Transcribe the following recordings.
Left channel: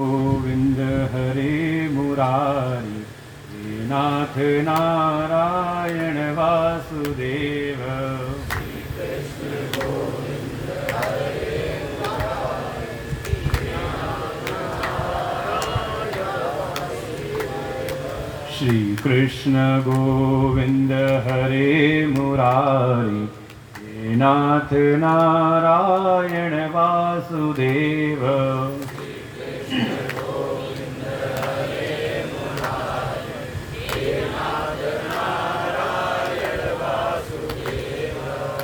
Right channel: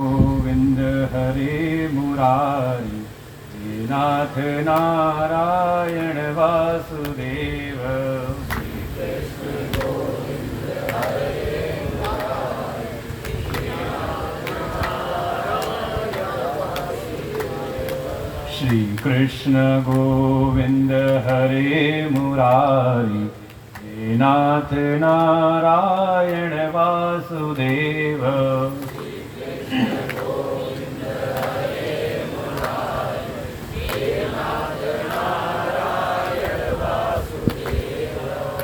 गोविंद हरे मुरारी हे नाथ नारायण वासुदेव। श्री कृष्ण गोविंद हरे मुरारी हे नाथ नारायण वासुदेव।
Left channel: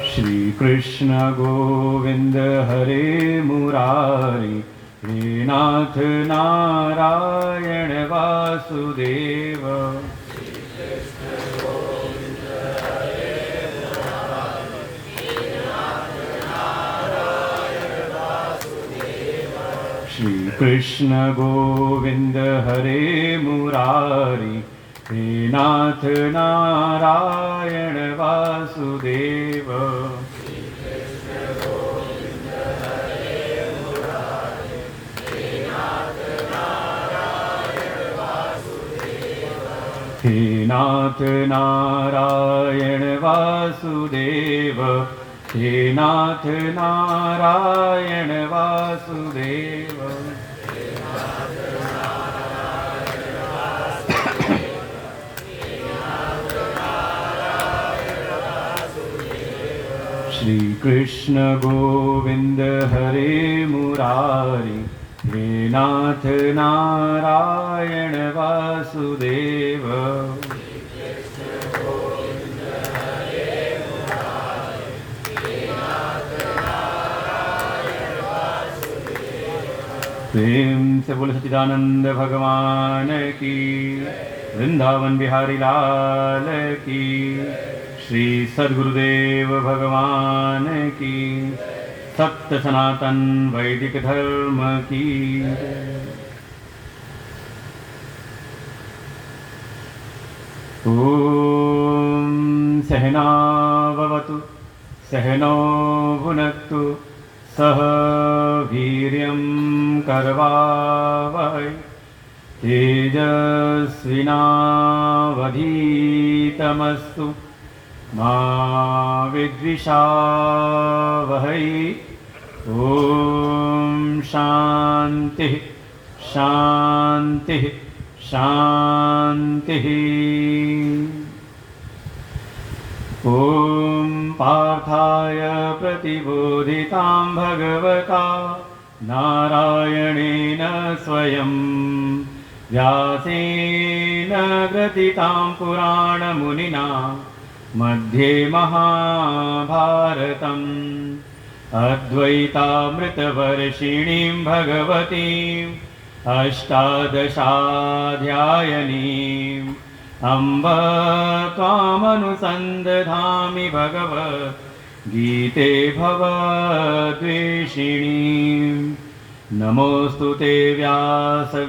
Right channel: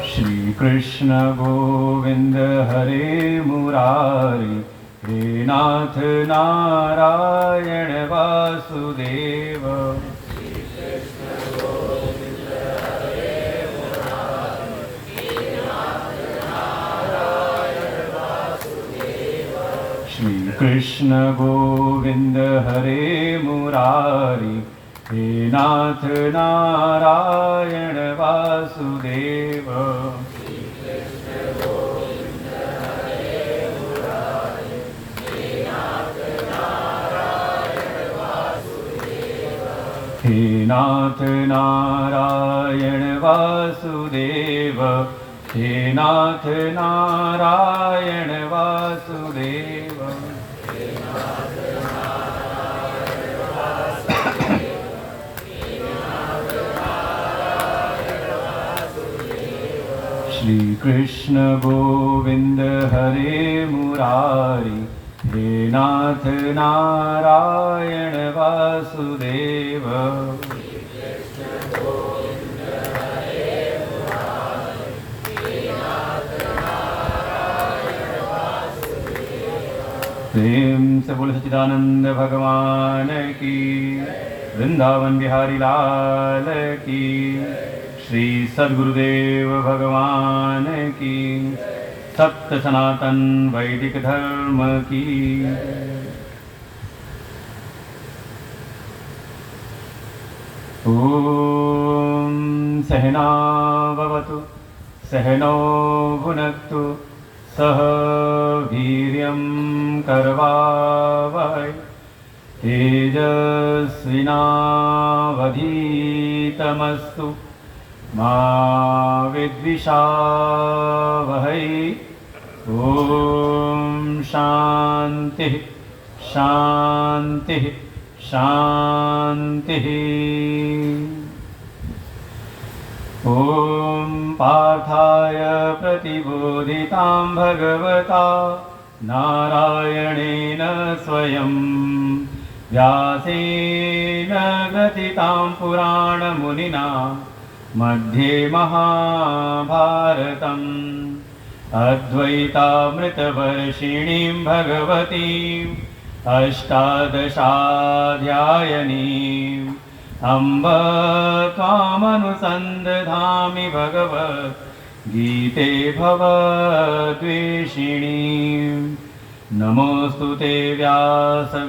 श्री कृष्ण गोविंद हरे मुरारी हे नाथ नारायण वासुदेव। श्री कृष्ण गोविंद हरे मुरारी हे नाथ नारायण वासुदेव। हे नाथ नारायण वासुदेव। हे नाथ नारायण वासुदेव। श्री कृष्ण गोविंद हरे मुरारी हे नाथ नारायण वासुदेव। प्रेम से बोल सच्चिदानंद भगवान की, वृंदावन बिहारी लाल की, श्री सद्गुरुदेव भगवान की, सत्य सनातन वैदिक धर्म की। ओम सहना भवतु सहनौ भुनक्तु सह वीर्यं करवावहै तेजस्विनावधीतमस्तु मा विद्विषावहै। ओम शांति शांति शांति। ओम पार्थाय प्रतिबोधितां भगवता नारायणेन स्वयं व्यासेन ग्रथितां पुराणमुनिना मध्ये महाभारतम् अद्वैतामृतवर्षिणीं भगवतीम् अष्टादशाध्यायनीम् अम्ब त्वामनुसन्दधामि भगवद्गीते भवद्वेषिणीम्। नमोऽस्तु ते व्यासविशालबुद्धे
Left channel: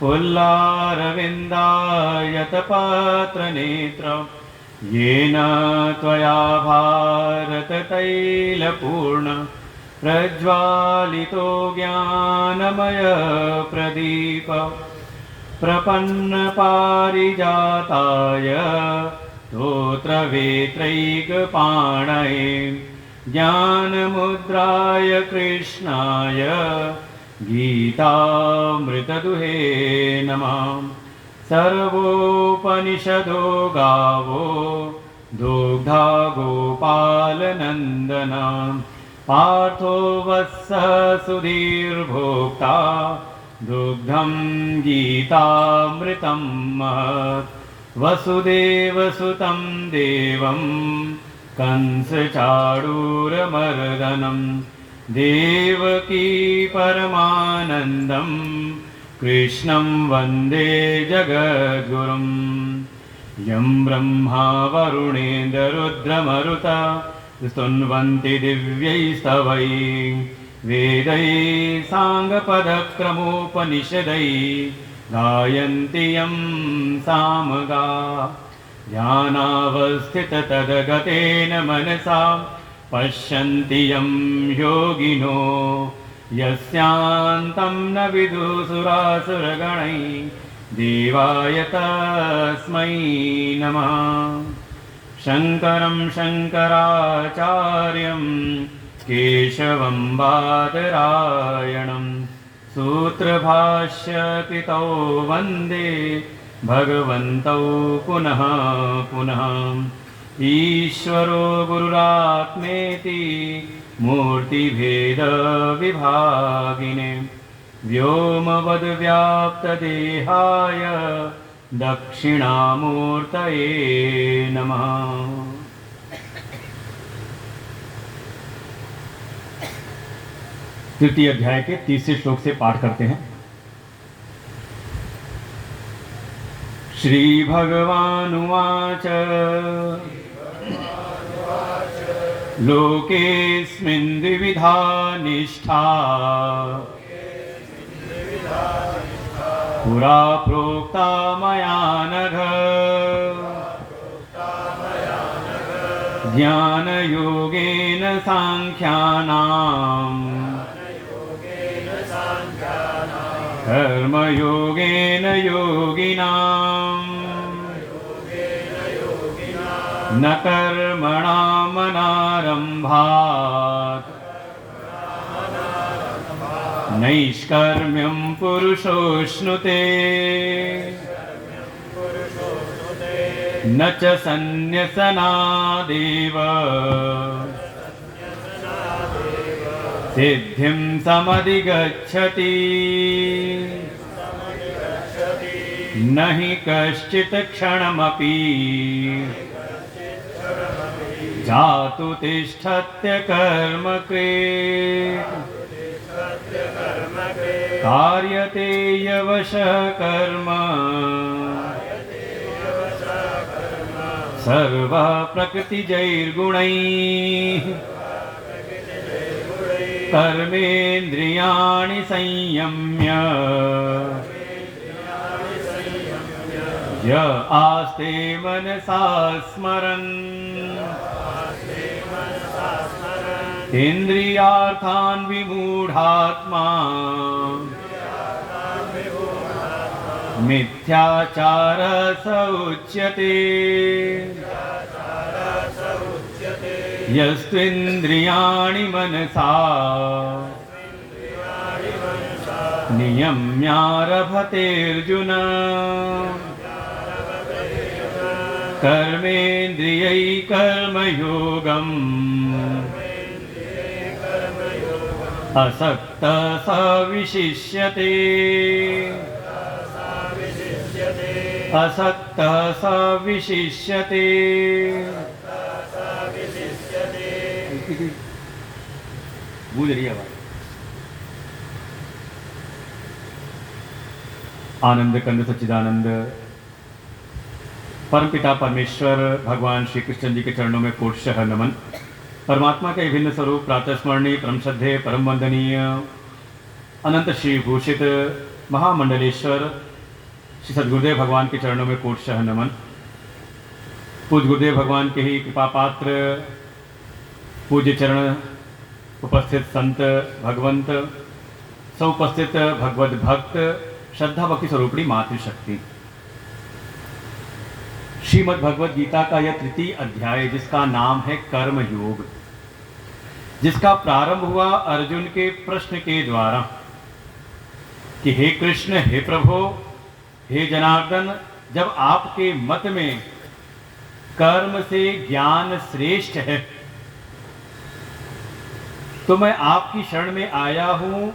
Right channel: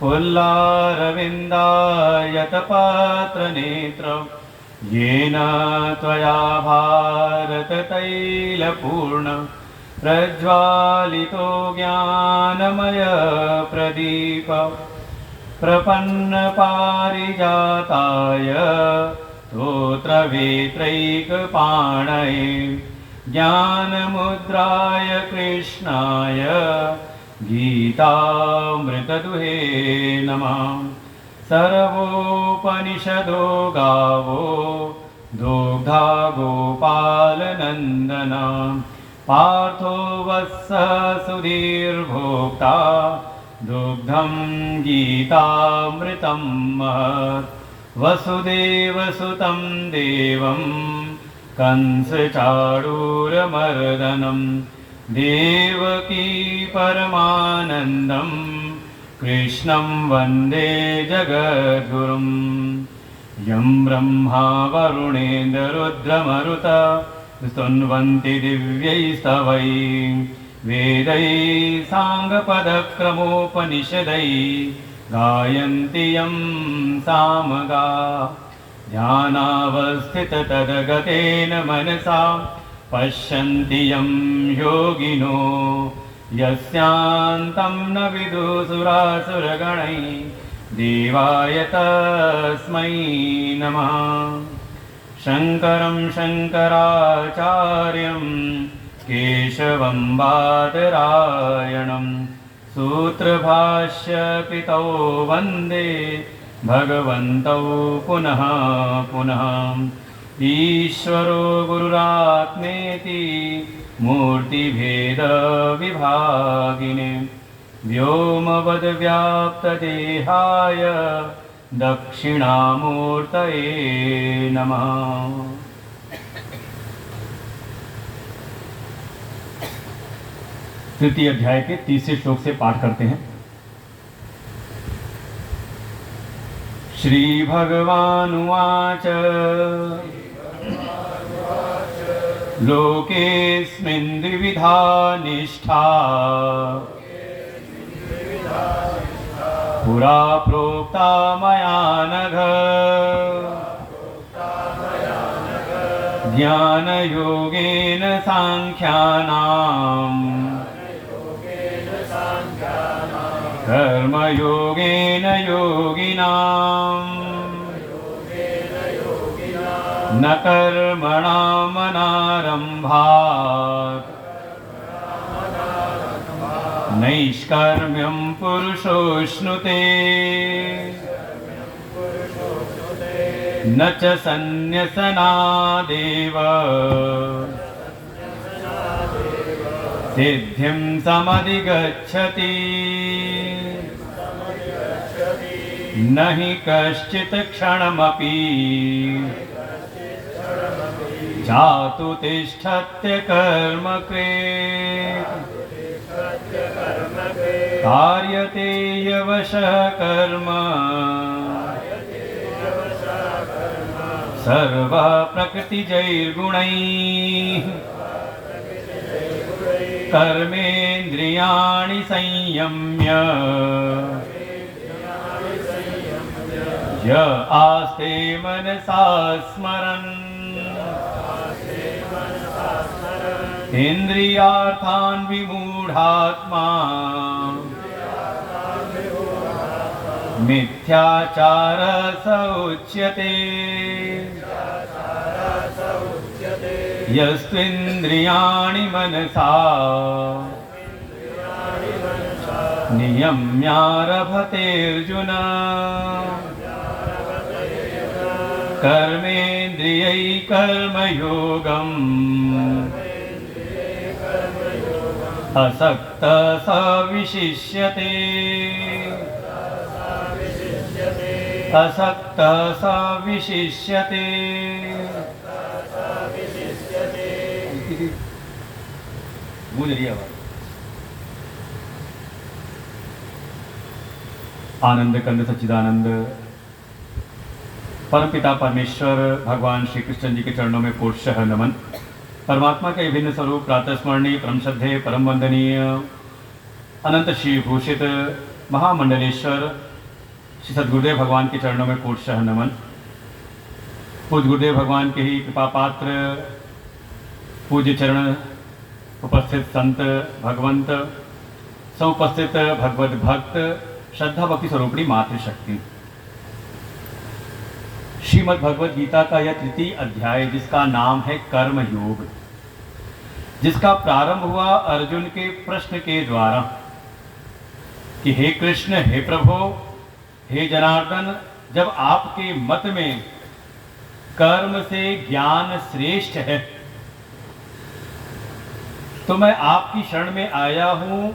पुल्लारविन्दायतपात्रनेत्र येन त्वया भारततैलपूर्ण प्रज्वालितो ज्ञानमय प्रदीप प्रपन्नपारिजाताय स्तोत्रवेत्रैकपाणये ज्ञानमुद्राय कृष्णाय गीतामृतदुहे नमः। सर्वोपनिषदो गावो दुग्धा गोपालनन्दना पार्थो वत्सः सुधीर्भोक्ता दुग्धं गीतामृतं महत्। वसुदेवसुतं देवं कंसचाणूरमर्दनं देवकी परमानन्दं कृष्णं वन्दे जगद्गुरुं। यं ब्रह्मा वरुणेन्द्ररुद्रमरुत स्तुन्वन्ति दिव्यैस्तवैः वेदैः साङ्गपदक्रमोपनिषदैः गायन्ति यं सामगा। ध्यानावस्थिततद्गतेन मनसा पश्यन्ति यं योगिनो यस्यान्तं न विदुसुरासुरगणैः देवाय तस्मै नमः। शङ्करं शङ्कराचार्यं केशवं बादरायणं सूत्रभाष्यकृतौ वन्दे भगवन्तौ पुनः पुनः। ईश्वरो गुरुरात्मेति मूर्तिभेदविभागिने व्योमवद्व्याप्तदेहाय दक्षिणामूर्तये नमः। तृतीय अध्याय के तीसरे श्लोक से पाठ करते हैं। श्री भगवानुवाच लोकेऽस्मिन् द्विविधा निष्ठा पुरा प्रोक्ता मया नघ। ज्ञानयोगेन सांख्यानाम् कर्मयोगेन योगिनाम् न कर्मणामनारम्भात् नैष्कर्म्यं पुरुषोऽश्नुते न च सन्न्यसनादेव सिद्धिं समधिगच्छति। न हि कश्चित् क्षणमपि जातु तिष्ठत्य कर्मकृत् कार्यते यवशः कर्म सर्वः प्रकृतिजैर्गुणैः। कर्मेन्द्रियाणि संयम्य य आस्ते मनसा स्मरन् इन्द्रियार्थान् विमूढात्मा मिथ्याचारः स उच्यते। यस्त्विन्द्रियाणि मनसा नियम्यारभतेऽर्जुन कर्मेन्द्रियैः कर्मयोगम् असक्तः स विशिष्यते। असक्तः स विशिष्यते। आनंद कंद सच्चिदानंद परमपिता परमेश्वर भगवान श्री कृष्ण जी के चरणों में पूर्णशः नमन। परमात्मा के विभिन्न स्वरूप प्रातः स्मरणीय परम श्रद्धेय परम वंदनीय अनंत श्री भूषित महामंडलेश्वर श्री सद्गुरुदेव भगवान के चरणों में पूर्णशः नमन। पूज्य गुरुदेव भगवान के ही कृपा पात्र पूज्य चरण उपस्थित संत भगवंत सौपस्थित भगवत भक्त श्रद्धा भक्ति स्वरूपणी मातृशक्ति। श्रीमद् भगवद गीता का यह तृतीय अध्याय जिसका नाम है कर्म योग, जिसका प्रारंभ हुआ अर्जुन के प्रश्न के द्वारा कि हे कृष्ण, हे प्रभु, हे जनार्दन, जब आपके मत में कर्म से ज्ञान श्रेष्ठ है तो मैं आपकी शरण में आया हूं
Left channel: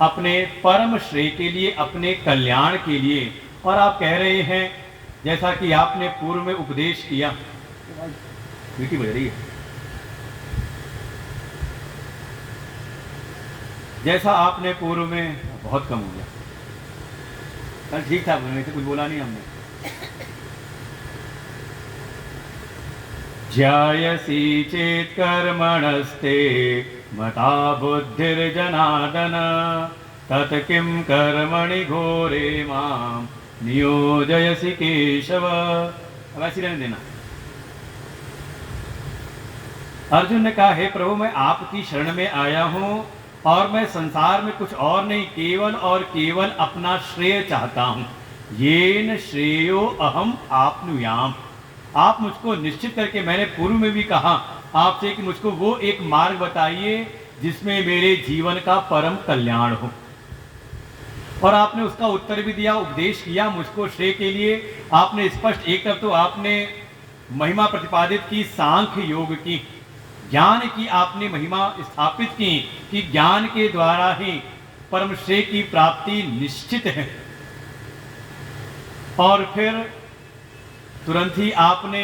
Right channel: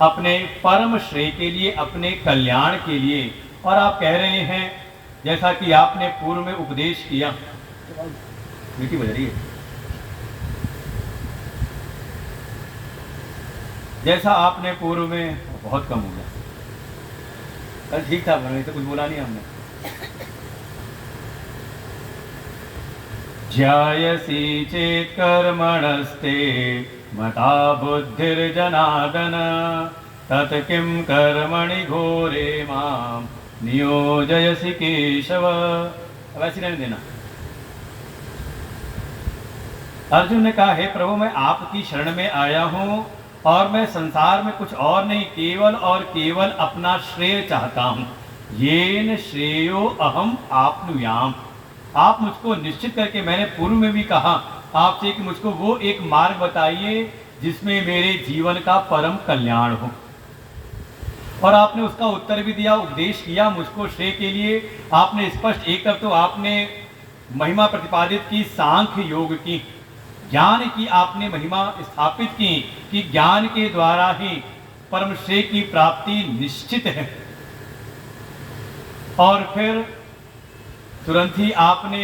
अपने परम श्रेय के लिए, अपने कल्याण के लिए। और आप कह रहे हैं जैसा कि आपने पूर्व में उपदेश किया, मीठी बज रही है, जैसा आपने पूर्व में बहुत कम हो गया। अरे ठीक था, तो कुछ बोला नहीं हमने। ज्यायसि चेत् कर्मणस्ते मता बुद्धिर्जनार्दन तत् किं कर्मणि घोरे मां नियोजयसि केशव। वैसे रहने देना। अर्जुन ने कहा, हे प्रभु, मैं आपकी शरण में आया हूं और मैं संसार में कुछ और नहीं, केवल और केवल अपना श्रेय चाहता हूँ। येन श्रेयो अहम आपनुयाम। आप मुझको निश्चित करके, मैंने पूर्व में भी कहा आपसे कि मुझको वो एक मार्ग बताइए जिसमें मेरे जीवन का परम कल्याण हो, और आपने उसका उत्तर भी दिया, उपदेश किया मुझको श्रेय के लिए। आपने स्पष्ट, एक तरफ तो आपने महिमा प्रतिपादित की सांख्य योग की, ज्ञान की आपने महिमा स्थापित की कि ज्ञान के द्वारा ही परम श्रेय की प्राप्ति निश्चित है। और फिर तुरंत ही आपने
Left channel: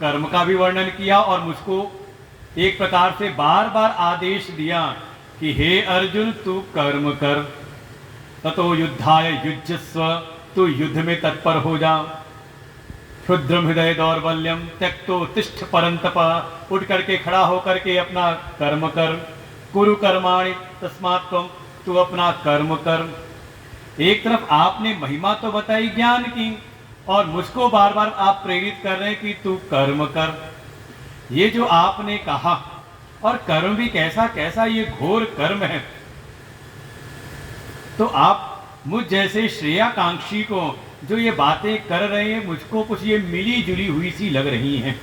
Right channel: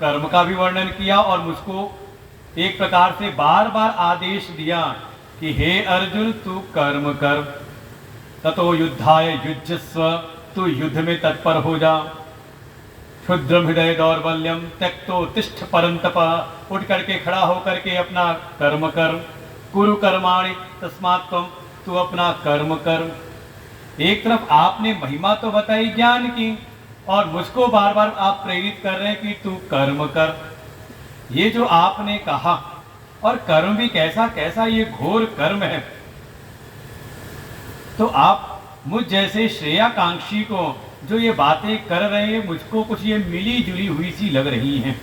कर्म का भी वर्णन किया और मुझको एक प्रकार से बार बार आदेश दिया कि हे अर्जुन, तू कर्म कर, ततो युद्धाय युज्यस्व, तू युद्ध में तत्पर हो जा। क्षुद्रम हृदय दौर्बल्यम त्यक्तो तिष्ठ परंतप, उठ करके खड़ा होकर के अपना कर्म कर। कुरु कर्माणि तस्मात् त्वं, तू अपना कर्म कर। एक तरफ आपने महिमा तो बताई ज्ञान की, और मुझको बार बार आप प्रेरित कर रहे हैं कि तू कर्म कर। ये जो आपने कहा, और कर्म भी कैसा कैसा, ये घोर कर्म है। तो आप मुझ जैसे श्रेयाकांक्षी को जो ये बातें कर रहे हैं, मुझको कुछ ये मिली जुली हुई सी लग रही हैं।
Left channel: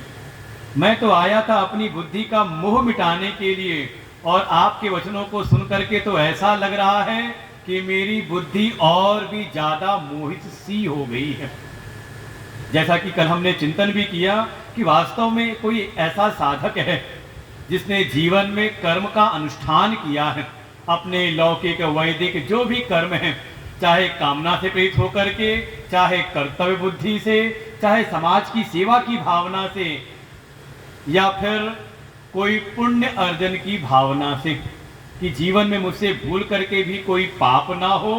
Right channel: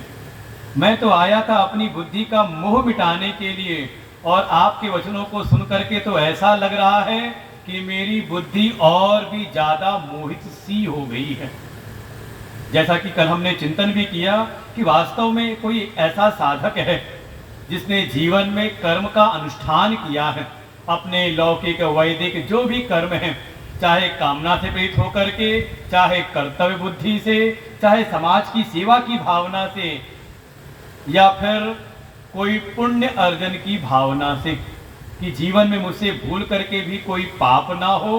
मैं तो आया था अपनी बुद्धि का मोह मिटाने के लिए, और आपके वचनों को सुन करके तो ऐसा लग रहा है कि मेरी बुद्धि और भी ज्यादा मोहित सी हो गई है। जैसा कि कल हमने चिंतन भी किया कि वास्तव में कोई ऐसा साधक है जिसने जीवन में कर्म का अनुष्ठान किया है, अपने लौकिक वैदिक जो भी कर्म है, चाहे कामना से प्रेरित होकर के, चाहे कर्तव्य बुद्धि से, चाहे समाज की सेवा की भावना से, या फिर कोई पुण्य अर्जन की भावना से, कि जीवन में मुझसे भूल करके भी कोई पाप ना हो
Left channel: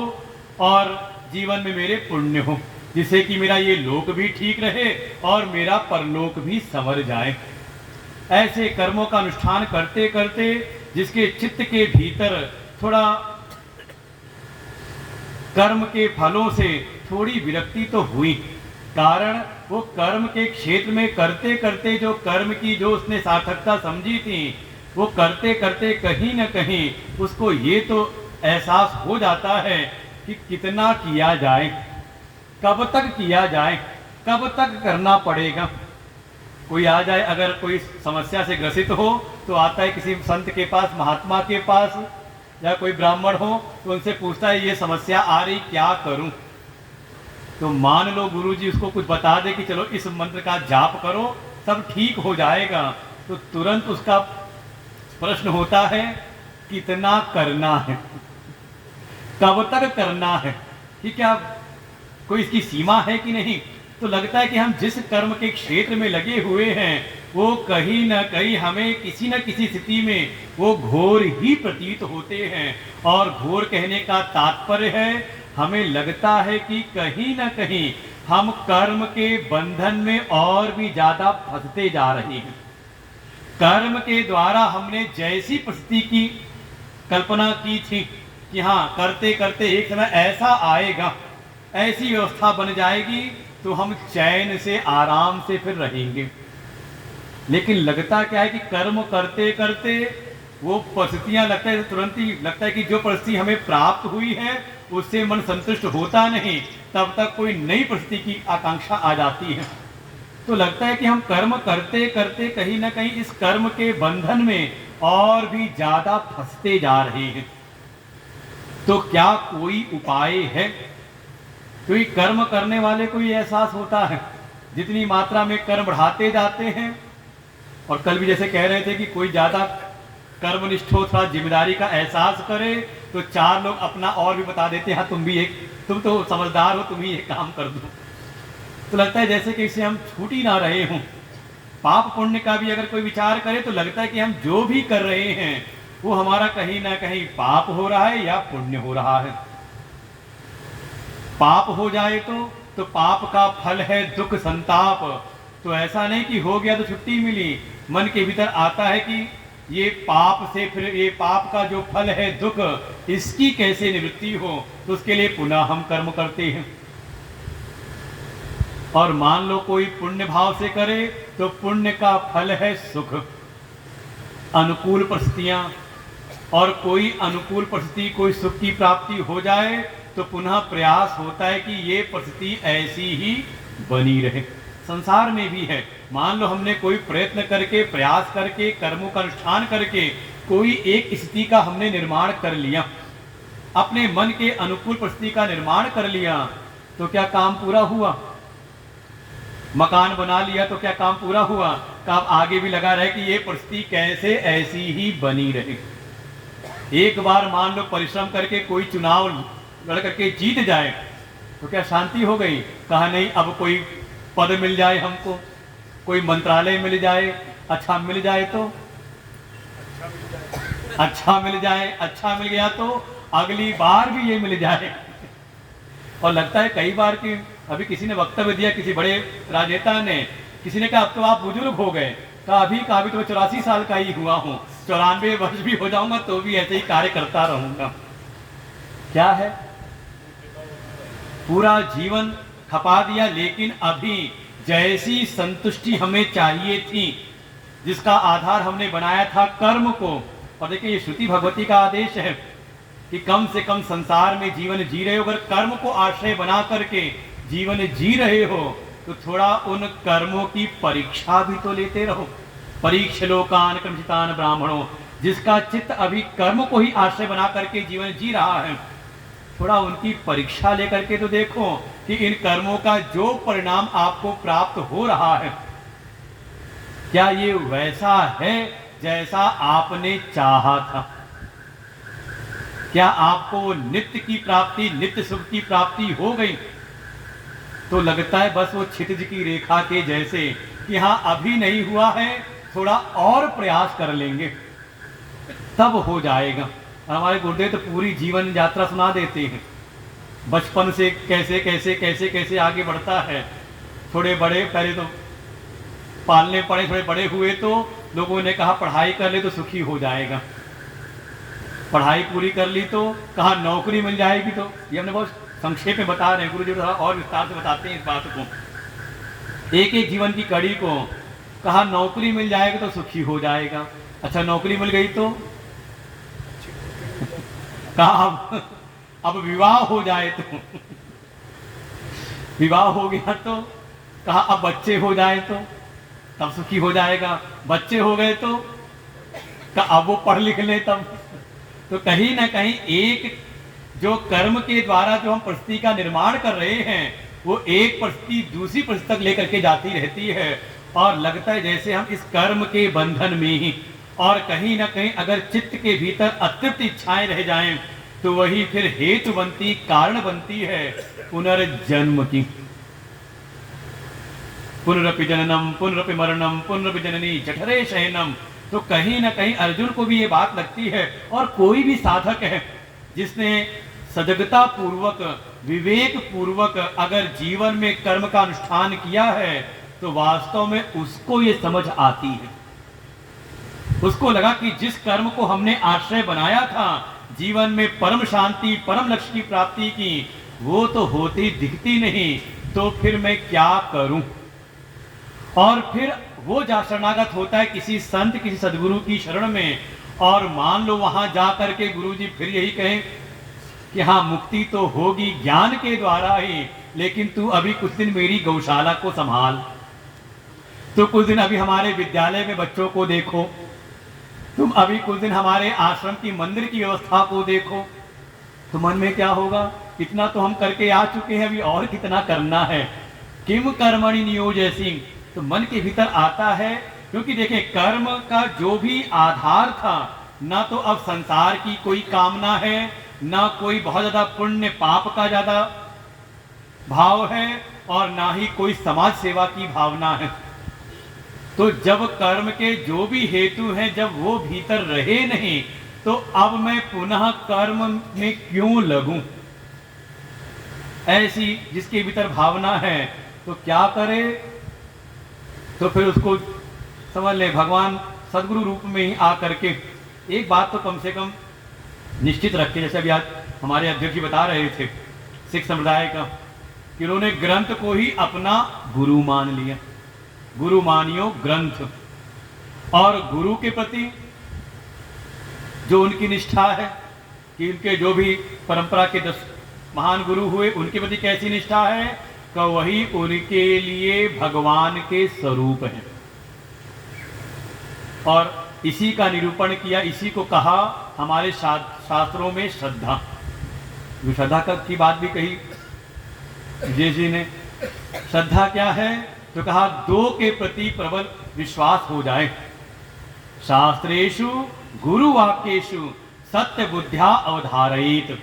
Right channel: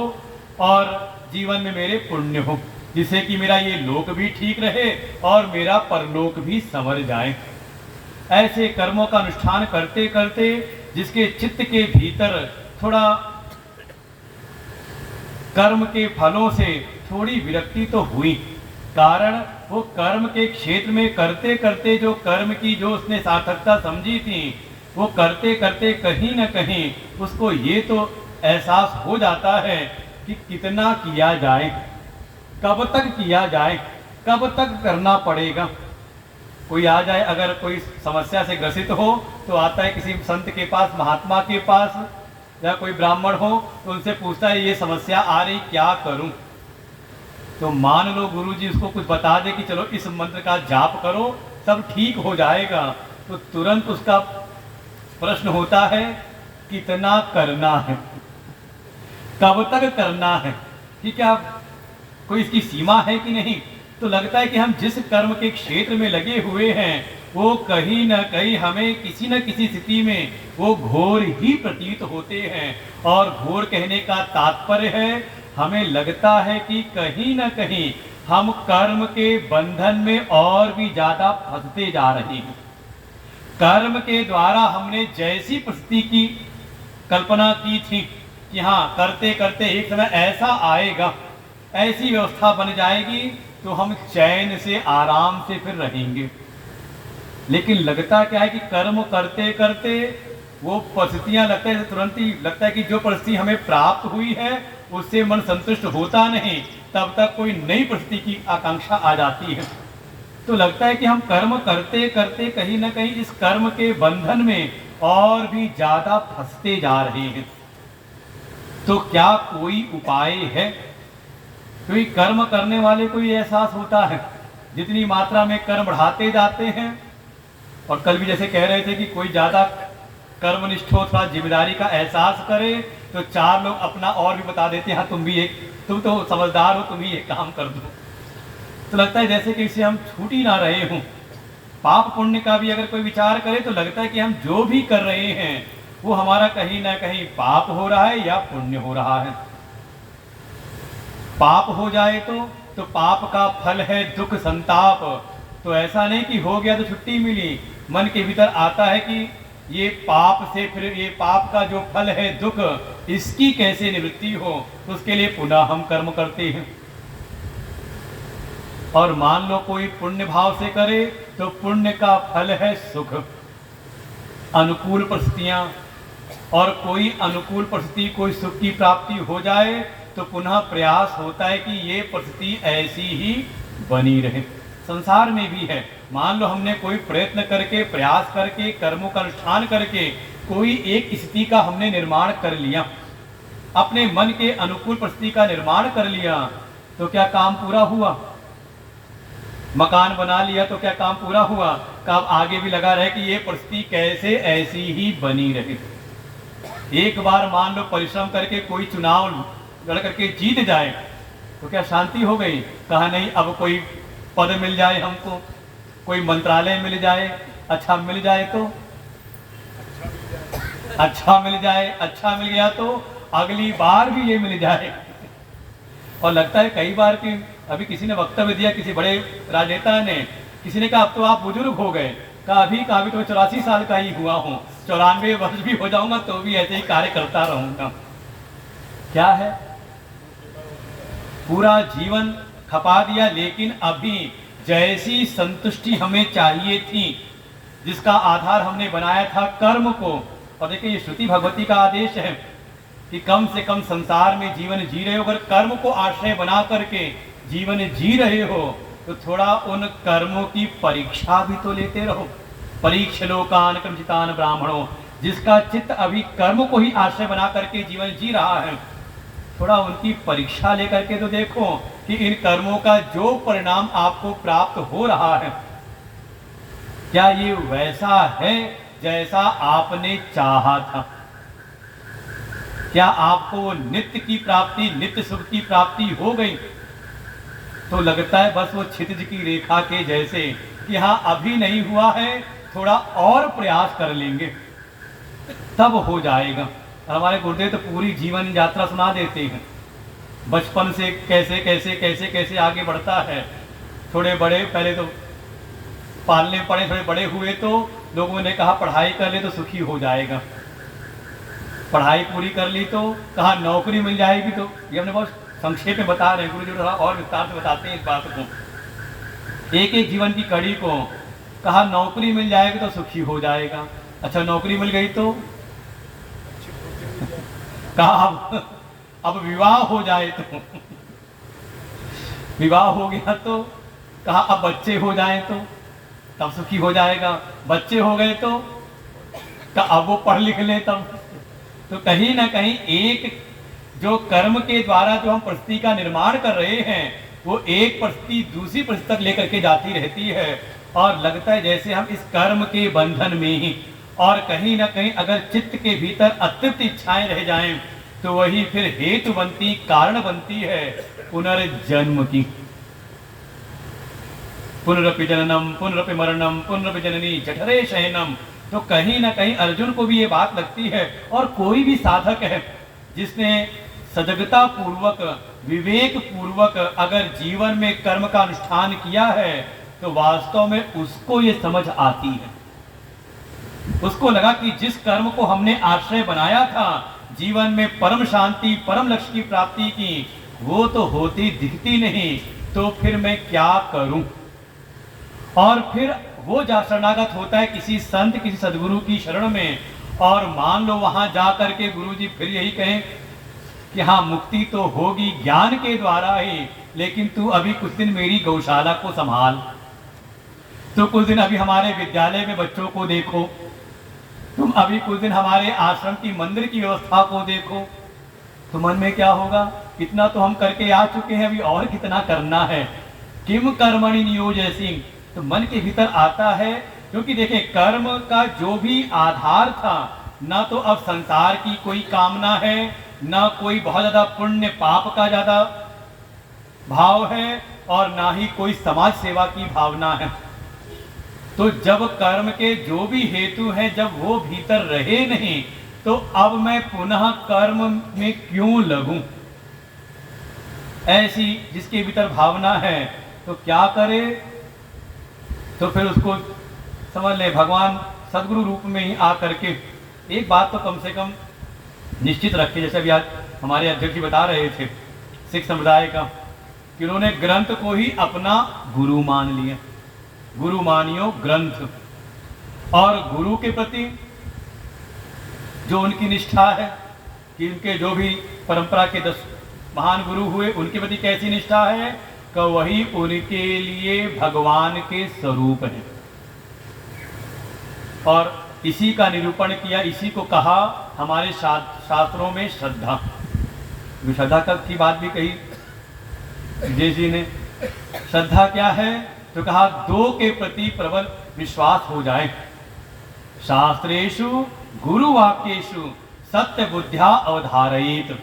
और जीवन में मेरे पुण्य हो, जिससे कि मेरा ये लोक भी ठीक रहे और मेरा परलोक भी संवर जाए। ऐसे कर्मों का अनुष्ठान करते करते जिसके चित्त के भीतर थोड़ा कर्म के फलों से थोड़ी विरक्ति तो हुई, कारण वो कर्म के क्षेत्र में करते करते जो कर्म की जो उसने सार्थकता समझी थी, वो करते करते कहीं न कहीं उसको ये तो एहसास हो जाता है कि कितना किया जाए, कब तक किया जाए, कब तक करना पड़ेगा। कोई आ जाए, अगर कोई समस्या से ग्रसित हो तो आता है किसी संत के पास, महात्मा के पास, या कोई ब्राह्मण हो तो उनसे पूछता है ये समस्या आ रही, क्या करूं। तो मान लो गुरुजी उसको कुछ बता दे कि चलो इस मंत्र का जाप करो सब ठीक हो जाएगा, तो तुरंत उसका प्रश्न होता है कितना करना है, कब तक करना है, कि क्या कोई इसकी सीमा है कि नहीं। तो लगता है कि हम जिस कर्म के क्षेत्र में लगे हुए हैं वो कहीं न कहीं हमें किसी न किसी स्थिति में वो घोर ही प्रतीत होते हैं। और घोर कहने का तात्पर्य है, हमें लगता है कि कहीं न कहीं हम कर्म के बंधन में और भी ज्यादा फंसते जा रहे हैं। कर्म के द्वारा हमने जैसी परिस्थिति की कल्पना की थी कि हाँ करते करते एक समय ऐसा आएगा, ऐसी व्यवस्था बन जाएगी तो हम चैन से आराम से फिर रहेंगे, लेकिन लगता क्या है कि कर्म करते करते वो परिस्थितियां लगता है तुरंत ही लगता है कि जो परिस्थिति हमें प्राप्त हुई है उससे मन संतुष्ट होता नहीं, तब तक कोई नई परिस्थिति की आकांक्षा आ जाती है। तो लगता है कि हम कर्म करते करते कहीं ना कहीं इस कर्म के बंधन में और भी ज्यादा फंसते जा रहे हैं। तो क्या कोई उपाय है? क्योंकि कर्म करने वाले को ये एहसास होता है, जितनी मात्रा में कर्म बढ़ाते जाते हैं, और कल भी जैसे कह रहे थे कि कोई ज्यादा कर्मनिष्ठ हो, थोड़ा जिम्मेदारी का एहसास करे तो चार लोग अपना और भी बता देते हैं, हाँ तुम तो समझदार हो, तुम ही एक काम कर दो। तो लगता है जैसे कि इसे हम छूट ही ना रहे हों। पाप पुण्य का भी अगर कोई विचार करे तो लगता है कि हम जो भी कर रहे हैं वो हमारा कहीं ना कहीं पाप हो रहा है या पुण्य हो रहा है। पाप हो जाए तो पाप का फल है दुख संताप। तो ऐसा नहीं कि हो गया तो छुट्टी मिली, मन के भीतर आता है कि ये पाप से फिर ये पाप का जो फल है दुख, इसकी कैसे निवृत्ति हो, तो उसके लिए पुनः हम कर्म करते हैं। और मान लो कोई पुण्य भाव से करे तो पुण्य का फल है सुख, अनुकूल परिस्थितियां, और कोई अनुकूल परिस्थिति, कोई सुख की प्राप्ति हो जाए तो पुनः प्रयास होता है कि ये परिस्थिति ऐसी ही बनी रहे। संसार में भी है, मान लो हमने कोई प्रयत्न करके, प्रयास करके, कर्मों का अनुष्ठान करके कोई एक स्थिति का हमने निर्माण कर लिया, अपने मन के अनुकूल परिस्थिति का निर्माण कर लिया, तो क्या काम पूरा हुआ? मकान बना लिया तो क्या काम पूरा हुआ? कब आगे भी लगा रहे कि ये परिस्थिति कैसे ऐसी ही बनी रहे। एक बार मान लो परिश्रम करके कोई चुनाव लड़ करके जीत जाए तो क्या शांति हो गई? कहा नहीं, अब कोई पद मिल जाए हमको, कोई मंत्रालय मिल जाए, अच्छा मिल जाए तो अच्छा मिल जाए, अच्छा मिल गया तो अगली बार भी ये मिल जाए। और लगता है कई बार कि अभी किसी ने वक्तव्य दिया, किसी बड़े राजनेता ने, किसी ने कहा अब तो आप बुजुर्ग हो गए, कहा अभी तो 84 साल का ही हुआ हूं, 94 वर्ष भी हो जाऊंगा तो भी ऐसे ही कार्य करता रहूंगा। क्या है, पूरा जीवन खपा दिया, लेकिन अभी जैसी संतुष्टि हमें चाहिए थी, जिसका आधार हमने बनाया था कर्म को। और देखिए ये श्रुति भगवती का आदेश है कि कम से कम संसार में जीवन जी रहे हो, अगर कर्म को आश्रय बना करके जीवन जी रहे हो तो थोड़ा उन कर्मों की परीक्षा भी तो लेते रहो। परीक्ष लोकान क्रमचितान ब्राह्मणों, जिसका चित्त अभी कर्म को ही आश्रय बना करके जीवन जी रहा है, थोड़ा उनकी परीक्षा लेकर के तो देखो कि इन कर्मों का जो परिणाम आपको प्राप्त हो रहा है, क्या ये वैसा है जैसा आपने चाहा था? क्या आपको नित्य की प्राप्ति, नित्य सुख की प्राप्ति हो गई? तो लगता है बस वो क्षितिज की रेखा के जैसे कि हाँ अभी नहीं हुआ है, थोड़ा और प्रयास कर लेंगे तब हो जाएगा। हमारे गुरुदेव तो पूरी जीवन यात्रा सुना देते हैं, बचपन से कैसे कैसे कैसे कैसे आगे बढ़ता है। थोड़े बड़े, पहले तो पालने पड़े, थोड़े बड़े हुए तो लोगों ने कहा पढ़ाई कर ले तो सुखी हो जाएगा, पढ़ाई पूरी कर ली तो कहा नौकरी मिल जाएगी। तो ये हमने बहुत संक्षेप में बता रहे हैं, गुरु जी थोड़ा और विस्तार से बताते हैं इस बात को, एक एक जीवन की कड़ी को। कहा नौकरी मिल जाएगी तो सुखी हो जाएगा, अच्छा नौकरी मिल गई तो कहा अब विवाह हो जाए तो विवाह हो गया तो कहा अब बच्चे हो जाए तो तब सुखी हो जाएगा, बच्चे हो गए तो अब वो पढ़ लिख ले तब। तो कहीं ना कहीं एक जो कर्म के द्वारा जो हम परिस्थिति का निर्माण कर रहे हैं, वो एक परिस्थिति दूसरी परिस्थिति तक लेकर के जाती रहती है, और लगता है जैसे हम इस कर्म के बंधन में ही, और कहीं ना कहीं अगर चित्त के भीतर अतृप्त इच्छाएं रह जाएं तो वही फिर हेतु बनती, कारण बनती है पुनर्जन्म की। पुनरपि जननम पुनरपि मरणम पुनरपि जननी जठरे शयनम। तो कहीं ना कहीं अर्जुन को भी ये बात लगती है, और कोई भी साधक है जिसने सजगता पूर्वक, विवेक पूर्वक अगर जीवन में कर्म का अनुष्ठान किया है तो वास्तव में उसको ये समझ आती है, उसको लगा कि जिस कर्म को हमने आश्रय बनाया था जीवन में परम शांति, परम लक्ष्य की प्राप्ति की, वो तो होती दिखती नहीं, तो फिर मैं क्या करूं? और फिर वो जा शरणागत होता है किसी संत, किसी सदगुरु की शरण में, और मान लो वहां जाकर के गुरु जी फिर यही कहें कि हाँ मुक्ति तो होगी ज्ञान के द्वारा ही, लेकिन तू अभी कुछ दिन मेरी गौशाला को संभाल, तो कुछ दिन अभी हमारे विद्यालय में बच्चों को देखो, तुम अभी कुछ दिन हमारे आश्रम की मंदिर की व्यवस्था को देखो। तो मन में क्या होगा, इतना तो हम करके आ चुके हैं, अभी और कितना करना है। किम कर्मणि नियोजयसि, तो मन के भीतर आता है, क्योंकि देखिए कर्म का जो भी आधार था, ना तो अब संसार की कोई कामना है, ना कोई बहुत ज्यादा पुण्य पाप का ज्यादा भाव है, और ना ही कोई समाज सेवा की भावना है। तो जब कर्म के जो भी हेतु हैं जब वो भीतर रहे नहीं, तो अब मैं पुनः कर्म में क्यों लगूं? ऐसी जिसके भीतर भावना है तो क्या करे? तो फिर उसको समझ ले भगवान सदगुरु रूप में ही आकर के एक बात तो कम से कम निश्चित रखे, जैसे अभी आज हमारे अध्यक्ष जी बता रहे थे सिख संप्रदाय का, कि उन्होंने ग्रंथ को ही अपना गुरु मान लिया। गुरु मानियो ग्रंथ, और गुरु के प्रति जो उनकी निष्ठा है कि उनके जो भी परंपरा के 10 महान गुरु हुए उनके प्रति कैसी निष्ठा है, कि वही उनके लिए भगवान के स्वरूप है। और इसी का निरूपण किया, इसी को कहा हमारे शास्त्रों में श्रद्धा। श्रद्धा की बात भी कही जी ने। श्रद्धा क्या है? तो कहा दो के प्रति प्रबल विश्वास हो जाए। शास्त्रेषु गुरु वाक्येषु सत्य बुद्ध्या अवधारयित।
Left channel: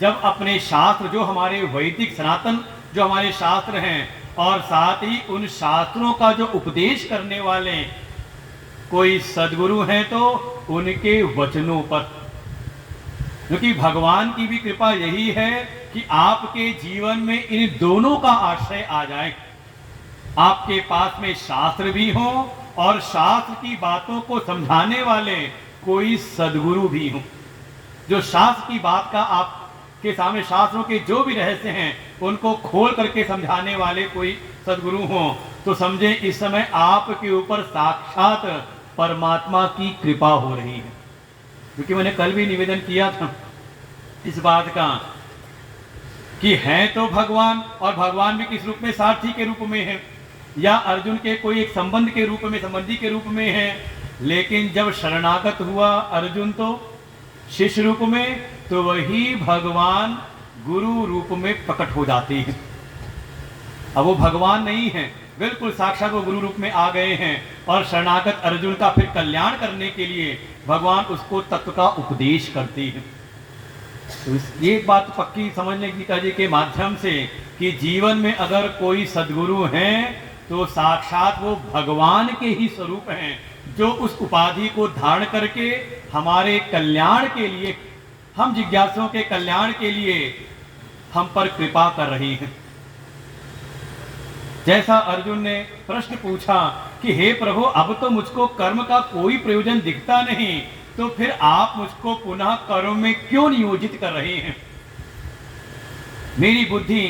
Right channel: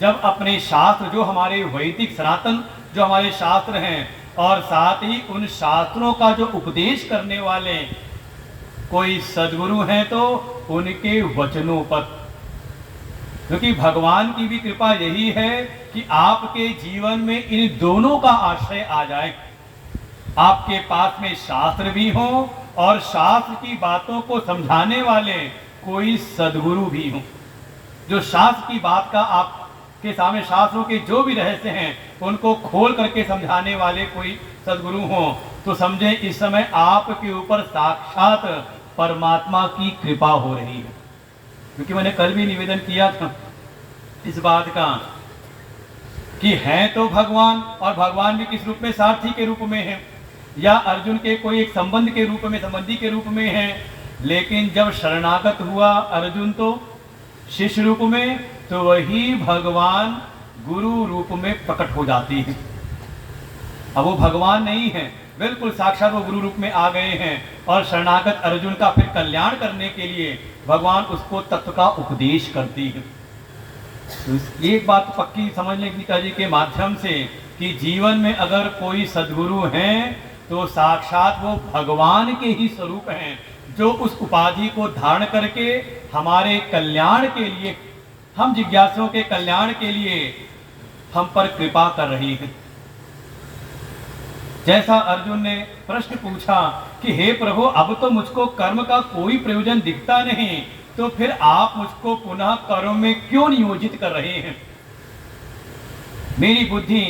जब अपने शास्त्र, जो हमारे वैदिक सनातन जो हमारे शास्त्र हैं, और साथ ही उन शास्त्रों का जो उपदेश करने वाले कोई सदगुरु हैं, तो उनके वचनों पर, क्योंकि भगवान की भी कृपा यही है कि आपके जीवन में इन दोनों का आश्रय आ जाए। आपके पास में शास्त्र भी हो और शास्त्र की बातों को समझाने वाले कोई सदगुरु भी हो, जो शास्त्र की बात का आपके सामने, शास्त्रों के जो भी रहस्य हैं उनको खोल करके समझाने वाले कोई सदगुरु हो, तो समझे इस समय आपके ऊपर साक्षात परमात्मा की कृपा हो रही है। क्योंकि मैंने कल भी निवेदन किया था इस बात का कि है तो भगवान, और भगवान भी किस रूप में? सारथी के रूप में है, या अर्जुन के कोई एक संबंध के रूप में, संबंधी के रूप में है। लेकिन जब शरणागत हुआ अर्जुन तो शिष्य रूप में, तो वही भगवान गुरु रूप में प्रकट हो जाती है। अब वो भगवान नहीं है, बिल्कुल साक्षात वो गुरु रूप में आ गए हैं, और शरणागत अर्जुन का फिर कल्याण करने के लिए भगवान उसको तत्व का उपदेश करती है। तो ये बात पक्की समझ लें गीता जी के माध्यम से कि जीवन में अगर कोई सदगुरु हैं तो साक्षात वो भगवान के ही स्वरूप हैं, जो उस उपाधि को धारण करके हमारे कल्याण के लिए, हम जिज्ञासुओं के कल्याण के लिए हम पर कृपा कर रही है। जैसा अर्जुन ने प्रश्न पूछा कि हे प्रभु, अब तो मुझको कर्म का कोई प्रयोजन दिखता नहीं, तो फिर आप मुझको पुनः कर्म में क्यों नियोजित कर रहे हैं? मेरी बुद्धि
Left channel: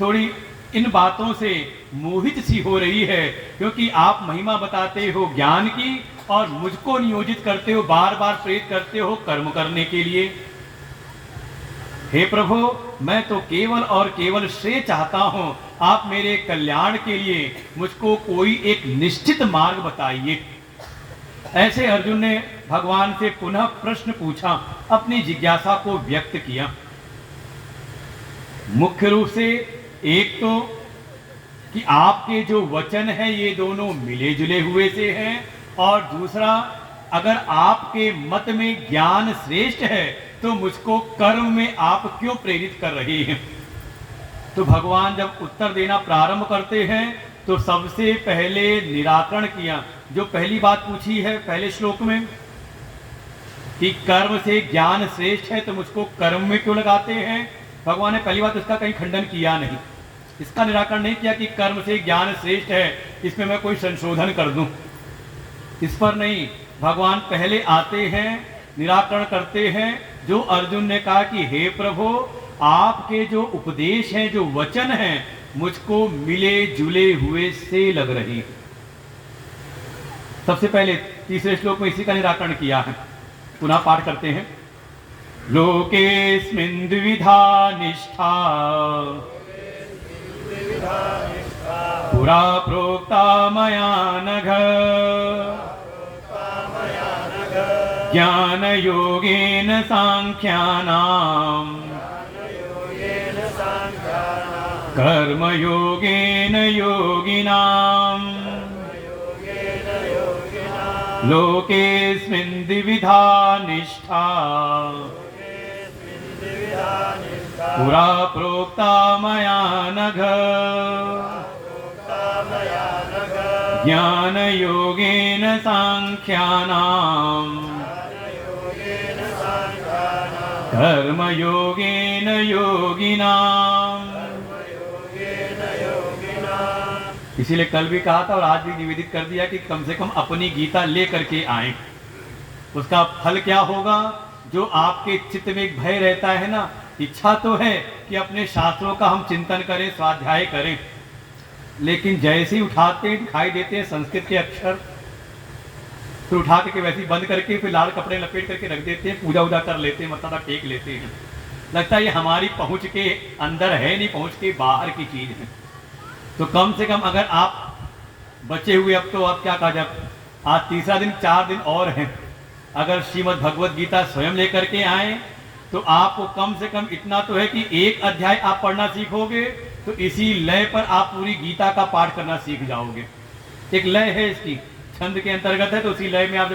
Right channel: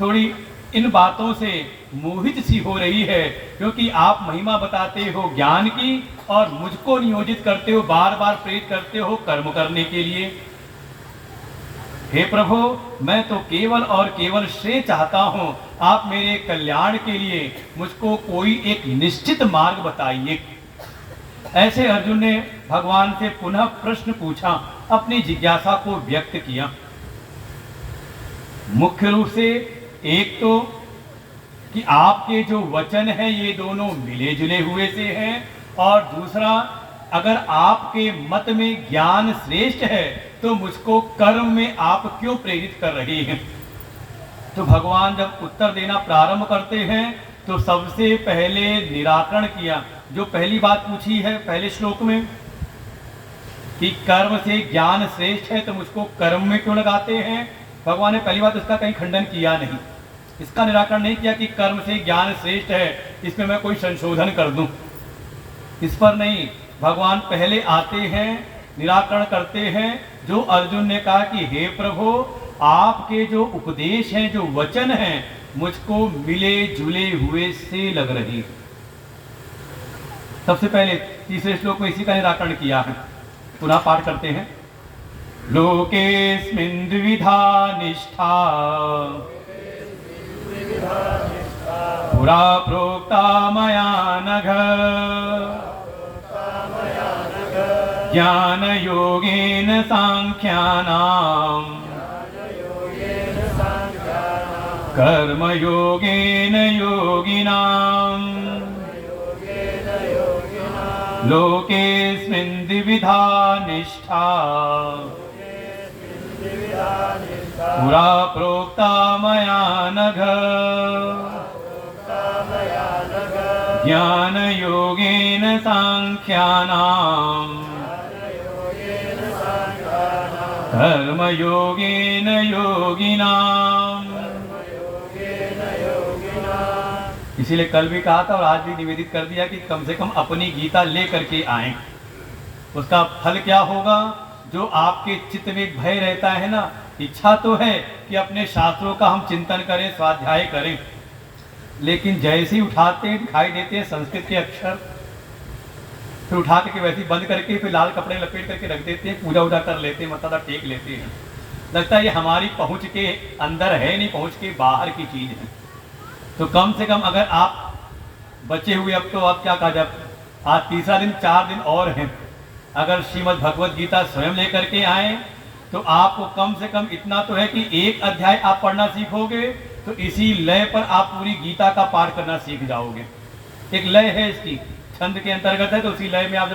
थोड़ी इन बातों से मोहित सी हो रही है, क्योंकि आप महिमा बताते हो ज्ञान की और मुझको नियोजित करते हो, बार बार प्रेरित करते हो कर्म करने के लिए। हे प्रभु, मैं तो केवल और केवल श्रेय चाहता हूं, आप मेरे कल्याण के लिए मुझको कोई एक निश्चित मार्ग बताइए। ऐसे अर्जुन ने भगवान से पुनः प्रश्न पूछा, अपनी जिज्ञासा को व्यक्त किया। मुख्य रूप से एक तो कि आपके जो वचन है ये दोनों मिले जुले हुए से हैं, और दूसरा अगर आपके मत में ज्ञान श्रेष्ठ है तो मुझको कर्म में आप क्यों प्रेरित कर रहे हैं? तो भगवान जब उत्तर देना प्रारंभ करते हैं तो सबसे पहले निराकरण किया, जो पहली बात पूछी है पहले श्लोक में कि कर्म से ज्ञान श्रेष्ठ है तो मुझको कर्म में क्यों लगाते हैं। भगवान ने पहली बात इसका कहीं खंडन किया नहीं, इसका निराकरण नहीं किया कि कर्म से ज्ञान श्रेष्ठ है, इसमें मैं कोई संशोधन कर दूं, इस पर नहीं। भगवान पहले आते हैं, निराकरण करते हैं। जो अर्जुन ने कहा कि हे प्रभु, आपके जो उपदेश हैं, जो वचन हैं, मुझको मिले जुले हुए से लग रही है। सबसे पहले तीसरे श्लोक में इसी का निराकरण किया है। पुनः पाठ करते हैं। लोकेस्मिन् द्विविधा निष्ठा पुरा प्रोक्ता मया नघ ज्ञान योगेन सांख्यानाम् कर्म योगेन योगिनाम् लोकेस्मिन् द्विविधा निष्ठा पुरा प्रोक्ता मया नघ ज्ञान योगेन सांख्यानाम् कर्म योगेन योगिनाम्। इसीलिए कल भी कहा था और आज भी निवेदित कर दिया कि कम से कम अपनी गीता ले करके आए। उसका फल क्या होगा? जो आपके चित्त में एक भय रहता है ना, इच्छा तो है कि अपने शास्त्रों का हम चिंतन करें, स्वाध्याय करें, लेकिन जैसे ही उठाते दिखाई देते हैं संस्कृत के अक्षर, फिर उठा के वैसे ही बंद करके फिर लाल कपड़े लपेट करके रख देते हैं, पूजा वूजा कर लेते हैं, मत्था टेक लेते हैं। लगता है ये हमारी पहुंच के अंदर है, नहीं पहुंच के बाहर की चीज है। तो कम से कम अगर आप बचे हुए, अब तो आप क्या कहा जाए, आज तीसरा दिन, 4 दिन और है, अगर श्रीमद् भगवत गीता स्वयं लेकर के आए तो आपको कम से कम इतना तो है कि एक अध्याय आप पढ़ना सीखोगे तो इसी लय पर आप पूरी गीता का पाठ करना सीख जाओगे। एक लय है इसकी, छंद के अंतर्गत है, तो उसी लय में आप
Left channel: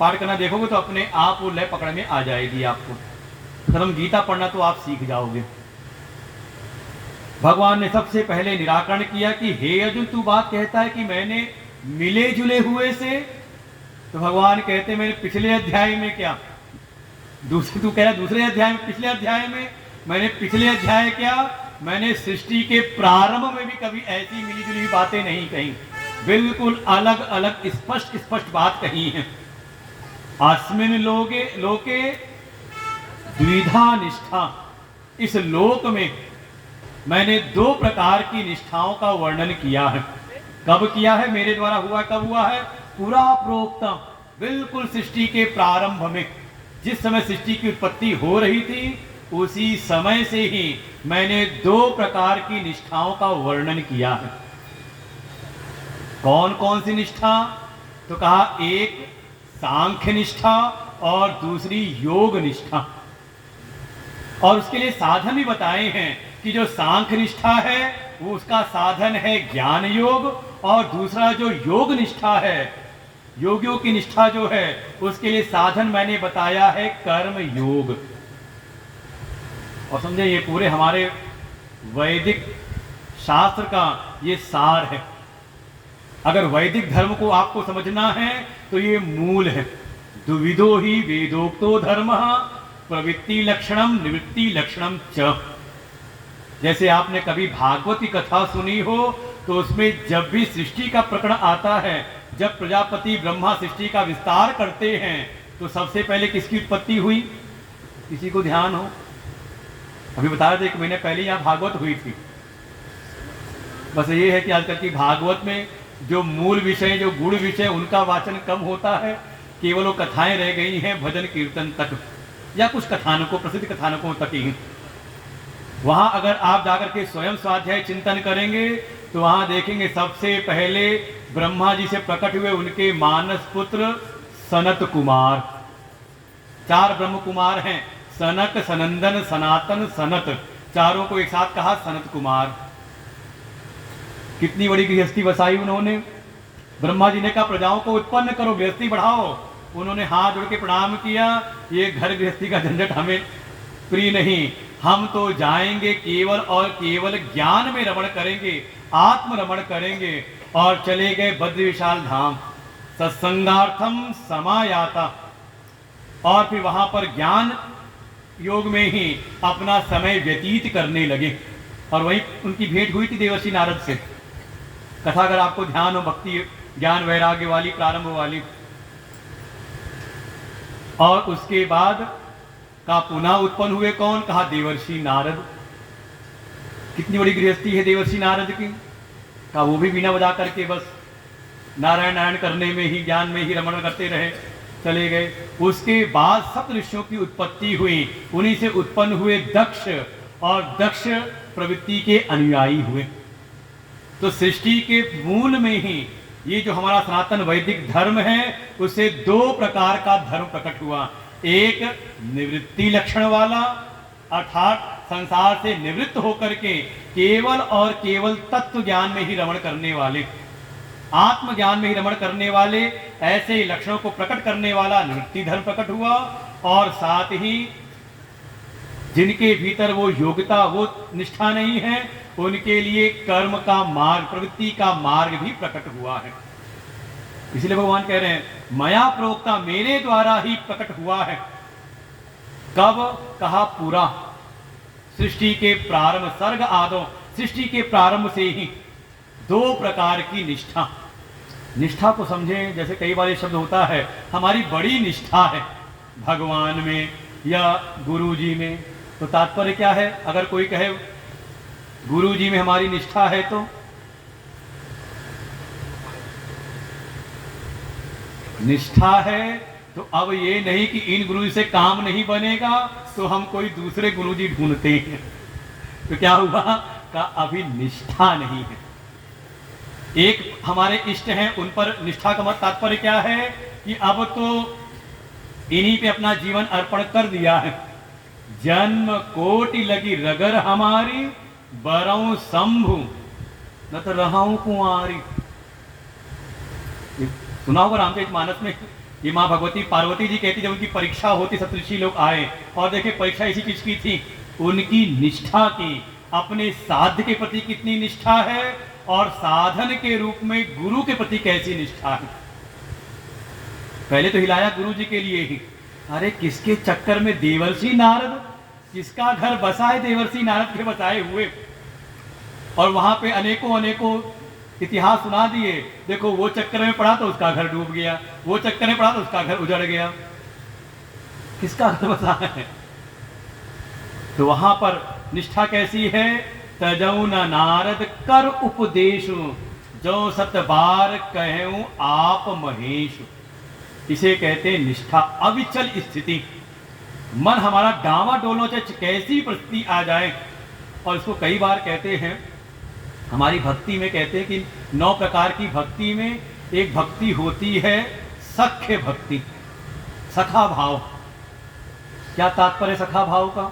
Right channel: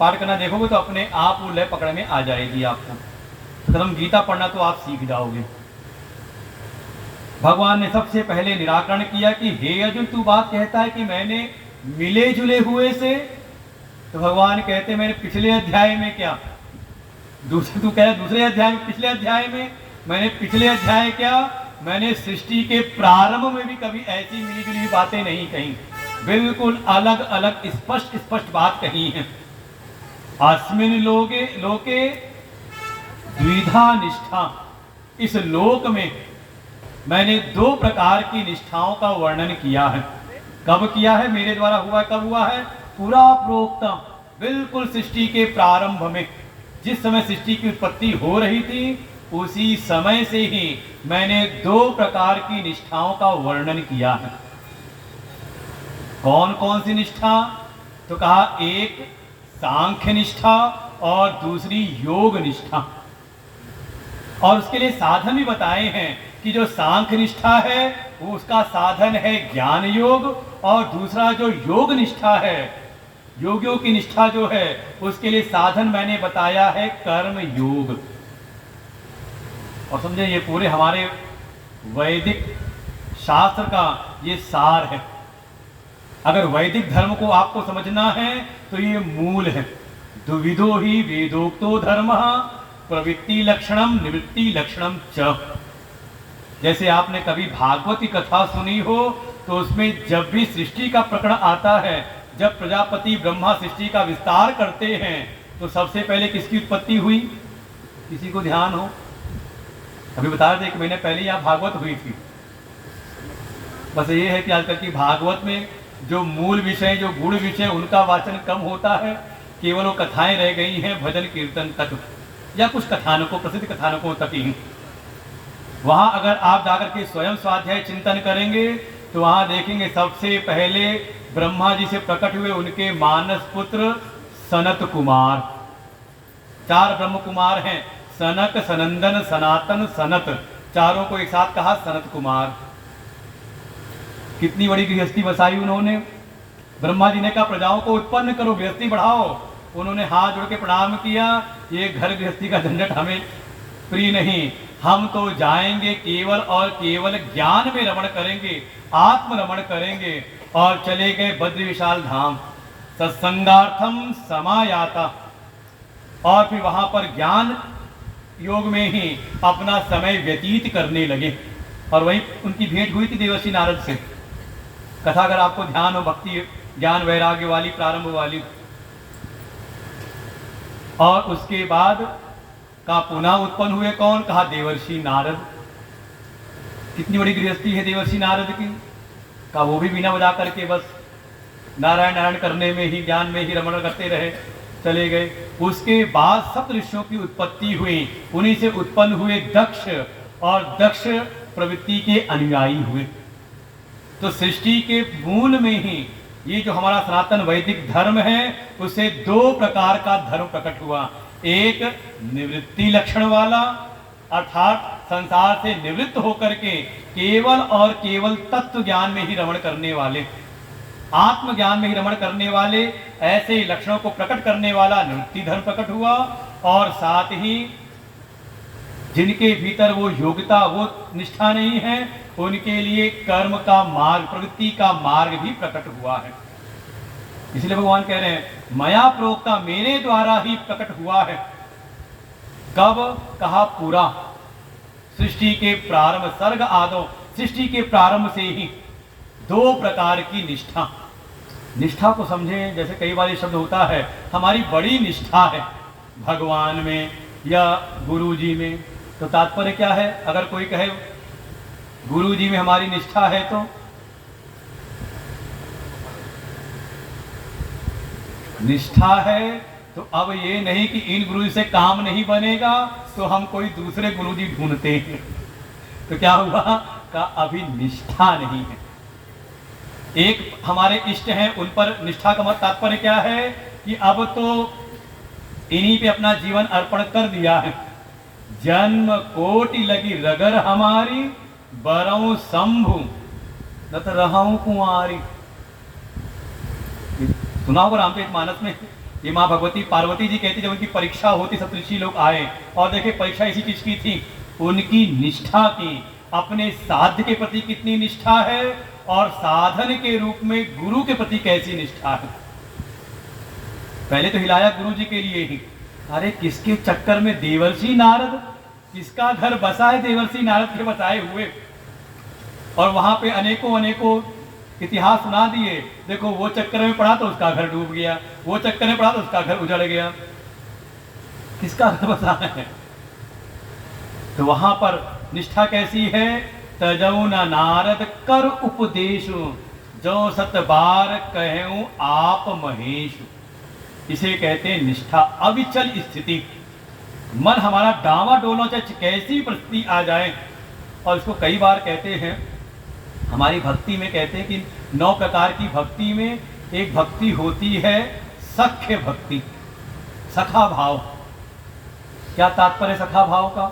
पाठ करना देखोगे तो अपने आप वो लय पकड़ में आ जाएगी आपको। धर्म गीता पढ़ना तो आप सीख जाओगे। भगवान ने सबसे पहले निराकरण किया कि हे अर्जुन, तू बात कहता है कि मैंने मिले जुले हुए से, तो भगवान कहते मैंने पिछले अध्याय में क्या, दूसरे तू कह रहा दूसरे अध्याय में, पिछले अध्याय में, मैंने पिछले अध्याय क्या, मैंने सृष्टि के प्रारंभ में भी कभी ऐसी मिली जुली बातें नहीं कही, बिल्कुल अलग अलग स्पष्ट स्पष्ट बात कही है। अस्मिन लोके द्विधा निष्ठा, इस लोक में मैंने 2 प्रकार की निष्ठाओं का वर्णन किया है। कब किया है, मेरे द्वारा हुआ है, कब हुआ है, पूरा प्रोक्ता, बिल्कुल सृष्टि के प्रारंभ में, जिस समय सृष्टि की उत्पत्ति हो रही थी उसी समय से ही मैंने 2 प्रकार की निष्ठाओं का वर्णन किया है। कौन कौन सी निष्ठा, तो कहा एक सांख्य निष्ठा और दूसरी योग निष्ठा, और उसके लिए साधन भी बताए हैं कि जो सांख्य निष्ठा है वो उसका साधन है ज्ञान योग, और दूसरा जो योग निष्ठा है, योगियों की निष्ठा जो है उसके लिए साधन मैंने बताया है कर्म योग। और समझे, ये पूरे हमारे वैदिक शास्त्र का ये सार है। अगर वैदिक धर्म को आपको समझना है तो ये मूल है। द्विविधो ही वेदोक्तो धर्म प्रवृत्ति लक्षणम निवृत्ति लक्षणम च। जैसे आपने कभी भागवत की कथा सुनी हो तो उसमें जब भी सृष्टि का प्रकरण आता है, जब प्रजापति ब्रह्मा सृष्टि का विस्तार करते हैं तो सबसे पहले किसकी उत्पत्ति हुई, किसी को ध्यान हो? अभी बता रहे थे 1 महीने पहले यहाँ भागवत हुई थी। बस ये है कि आजकल की भागवत में जो मूल विषय, जो गुण विषय, उनका वाचन कम होता है, केवल वो कथाएं रह गई हैं भजन कीर्तन तक या कुछ कथानकों, प्रसिद्ध कथानकों तक ही। वहां अगर आप जाकर के स्वयं स्वाध्याय चिंतन करेंगे तो वहां देखेंगे सबसे पहले ब्रह्मा जी से प्रकट हुए उनके मानस पुत्र सनत कुमार। 4 ब्रह्म कुमार हैं, सनक, सनंदन, सनातन, सनत, चारों को एक साथ कहा सनत कुमार। कितनी बड़ी गृहस्थी बसाई उन्होंने। ब्रह्मा जी ने कहा प्रजाओं को उत्पन्न करो, गृहस्थी बढ़ाओ। उन्होंने हाथ जोड़ के प्रणाम किया, ये घर गृहस्थी का झंझट हमें प्रिय नहीं, हम तो जाएंगे केवल और केवल ज्ञान में रमण करेंगे, आत्म रमण करेंगे। और चले गए बद्री विशाल धाम, सत्संगार्थम समायाता, और फिर वहां पर ज्ञान योग में ही अपना समय व्यतीत करने लगे। और वही उनकी भेंट हुई थी देवर्षि नारद से। कथा अगर आपको ध्यान हो, भक्ति ज्ञान वैराग्य वाली, प्रारंभ वाली। और उसके बाद का पुनः उत्पन्न हुए कौन, कहा देवर्षि नारद। कितनी बड़ी गृहस्थी है देवर्षि नारद की। का वो भी बीना बजा करके बस नारायण नारायण करने में ही, ज्ञान में ही रमण करते रहे, चले गए। उसके बाद सप्त ऋषियों की उत्पत्ति हुई, उन्हीं से उत्पन्न हुए दक्ष, और दक्ष प्रवृत्ति के अनुयायी हुए। तो सृष्टि के मूल में ही ये जो हमारा सनातन वैदिक धर्म है उससे 2 प्रकार का धर्म प्रकट हुआ। एक निवृत्ति लक्षण वाला, अर्थात संसार से निवृत्त होकर के केवल और केवल तत्व ज्ञान में ही रमण करने वाले, आत्मज्ञान में ही रमण करने वाले, ऐसे लक्षणों को प्रकट करने वाला निवृत्ति धर्म प्रकट हुआ। और साथ ही जिनके भीतर वो योग्यता, वो निष्ठा नहीं है, उनके लिए कर्म का मार्ग, प्रवृत्ति का मार्ग भी प्रकट हुआ है। इसलिए भगवान कह रहे हैं मया प्रोक्ता, मेरे द्वारा ही प्रकट हुआ है। कब, कहा पूरा सृष्टि के प्रारंभ, सर्ग आदो, सृष्टि के प्रारंभ से ही 2 प्रकार की निष्ठा। निष्ठा को समझें, जैसे कई बार ये शब्द होता है हमारी बड़ी निष्ठा है भगवान में या गुरु जी में, तो तात्पर्य क्या है? अगर कोई कहे गुरु जी में हमारी निष्ठा है तो निष्ठा है तो अब ये नहीं कि इन गुरुजी से काम नहीं बनेगा तो हम कोई दूसरे गुरुजी ढूंढते हैं। तो क्या हुआ का अभी निष्ठा नहीं है। एक हमारे इष्ट हैं, उन पर निष्ठा का मत तात्पर्य क्या है कि अब तो इन्हीं पे अपना जीवन अर्पण कर दिया है। जन्म कोटि लगी रगर हमारी, बरऊ शंभु न तो रहूं कुमारी। सुना होगा रामचरितमानस में, ये माँ भगवती पार्वती जी कहती जब उनकी परीक्षा होती सप्तऋषि लोग आए और देखे परीक्षा इसी चीज की थी, उनकी निष्ठा की, अपने साध्य के प्रति कितनी निष्ठा है और साधन के रूप में गुरु के प्रति कैसी निष्ठा है। पहले तो हिलाया गुरु जी के लिए ही, अरे किसके चक्कर में देवर्षि नारद, किसका घर बसा है देवर्षि नारद के बसाए हुए, और वहां पे अनेकों अनेकों इतिहास सुना दिए। देखो वो चक्कर में पड़ा तो उसका घर डूब गया, वो चक्कर में पड़ा तो उसका घर उजड़ गया, किसका घर बसा है। तो वहां पर निष्ठा कैसी है, तजौ न नारद कर उपदेश, जो सत बार कहूं आप महेश। इसे कहते हैं निष्ठा, अविचल स्थिति। मन हमारा डावा डोलो चाहे कैसी परिस्थिति आ जाए। और इसको कई बार कहते हैं हमारी भक्ति में, कहते हैं कि 9 प्रकार की भक्ति में एक भक्ति होती है सख्य भक्ति, सखा भाव। क्या तात्पर्य सखा भाव का,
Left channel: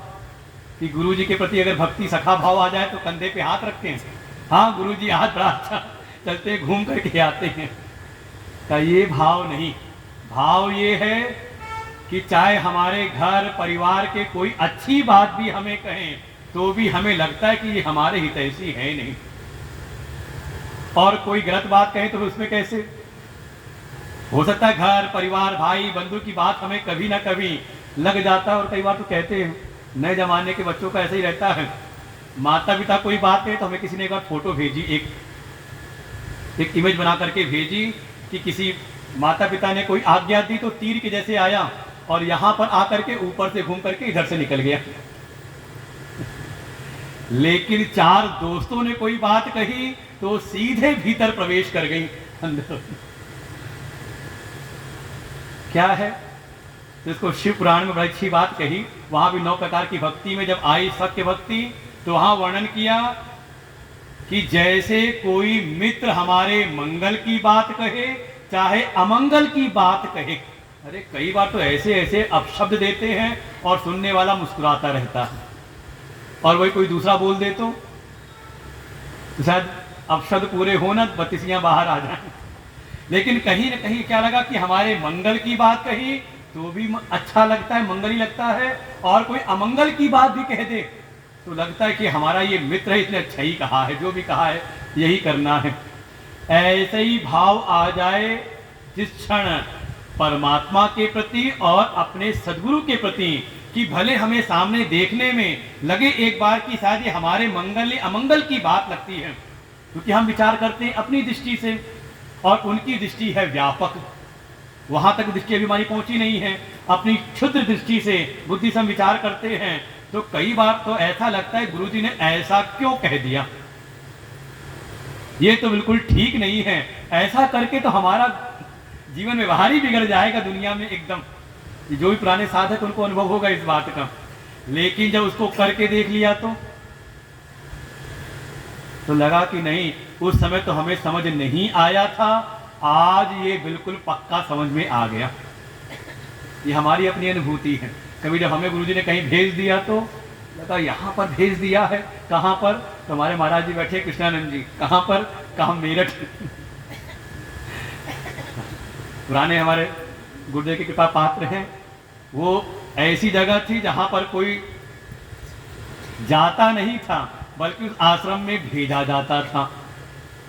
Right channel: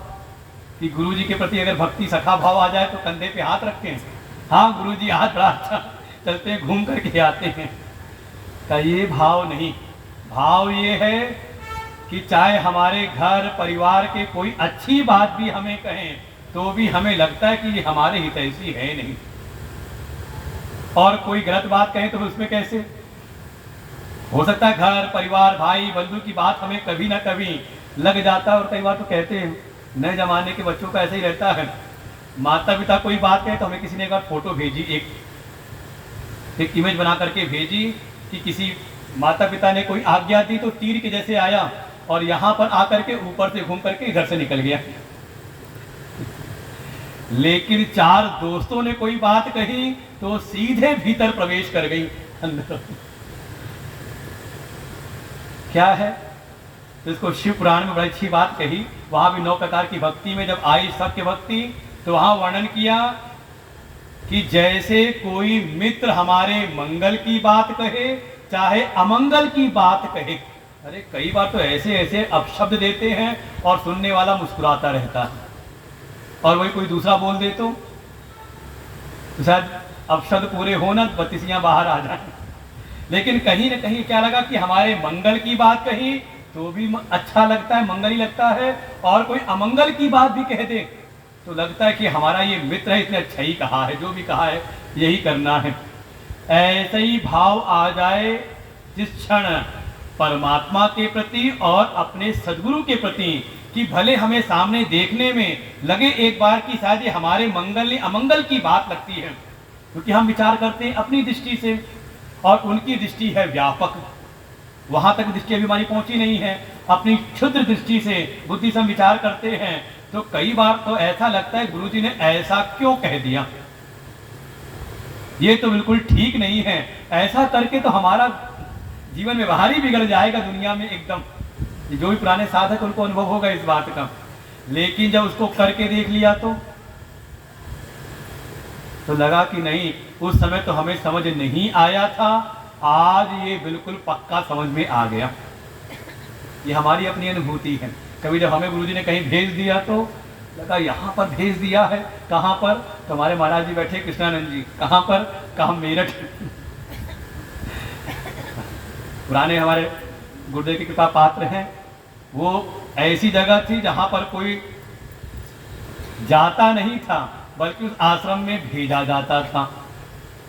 कि गुरु जी के प्रति अगर भक्ति सखा भाव आ जाए तो कंधे पे हाथ रखते हैं, हाँ गुरु जी हाथ बड़ा अच्छा, चलते घूम करके आते हैं। का ये भाव नहीं, भाव ये है कि चाहे हमारे घर परिवार के कोई अच्छी बात भी हमें कहें तो भी हमें लगता है कि ये हमारे हितैषी है नहीं, और कोई गलत बात कहे तो उसमें कैसे हो सकता है। घर परिवार भाई बंधु की बात हमें कभी ना कभी लग जाता है। और कई बार तो कहते हैं नए जमाने के बच्चों का ऐसा ही रहता है, माता पिता कोई बात कहे तो हमें किसी ने एक बार फोटो भेजी, एक इमेज बना करके भेजी कि किसी माता पिता ने कोई आज्ञा दी तो तीर के जैसे आया और यहां पर आकर के ऊपर से घूम करके इधर से निकल गया। लेकिन 4 दोस्तों ने कोई बात कही तो सीधे भीतर प्रवेश कर गई अंदर। क्या है तो इसको शिव पुराण में बड़ी अच्छी बात कही। वहां भी 9 प्रकार की भक्ति में जब आई सत्य भक्ति तो वहां वर्णन किया कि जैसे कोई मित्र हमारे मंगल की बात कहे चाहे अमंगल की बात कहे। अरे कई बार तो ऐसे ऐसे अपशब्द देते हैं और सुनने वाला मुस्कुराता रहता है, और वही कोई दूसरा बोल दे तो शायद अपशब्द पूरे हो ना, बत्तीसियां बाहर आ जाए। लेकिन कहीं ना कहीं क्या लगा कि हमारे मंगल की बात कही तो भी अच्छा लगता है, मंगल ही लगता है, और कोई अमंगल की बात भी कह दे तो लगता है कि हमारा ये मित्र है, इसने अच्छा ही कहा है, जो भी कहा है यही करना है। ऐसे ही भाव आ जाए जिस क्षण परमात्मा के प्रति और अपने सद्गुरु के प्रति, कि भले हमें सामने देखने में लगे एक बार कि शायद ये हमारे मंगल या अमंगल की बात लगती है, क्योंकि हम विचार करते हैं अपनी दृष्टि से और उनकी दृष्टि है व्यापक, वहां तक दृष्टि अभी हमारी पहुंची नहीं है। अपनी क्षुद्र दृष्टि से बुद्धि से हम विचार करते हैं तो कई बार तो ऐसा लगता है गुरु जी ने ऐसा क्यों कह दिया, ये तो बिल्कुल ठीक नहीं है, ऐसा करके तो हमारा जीवन व्यवहार ही बिगड़ जाएगा दुनिया में एकदम। जो भी पुराने साधक उनको अनुभव होगा इस बात का। लेकिन जब उसको करके देख लिया तो लगा कि नहीं, उस समय तो हमें समझ नहीं आया था, आज ये बिल्कुल पक्का समझ में आ गया। ये हमारी अपनी अनुभूति है। कभी जब हमें गुरुजी ने कहीं भेज दिया तो लगा यहाँ पर भेज दिया है, कहाँ पर, तो हमारे महाराज जी बैठे कृष्णानंद जी, कहाँ पर, कहाँ मेरठ। पुराने हमारे गुरुदेव की कृपा पात्र हैं, वो ऐसी जगह थी जहां पर कोई जाता नहीं था बल्कि उस आश्रम में भेजा जाता था।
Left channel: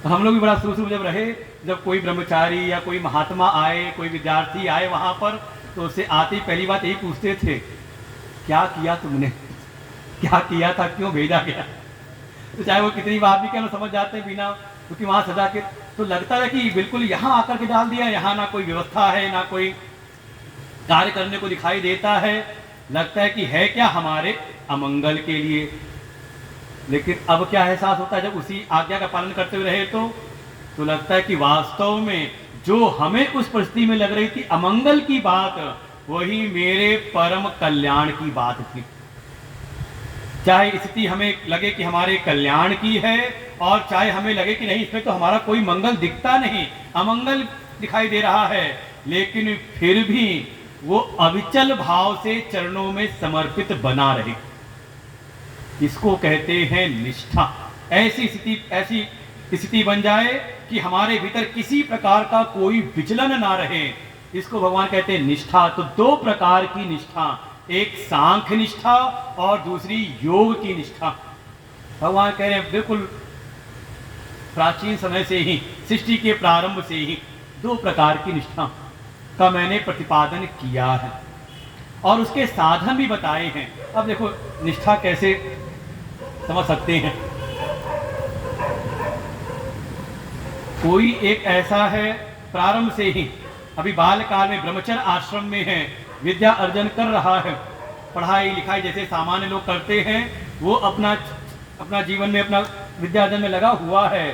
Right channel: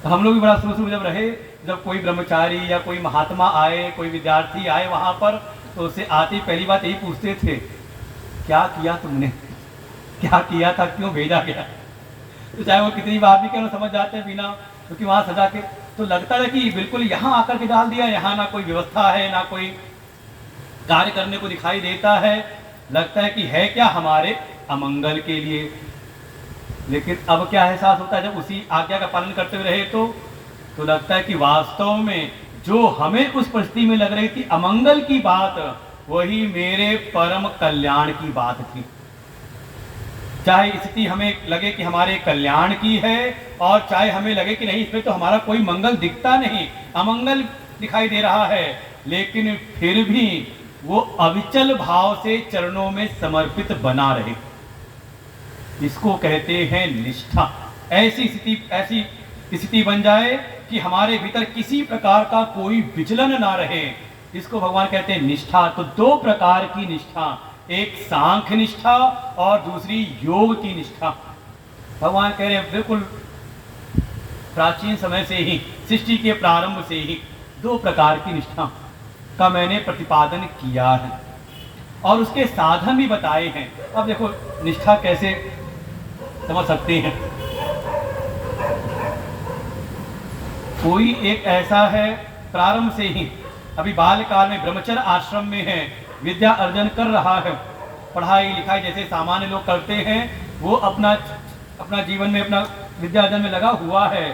तो हम लोग भी बड़ा शुरू जब रहे, जब कोई ब्रह्मचारी या कोई महात्मा आए, कोई विद्यार्थी आए वहां पर, तो उससे आते पहली बात यही पूछते थे, क्या किया तुमने, क्या किया था, क्यों भेजा गया। तो चाहे वो कितनी बात भी क्यों समझ जाते बिना, क्योंकि वहां सजा के तो लगता था कि बिल्कुल यहाँ आकर के डाल दिया, यहाँ ना कोई व्यवस्था है, ना कोई कार्य करने को दिखाई देता है, लगता है कि है क्या हमारे अमंगल के लिए। लेकिन अब क्या एहसास होता है जब उसी आज्ञा का पालन करते हुए रहे तो लगता है कि वास्तव में जो हमें उस परिस्थिति में लग रही थी अमंगल की बात, वही मेरे परम कल्याण की बात थी। चाहे स्थिति हमें लगे कि हमारे कल्याण की है, और चाहे हमें लगे कि नहीं, इसमें तो हमारा कोई मंगल दिखता नहीं, अमंगल दिखाई दे रहा है, लेकिन फिर भी वो अविचल भाव से चरणों में समर्पित बना रहे, इसको कहते हैं निष्ठा। ऐसी स्थिति बन जाए कि हमारे भीतर किसी प्रकार का कोई विचलन ना रहे, इसको भगवान कहते हैं निष्ठा। तो दो प्रकार की निष्ठा, एक सांख्य निष्ठा और दूसरी योग की निष्ठा। भगवान कह रहे हैं बिल्कुल प्राचीन समय से ही, सृष्टि के प्रारंभ से ही दो प्रकार की निष्ठा का मैंने प्रतिपादन किया है और उसके साधन भी बताए हैं। अब देखो निष्ठा कैसे समझ सकते हैं। कोई एक ऐसा है प्रारंभ से ही, अभी बाल काल में ब्रह्मचर्य आश्रम में है, विद्या अर्जन कर रहा है, पढ़ाई लिखाई जैसे सामान्य लोग करते हैं, वो अपना जीवन में अपना विद्या अर्जन में लगा हुआ है,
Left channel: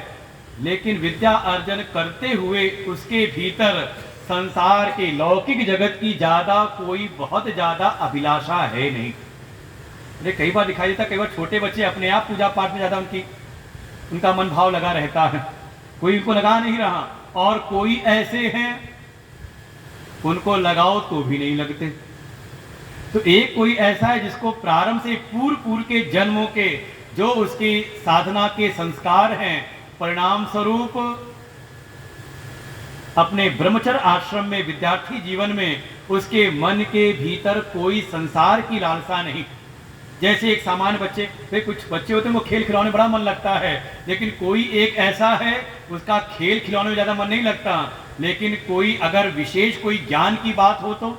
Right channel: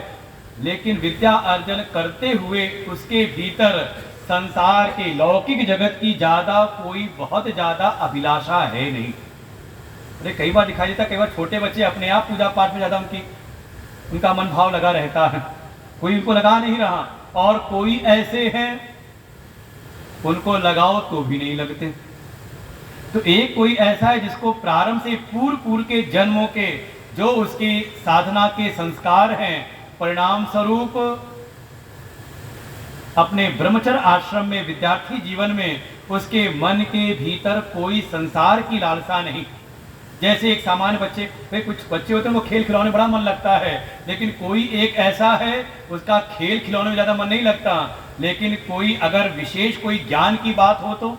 लेकिन विद्या अर्जन करते हुए उसके भीतर संसार के लौकिक जगत की कोई बहुत ज्यादा अभिलाषा है नहीं। अरे कई बार दिखाई देता, कई बार छोटे बच्चे अपने आप पूजा पाठ में ज्यादा उनका मन भाव लगा रहता है, कोई उनको लगा नहीं रहा, और कोई ऐसे हैं उनको लगाओ तो भी नहीं लगते। तो एक कोई ऐसा है जिसको प्रारंभ से पूर्व के जन्मों के जो उसकी साधना के संस्कार हैं, परिणाम स्वरूप अपने ब्रह्मचर्य आश्रम में विद्यार्थी जीवन में उसके मन के भीतर कोई संसार की लालसा नहीं। जैसे एक सामान्य बच्चे, कुछ बच्चे होते हैं वो खेल खिलौने बड़ा मन लगता है, लेकिन कोई एक ऐसा है उसका खेल खिलौने में ज्यादा मन नहीं लगता, लेकिन कोई अगर विशेष कोई ज्ञान की बात हो तो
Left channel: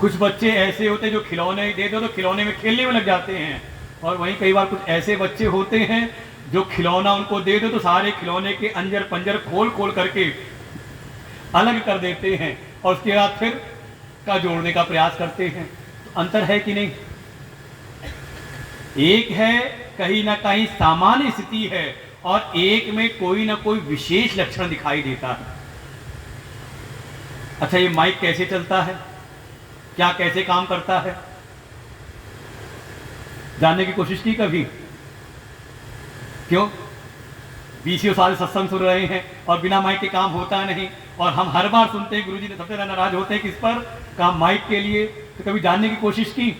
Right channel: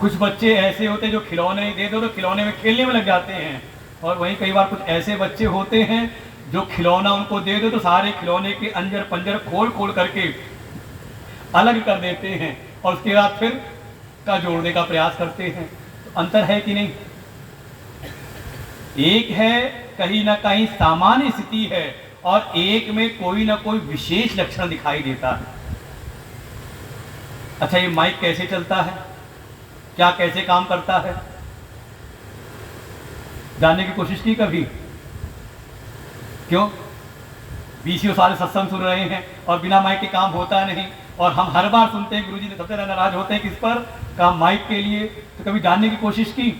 कुछ बच्चे ऐसे होते हैं जो खिलौने दे दो तो खिलौने में खेलने में लग जाते हैं, और वहीं कई बार कुछ ऐसे बच्चे होते हैं जो खिलौना उनको दे दो तो सारे खिलौने के अंजर पंजर खोल करके अलग कर देते हैं और उसके बाद फिर का जोड़ने का प्रयास करते हैं। अंतर है कि नहीं? एक है कहीं ना कहीं सामान्य स्थिति है और एक में कोई ना कोई विशेष लक्षण दिखाई देता है। अच्छा, ये माइक कैसे चलता है, क्या कैसे काम करता है, जानने की कोशिश की कभी? क्यों? 20 साल सत्संग सुन रहे हैं और बिना माइक के काम होता नहीं, और हम हर बार सुनते हैं गुरुजी ने सबसे ज्यादा नाराज होते हैं किस पर? काम माइक के लिए। तो कभी जानने की कोशिश की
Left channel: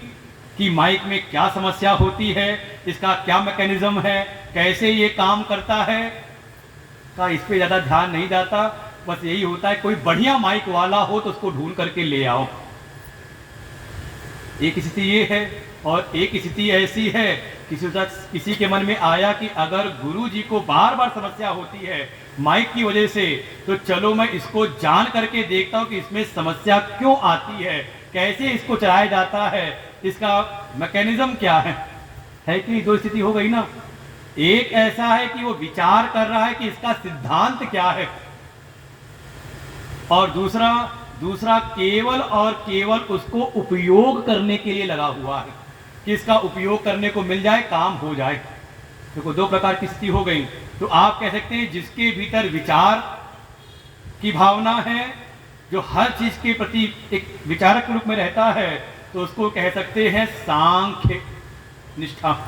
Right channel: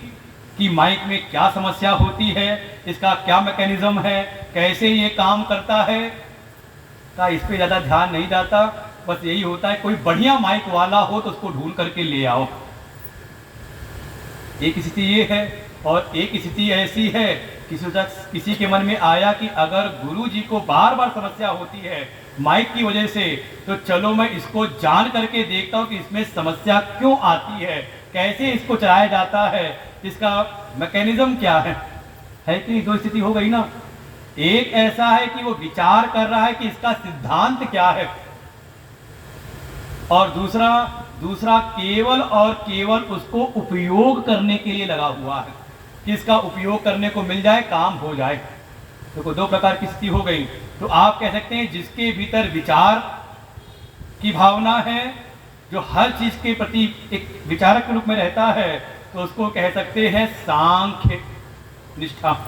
कि माइक में क्या समस्या होती है, इसका क्या मैकेनिज्म है, कैसे ये काम करता है? का इस पे ज्यादा ध्यान नहीं जाता, बस यही होता है कोई बढ़िया माइक वाला हो तो उसको ढूंढ करके ले आओ। एक स्थिति ये है, और एक स्थिति ऐसी है किसी के मन में आया कि अगर गुरु जी को बार बार समस्या होती है माइक की वजह से, तो चलो मैं इसको जान करके देखता हूं कि इसमें समस्या क्यों आती है, कैसे इसको चलाया जाता है, इसका मैकेनिज्म क्या है कि दो स्थिति हो गई ना। एक ऐसा है कि वो विचार कर रहा है कि इसका सिद्धांत क्या है, और दूसरा केवल और केवल उसको उपयोग करने के लिए लगा हुआ है कि इसका उपयोग करने को मिल जाए, काम हो जाए। तो दो प्रकार की स्थिति हो गई। तो आप कह सकते हैं जिसके भीतर विचार की भावना है, जो हर चीज के प्रति एक विचारक रूप में रहता है, तो उसको कह सकते हैं सांख्य निष्ठा,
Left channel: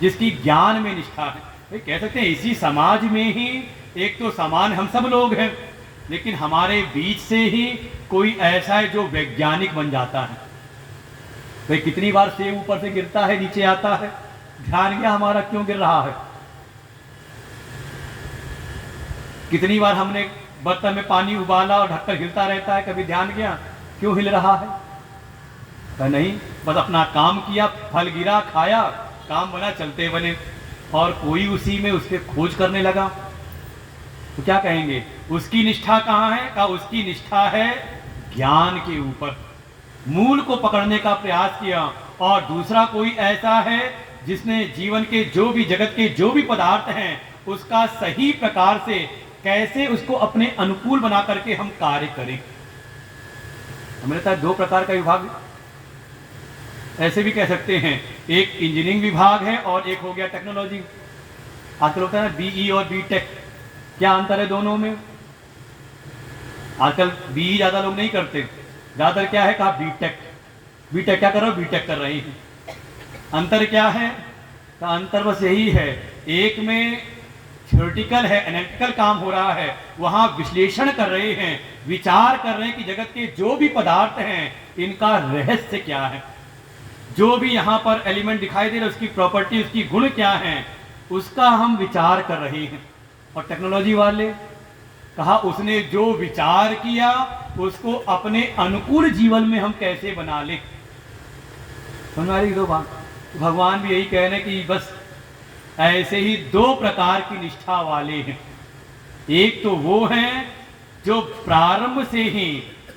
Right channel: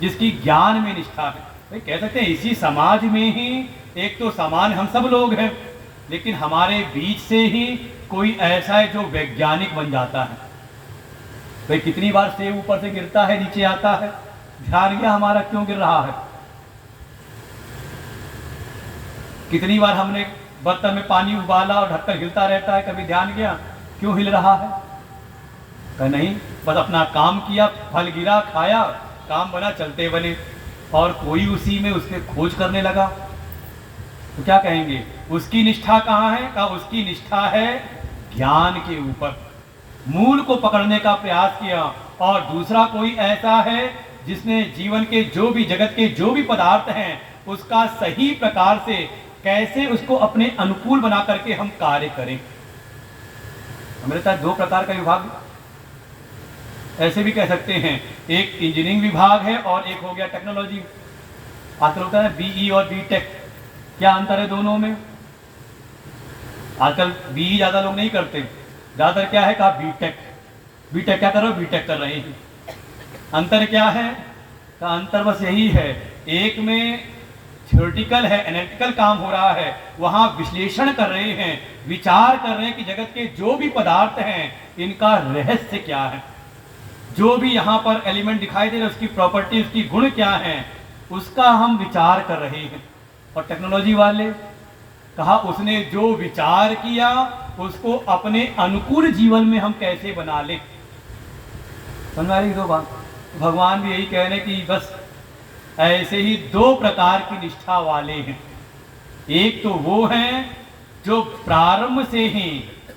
जिसकी ज्ञान में निष्ठा है। भाई कह सकते हैं इसी समाज में ही एक तो समान हम सब लोग हैं, लेकिन हमारे बीच से ही कोई ऐसा है जो वैज्ञानिक बन जाता है। भाई कितनी बार सेब ऊपर से गिरता है नीचे आता है, ध्यान गया हमारा क्यों गिर रहा है? कितनी बार हमने बर्तन में पानी उबाला और ढक्कन हिलता रहता है, कभी ध्यान गया क्यों हिल रहा है? नहीं, बस अपना काम किया, फल गिरा, खाया, काम बना, चलते बने, और कोई उसी में उसके खोज करने लगा। तो क्या कहेंगे उसकी निष्ठा कहाँ है? का उसकी निष्ठा है ज्ञान के ऊपर, मूल को पकड़ने का प्रयास किया। और दूसरा कोई ऐसा है जिसने जीवन के जो भी जगत के जो भी पदार्थ हैं उसका सही प्रकार से कैसे उसको अपने अनुकूल बना करके हम कार्य करें। मेरे साथ दो प्रकार का विभाग ऐसे भी कह सकते हैं, एक इंजीनियरिंग विभाग है और एक हो गया टेक्नोलॉजी। आजकल होता है ना बीई और बीटेक, क्या अंतर है दोनों में? आजकल बी ज़्यादा लोग नहीं करते, ज़्यादातर क्या है कहा बीटेक। बीटेक क्या कर रहे हो? बीटेक कर रहे हैं। अंतर क्या है? तो अंतर बस यही है, एक में थ्योरेटिकल है, एनालिटिकल काम हो रहा है, वहां विश्लेषण कर रहे हैं, विचार कर रहे हैं कि जगत के जो भी पदार्थ हैं इनका रहस्य क्या है, जो भी यहाँ पर एलिमेंट दिखाई दे रहे उसकी प्रॉपर्टी, उसकी गुण क्या है, उसका हम विचार कर रहे हैं। और टेक्नोलॉजी वाले कहा उसने जो विचार किया उसको अपने अनुकूल जीवन में हम कैसे बना ले। हमारी दो बात, भगवान भी यही कह रहे हैं कि बस ऐसे ही दो प्रकार की निष्ठा वाले हैं। एक तो वो हैं जो प्रारंभ से ही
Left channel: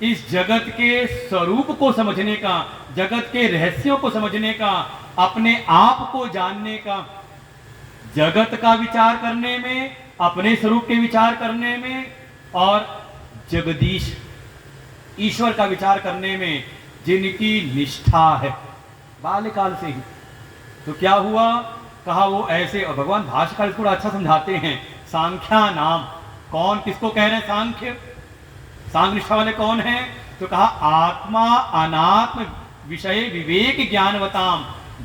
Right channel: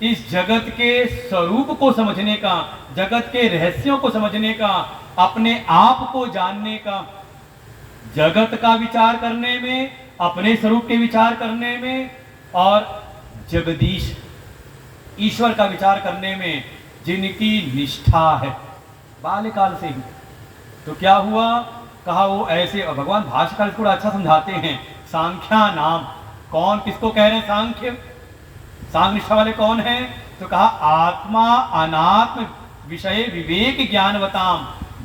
इस जगत के स्वरूप को समझने का, जगत के रहस्यों को समझने का, अपने आप को जानने का, जगत का विचार करने में, अपने स्वरूप के विचार करने में और जगदीश ईश्वर का विचार करने में जिनकी निष्ठा है बाल्यकाल से ही। तो क्या हुआ? कहा वो ऐसे, और भगवान भाष्यकार इसको अच्छा समझाते हैं, सांख्या नाम। कौन किसको कह रहे हैं सांख्य? सांख्य निष्ठा वाले कौन हैं? तो कहा आत्मा अनात्म विषय विवेक ज्ञानवताम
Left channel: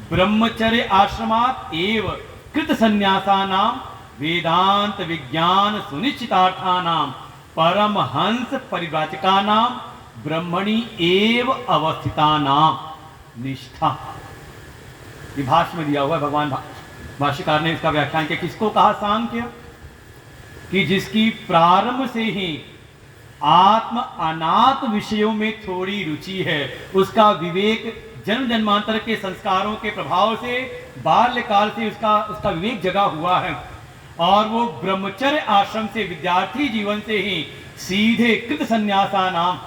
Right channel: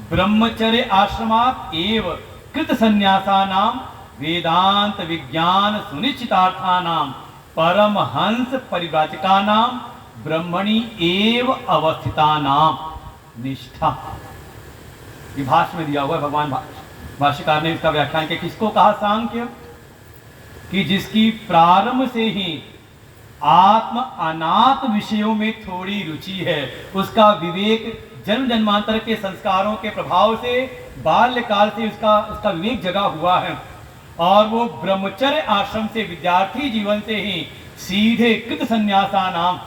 ब्रह्मचर्य आश्रमात एव कृत संन्यासा नाम वेदांत विज्ञान सुनिश्चितार्था नाम परमहंस परिव्राजका नाम ब्रह्मणि एव अवस्थिता नाम निष्ठा। ये भाष्य में दिया हुआ है, भगवान भाष्यकार ने इसका व्याख्यान किया। किसको कहा सांख्य? कि जिसकी प्रारंभ से ही आत्म अनात्म विषयों में थोड़ी रुचि है, उसका विवेक जन्म जन्मांतर के संस्कारों के प्रभाव से बाल्यकाल से उसका विवेक जगा हुआ है, और वो ब्रह्मचर्य आश्रम से, विद्यार्थी जीवन से ही सीधे कृत संन्यासा नाम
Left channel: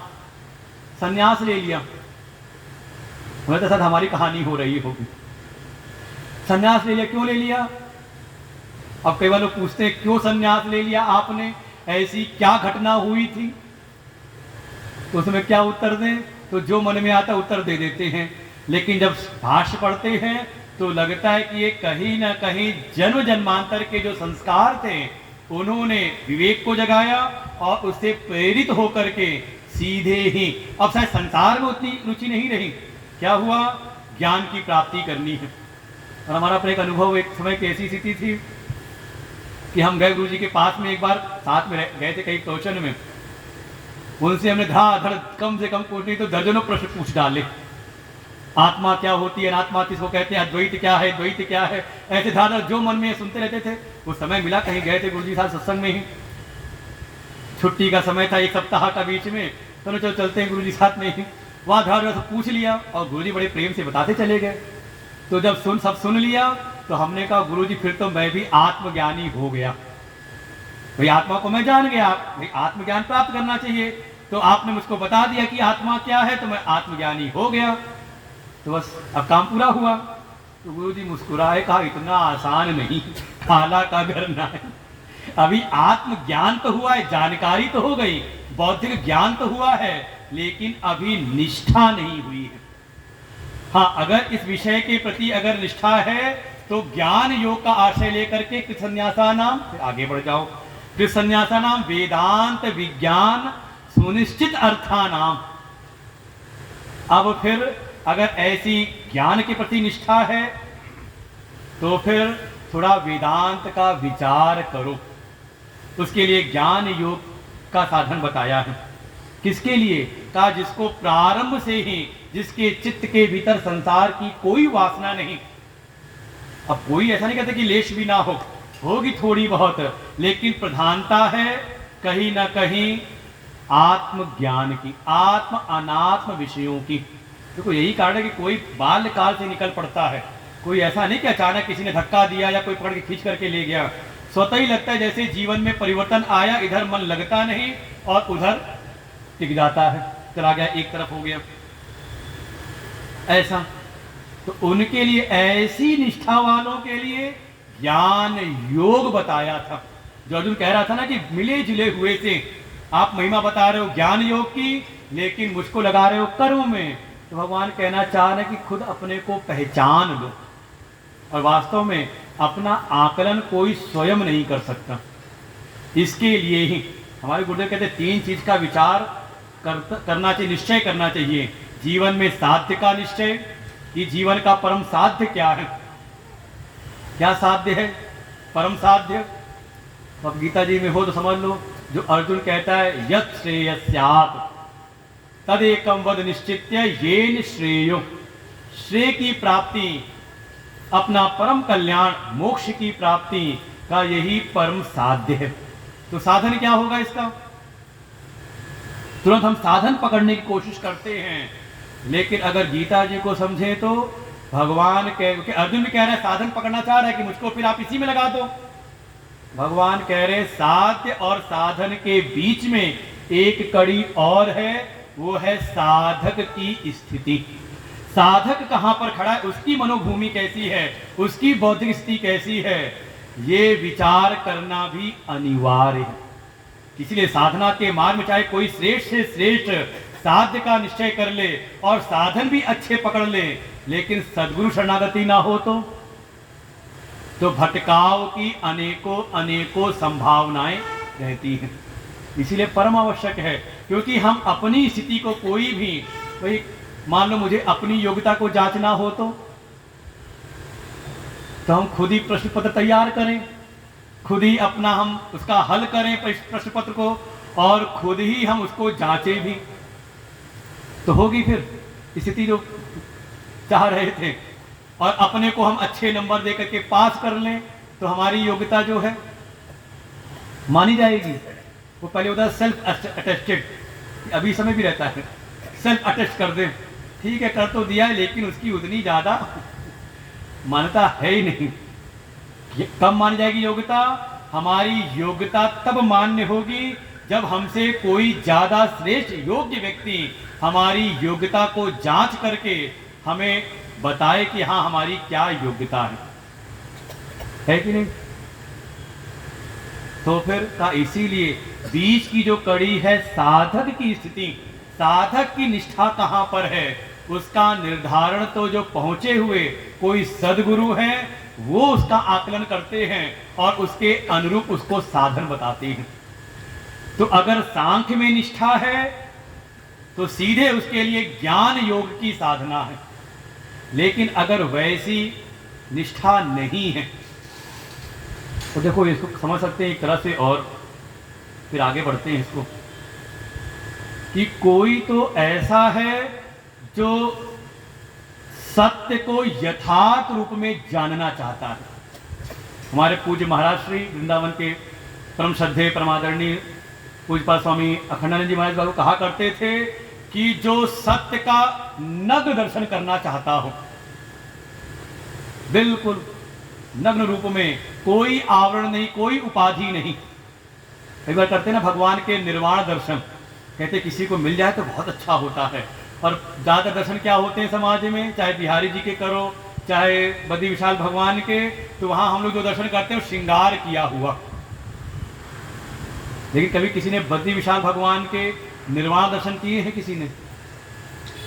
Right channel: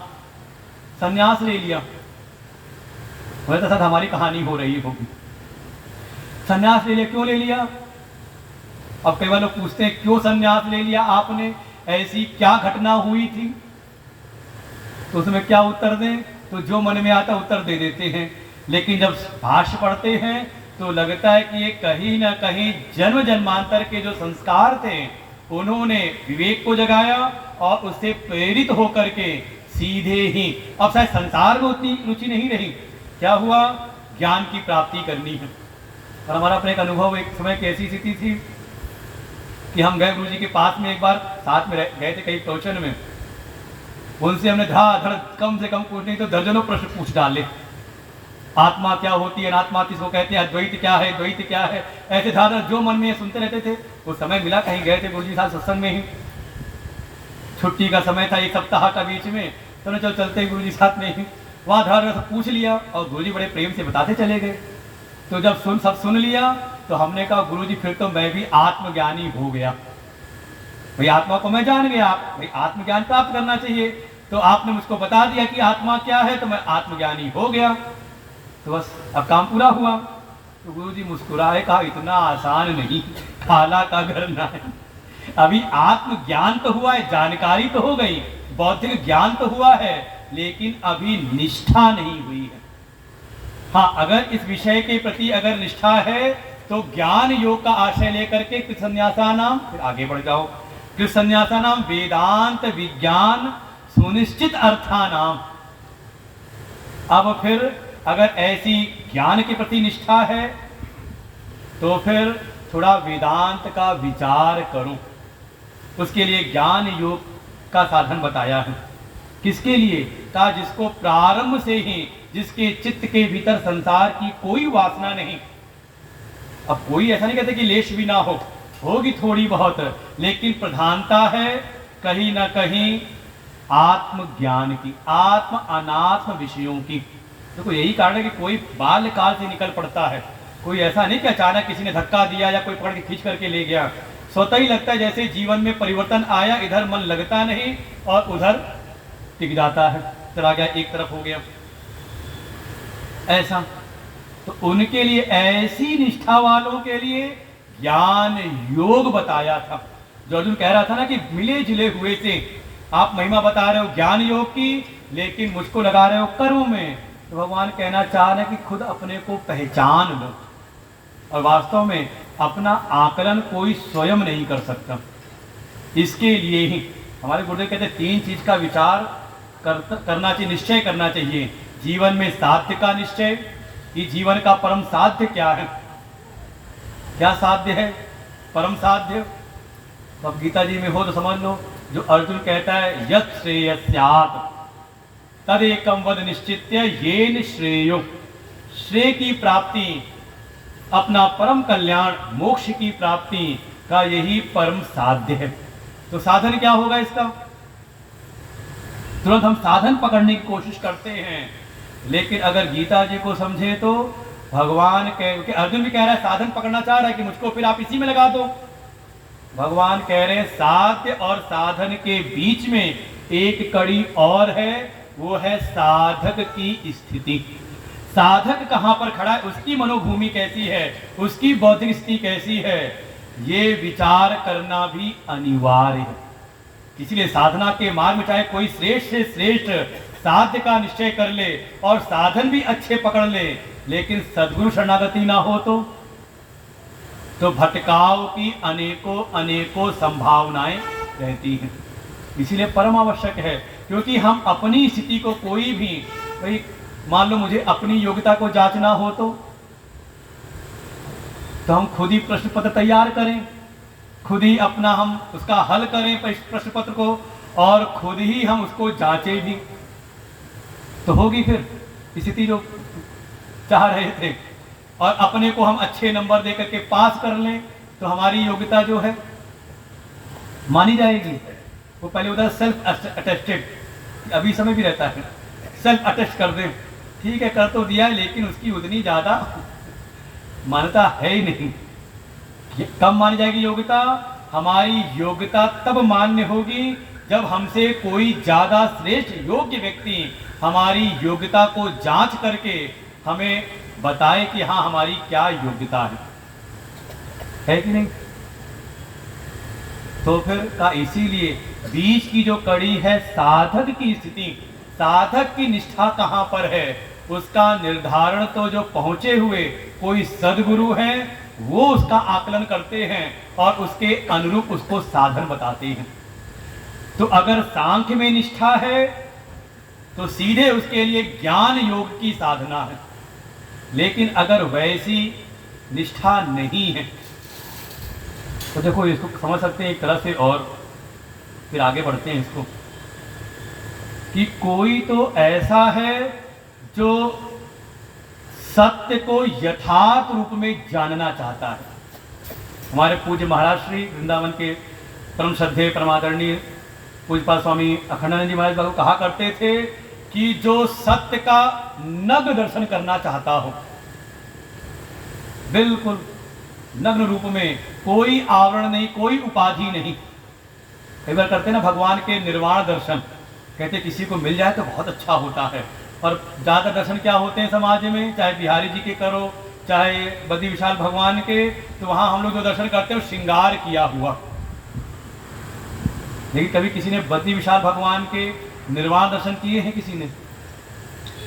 संन्यास ले लिया। मैं तो साथ हमारी कहानी हो रही होगी, संन्यास ले लिया। क्यों ले लिया? अब कई बार लोग पूछते हैं क्यों संन्यास ले लिया आपने, ऐसी क्या घटना हुई थी? तो उसमें क्या उत्तर दें? तो जो मन में आता उत्तर दे देते हैं, लेकिन जब भाष्य पढ़ते हैं तो लगता है कि ये कहीं ना कहीं जन्म जन्मांतर के जो संस्कार थे उन्होंने विवेक को जगाया और उससे प्रेरित होकर के सीधे ही, अब शायद संसार में उतनी रुचि नहीं रही, क्या हुआ? ज्ञान की प्राप्ति करनी है। और हमारा अपना एक अनुभव, एक समय की ऐसी स्थिति थी कि हम गए गुरु जी के पास में, एक बार साथ में गए थे कहीं प्रवचन में, उनसे हमने धड़ कम से कम कुछ नहीं तो दर्जनों प्रश्न पूछ डाले। आत्मा क्या होती है, अनात्मा किसको कहते हैं, अद्वैत क्या है, द्वैत क्या है, ऐसे धारा जो मन में सुनते रहते थे। वो समय मिला, कहीं गए थे गुरु जी साथ सत्संग में ही, छुट्टी का समय था, एक सप्ताह का बीच में, तो चलो चलते हैं गुरु जी साथ में ही। वहाँ धारा सब पूछ लिया और गुरु जी बड़े प्रेम से बताते चले गए। तो जब सब सुन लिया तो हमने कहा गुरु जी फिर तो मैं भी आत्मज्ञानी हो गया, भाई आत्मा को मैं जान गया, भाई आत्मज्ञान प्राप्त करना चाहिए। तो आपने मुझको बता दिया कि आत्मा क्या है, तो मैं आत्मज्ञानी हो गया, तो बस अब काम पूरा हुआ। तो गुरु जी मुस्कुराए, कहा इतना आसान नहीं, खाला का घर ना है। अभी आत्मज्ञान तो हुआ है, जानकारी तो हो गई, बौद्धिक ज्ञान तो हुआ है, लेकिन अभी निष्ठा नहीं हुई है। हाँ, अगर इस विषय के प्रति अगर निष्ठा है तो ज्ञान योग का आश्रय लेकर के कृत संन्यासा नाम, फिर आगे बढ़ जाओ, कृत संन्यासा नाम वेदांत विज्ञान सुनिश्चित अर्था नाम। अब फिर अगर ऐसी ज्ञान के प्रति निष्ठा है तो फिर थोड़ा वेदांत का विचार करो। उसके लिए ज्ञान योग का साधन बताया है। किसके लिए? का जिसको प्रारंभ से ही, जिसके चित्त के भीतर संसार की कोई वासना नहीं। अब कोई ऐसा नहीं कहता कि लेश भी ना हो, होगी थोड़ी बहुत, लेकिन प्रधानता है कहीं ना कहीं आत्मज्ञान की, आत्म अनात्म विषयों की। तो यही कारण है कि कोई बाल्यकाल से निकल पड़ता है, कोई ऐसा नहीं कि अचानक किसी ने धक्का दिया या कोई पकड़ के खींच करके ले गया। स्वतः ही लगता है जैसे जीवन में परिवर्तन आया, इधर मन लगता नहीं और उधर टिक जाता है, चला गया, एक तरफ हो गया ऐसा। तो उनके लिए, ऐसी निष्ठा वालों के लिए ज्ञान योग बताया था। जो अर्जुन कह रहा था ना कि मिले जुले हुए थे, आप महिमा बता रहे हो ज्ञान योग की, लेकिन मुझको लगा रहे हो कर्म में। तो भगवान कहना चाह रहे कि खुद अपने को पहचान लो, और वास्तव में अपना आकलन कोई स्वयं नहीं कर सकता। इसके लिए ही हमारे गुरुदेव कहते हैं 3 चीज का विचार करना चाहिए, निश्चय करना चाहिए जीवन में। साध्य का निश्चय कि जीवन का परम साध्य क्या है, क्या साध्य है, परम साध्य। तो अब गीता जी में हो तो समझ लो, जो अर्जुन कहता है यत् श्रेयस्यात् तदेकं वद निश्चित्य येन श्रेयो, श्रेय की प्राप्ति, अपना परम कल्याण, मोक्ष की प्राप्ति का यही परम साध्य है। तो साधन क्या होगा इसका? तुरंत हम साधन पकड़ने की कोशिश करते हैं, लेकिन अगर गीता जी को समझे तो भगवान के अर्जुन भी कह रहा है साधन पकड़ना चाह रहा है कि मुझको फिर आप इसी में लगा दो। भगवान कह रहे साध्य और साधन के बीच में एक कड़ी और है, वो है साधक की स्थिति। साधक कहां पर खड़ा है, उसकी मनोभूमि कैसी है, उसकी बौद्धिक स्थिति कैसी है, ये विचार करना भी अनिवार्य है। इसीलिए साधना के मार्ग में चाहे कोई श्रेष्ठ से श्रेष्ठ साध्य का निश्चय कर ले और साधन भी अच्छे पकड़ ले, लेकिन सद्गुरु शरणागति ना हो तो भटकाव की अनेकों अनेकों संभावनाएं रहती हैं। इसीलिए परम आवश्यक है, क्योंकि हम अपनी स्थिति को कोई भी, मान लो मुझे अपनी योग्यता को जांचना हो तो हम खुद ही प्रश्न पत्र तैयार करें, खुद ही अपना हम उसका हल करें प्रश्न पत्र को, और खुद ही हम उसको जांचें भी, तो होगी फिर स्थिति जो चाह रहे थे। और अपने को हम अच्छे नंबर देकर के पास कर लें तो हमारी योग्यता जो है मानी जाएगी। वो पहले होता है सेल्फ अटेस्टेड, अभी समय भी रहता है, सेल्फ अटेस्ट कर दे, ठीक है कर तो दिया है, लेकिन उसकी उतनी ज्यादा मान्यता है ही नहीं। कब मानी जाएगी योग्यता? हमारी योग्यता तब मान्य होगी जब हमसे कोई ज्यादा श्रेष्ठ योग्य व्यक्ति हमारी योग्यता को जांच करके हमें बताए कि हाँ हमारी क्या योग्यता है कि नहीं। तो फिर का इसीलिए बीच की जो कड़ी है साधक की स्थिति, साधक की निष्ठा कहां पर है, उसका निर्धारण तो जो पहुंचे हुए कोई सदगुरु है वो उसका आकलन करते हैं और उसके अनुरूप उसको साधन बताते हैं। तो अगर सांख्य में निष्ठा है तो सीधे उसके लिए ज्ञान योग की साधना है, लेकिन अगर वैसी निष्ठा नहीं है तो देखो इसको समझ सकते हैं एक तरह से, और फिर आगे बढ़ते हैं इसको कि कोई तो ऐसा है जो सत्य को यथार्थ रूप में जानना चाहता है। हमारे पूज्य महाराज श्री वृंदावन के परम श्रद्धेय परमादरणीय पूज्यपाद स्वामी अखंडानंद जी महाराज कहा करते थे कि जो सत्य का नग्न दर्शन करना चाहता हो, बिल्कुल नग्न रूप में, कोई आवरण नहीं, कोई उपाधि नहीं। कई बार करते ना भगवान के निर्वाण दर्शन, कहते किसी को मिल जाए तो बहुत अच्छा होता है, पर ज्यादा दर्शन क्या होते हैं समाज में, चाहे बिहारी जी के करो चाहे बद्री विशाल भगवान के, तो वहां हम लोग जो दर्शन करते हैं वो श्रृंगार किया हुआ। लेकिन कभी किसी ने बद्री विशाल भगवान के निर्वाण दर्शन किए हैं? किसी ने?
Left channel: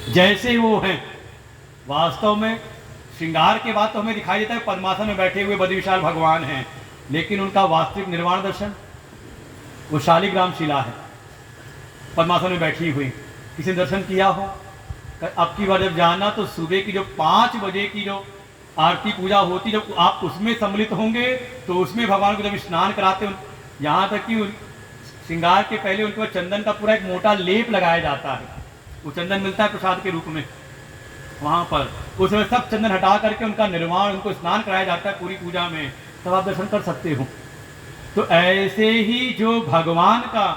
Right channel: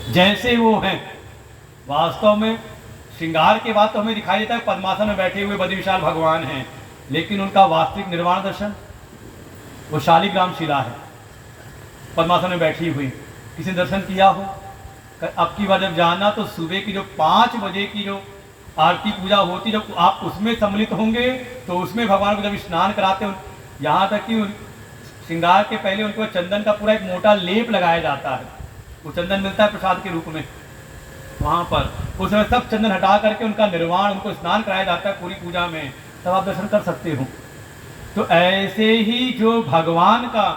जैसे वो हैं वास्तव में श्रृंगार के बाद तो हमें दिखाई देता है पद्मासन में बैठे हुए बद्री विशाल भगवान हैं, लेकिन उनका वास्तविक निर्वाण दर्शन वो शालिग्राम शिला है, पद्मासन में बैठी हुई। किसी ने दर्शन किया हो? अब की बार जब जाना तो सुबह की जो 5 बजे की जो आरती पूजा होती, जब आप उसमें सम्मिलित होंगे तो उसमें भगवान को जब स्नान कराते हो, यहाँ तक कि श्रृंगार के पहले उनके ऊपर चंदन का पूरा एक मोटा लेप लगाया जाता है, वो चंदन मिलता है प्रसाद के रूप में वहां पर, उस समय सब चंदन हटा करके उनका निर्वाण, उनको स्नान कराया जाता है पूरी पूजा में, तब आप दर्शन कर सकते हो। तो ऐसे ही जो भगवान का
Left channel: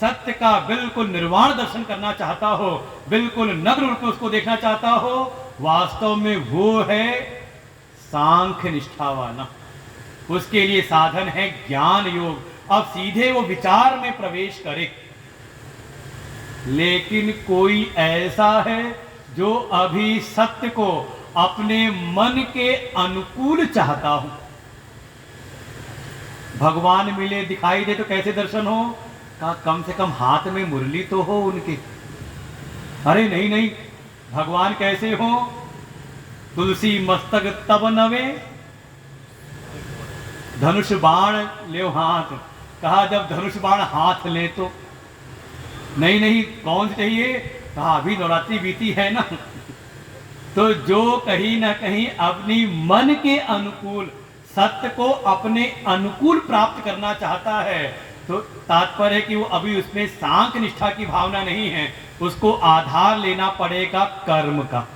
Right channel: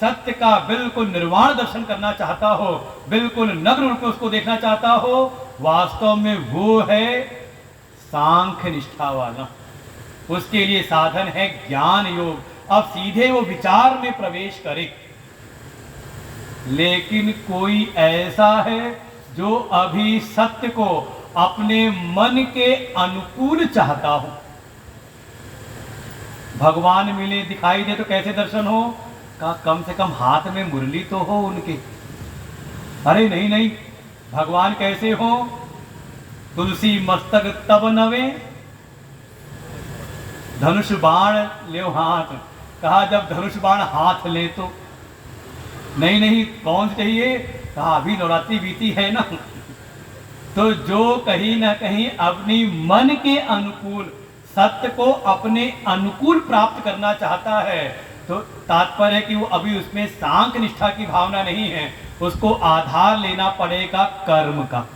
सत्य का बिल्कुल निर्वाण दर्शन करना चाहता हो, बिल्कुल नग्न रूप में उसको देखना चाहता हो, वास्तव में वो है सांख्य निष्ठा वाला। उसके लिए साधन है ज्ञान योग। अब सीधे वो विचार में प्रवेश करे। लेकिन कोई ऐसा है जो अभी सत्य को अपने मन के अनुकूल चाहता हो, भगवान मिले दिखाई दे तो कैसे दर्शन हो, कम से कम हाथ में मुरली तो हो उनके। अरे नहीं नहीं, भगवान कैसे हो? तुलसी मस्तक तब नवे, धनुष बाण ले हाथ, कहा जब धनुष बाण हाथ ले तो, नहीं नहीं कौन चाहिए, कहा अभी नवरात्रि बीती है ना। तो जो कहीं ना कहीं अपनी मन के अनुकूल सत्य को अपने अनुकूल प्राप्त करना चाहता है, तो तात्पर्य है कि वो अभी उसमें सांख्य निष्ठा की भावना नहीं है, उसको आधार लेना पड़ेगा कर्म का।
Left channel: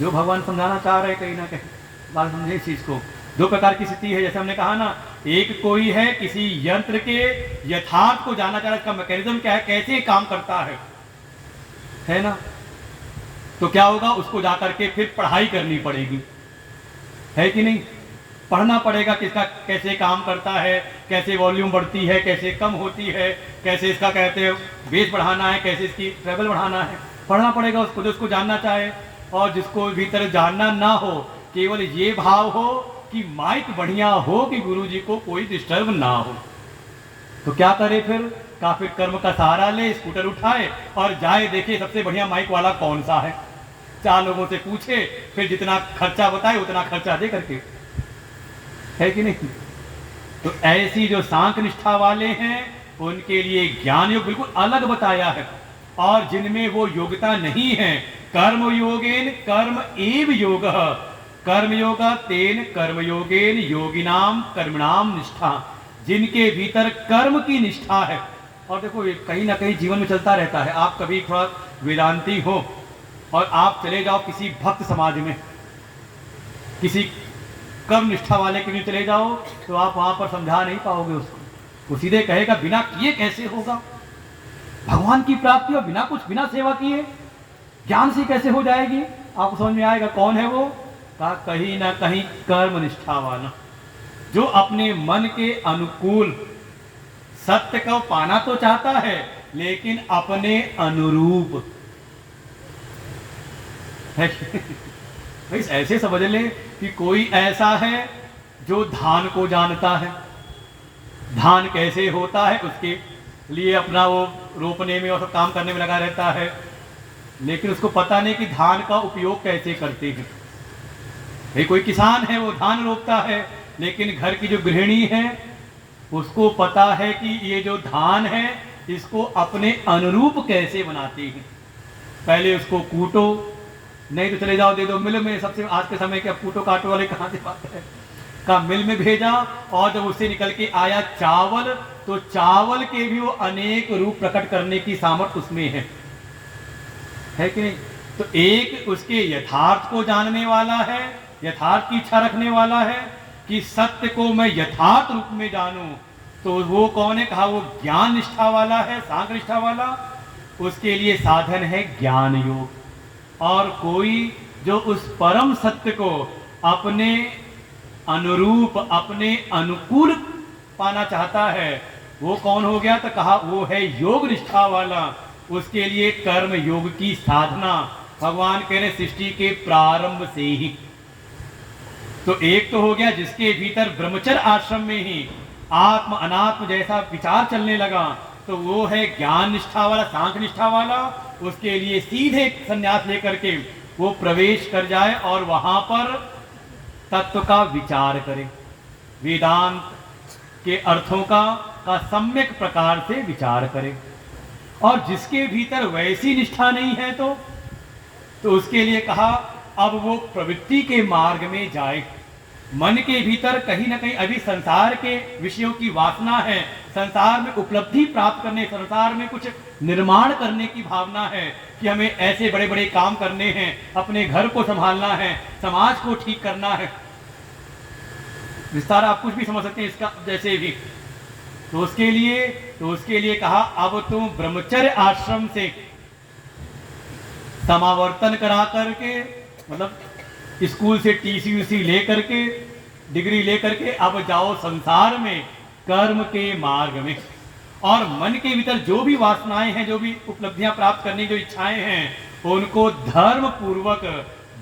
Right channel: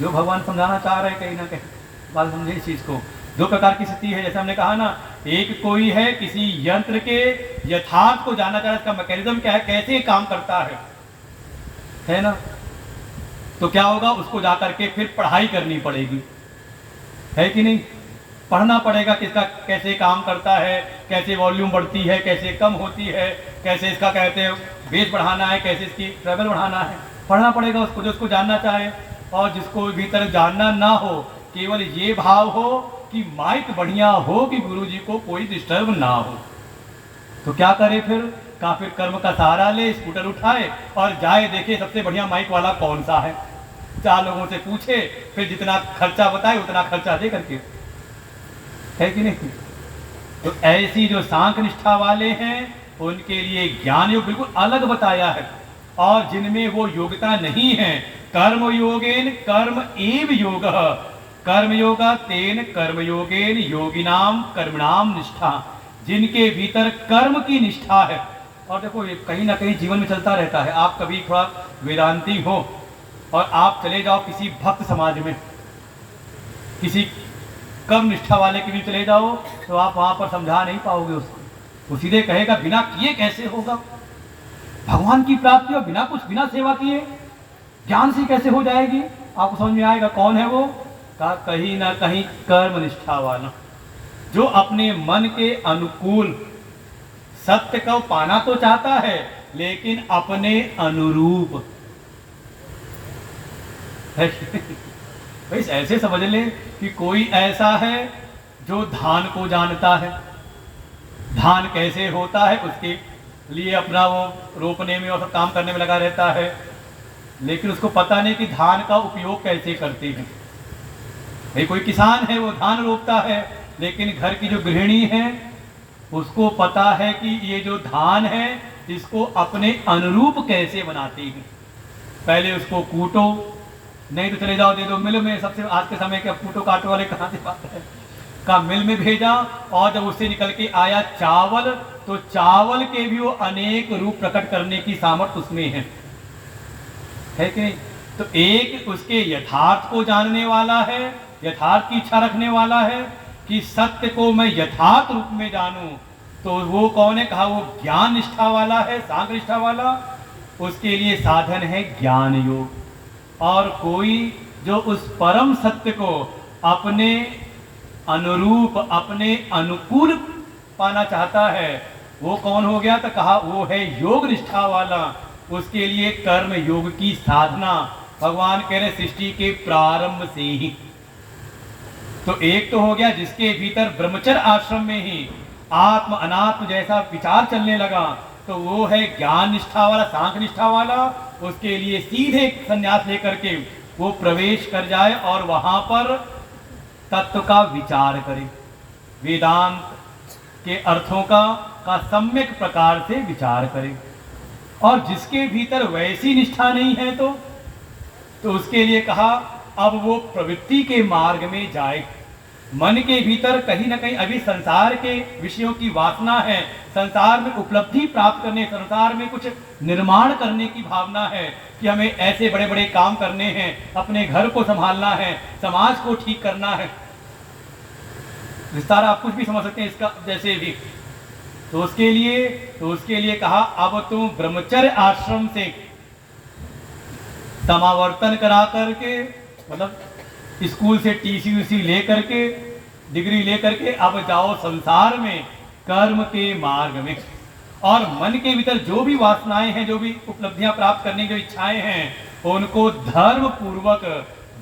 जो भगवान समझाना चाह रहे हैं कहीं ना कहीं बात समझे इस चीज को। दो प्रकार की स्थिति है, जैसे हमने कहा ना, एक कोई है किसी यंत्र के यथार्थ को जानना चाह रहा है, इसका मैकेनिज्म क्या है, कैसे काम करता है ना। तो क्या होगा, उसको जाकर के फिर पढ़ाई करनी पड़ेगी, है कि नहीं, पढ़ना पड़ेगा किसका कैसे काम करता है, कैसे वॉल्यूम बढ़ती है, कैसे कम होती है, कैसे इसका कहते हैं बेस बढ़ाना है, कैसे इसकी ट्रेवल बढ़ाना है, पढ़ना पड़ेगा उसको, जो उसको जानना चाहे। और जिसको भीतर जानना ना हो, केवल ये भाव हो कि माइक बढ़िया हो कि गुरुजी को कोई डिस्टर्ब ना हो, तो क्या करे फिर, का फिर कर्म का सहारा ले, स्कूटर उठाए और जाए देखे सबसे बढ़िया माइक वाला कौन सा है, 4 लोगों से पूछे, फिर जितना खर्चा बताए उतना खर्चा दे करके, है कि नहीं। तो ऐसी जो सांख्य निष्ठा वाले हैं उनके लिए ज्ञान योग बिल्कुल अलग बताया है, और जिनमें वो योग्यता नहीं है, कर्म योगेन कर्म एव योग, कर्म योगा तेन कर्म योगेन योगिनाम कर्मणाम निष्ठा, जिनके भीतर कर्म की निष्ठा है। और देखो ये कहीं ना कहीं जीवन में चलता रहता है, आप कभी थोड़ा वेदांती हो और आप चले जाओ किसी भक्त समाज में, किसी कर्म निष्ठा वाले के लिए चले जाओ, तो आप वहां पर समझा नहीं पाओगे उसको, वो सीधे कहेगा बिना किए कैसे होगा, भगवान की प्राप्ति और बिना कुछ बिना सेवा किए ज्ञान से कैसे हो जाएगी। आपको समझ में आएगा कौन है वो, कहा कहीं ना कहीं कर्म निष्ठा वाला, जो अपने मन के अनुकूल सत्य को पाना तो चाहता है लेकिन अपने अनुरूप है। भाई ऐसे समझ ले कि कोई ऐसा है जो धान को जानता है, धान कैसे होता है उसके लिए अपना वो रोपने में और सब काम करने में लगा रहता है, लेकिन उसको पता नहीं कि धान का उपयोग कैसे करते हैं। भाई कोई किसान है वो धान रोपता है, लेकिन घर की जो गृहिणी है उसको पता है कि ये जो धान है इसको अपने अनुरूप कैसे बनाते हैं। पहले उसको कूटो, नहीं तो चले जाओ दे दो मिल में, सबसे आज के समय के कूटो काटो वाले कहाँ से बात है, का मिल में भेजा, और जब उससे निकल के आया चावल, तो चावल के भी वो अनेक रूप प्रकट करने की सामर्थ्य उसमें है कि नहीं। तो एक उसके यथार्थ को जानने वाला है, यथार्थ की इच्छा रखने वाला है कि सत्य को मैं यथार्थ रूप में जानूं, तो वो कौन है, कहा वो ज्ञान निष्ठा वाला है, सांख्य निष्ठा वाला, उसके लिए साधन है ज्ञान योग। और कोई जो उस परम सत्य को अपने अनुरूप अपने अनुकूल पाना चाहता है, वो कौन हो गया, तो कहा वो है योग निष्ठा वाला, उसके लिए कर्म योग की साधना। भगवान कह रहे सृष्टि के प्रारंभ से ही, तो एक तो हो गया जिसके भीतर ब्रह्मचर्य आश्रम में ही आत्म अनात्म जैसा विचार चलने लगा, तो वो है ज्ञान निष्ठा वाला, सांख्य निष्ठा वाला। उसके लिए सीधे संन्यास लेकर के वो प्रवेश कर जाए और वहां पर तत्व का विचार करे, वेदांत के अर्थों का सम्यक प्रकार से विचार करे। और जिसके भीतर वैसी निष्ठा नहीं है तो उसके लिए कहा अब वो प्रवृत्ति के मार्ग में जाए। मन के भीतर कहीं ना कहीं अभी संसार के विषयों की वासना है, संसार में उपलब्धि प्राप्त करने, संसार में कुछ निर्माण करने की भावना है कि हमें ऐसे बड़े बड़े काम करने हैं, अपने घर को संभालना है, समाज को ठीक करना है। विस्तार आप कुछ भी समझ सकते हैं इसका जैसे भी। तो उसके लिए कहा अब तुम ब्रह्मचर्य आश्रम से समावर्तन करा करके, मतलब स्कूल से टीसी लेकर के, डिग्री लेकर के अब जाओ संसार में कर्म के मार्ग में। और मन के भीतर जो भी वासनाएं हैं, जो भी उपलब्धियां प्राप्त करने जो इच्छाएं हैं, उनको धर्म पूर्वक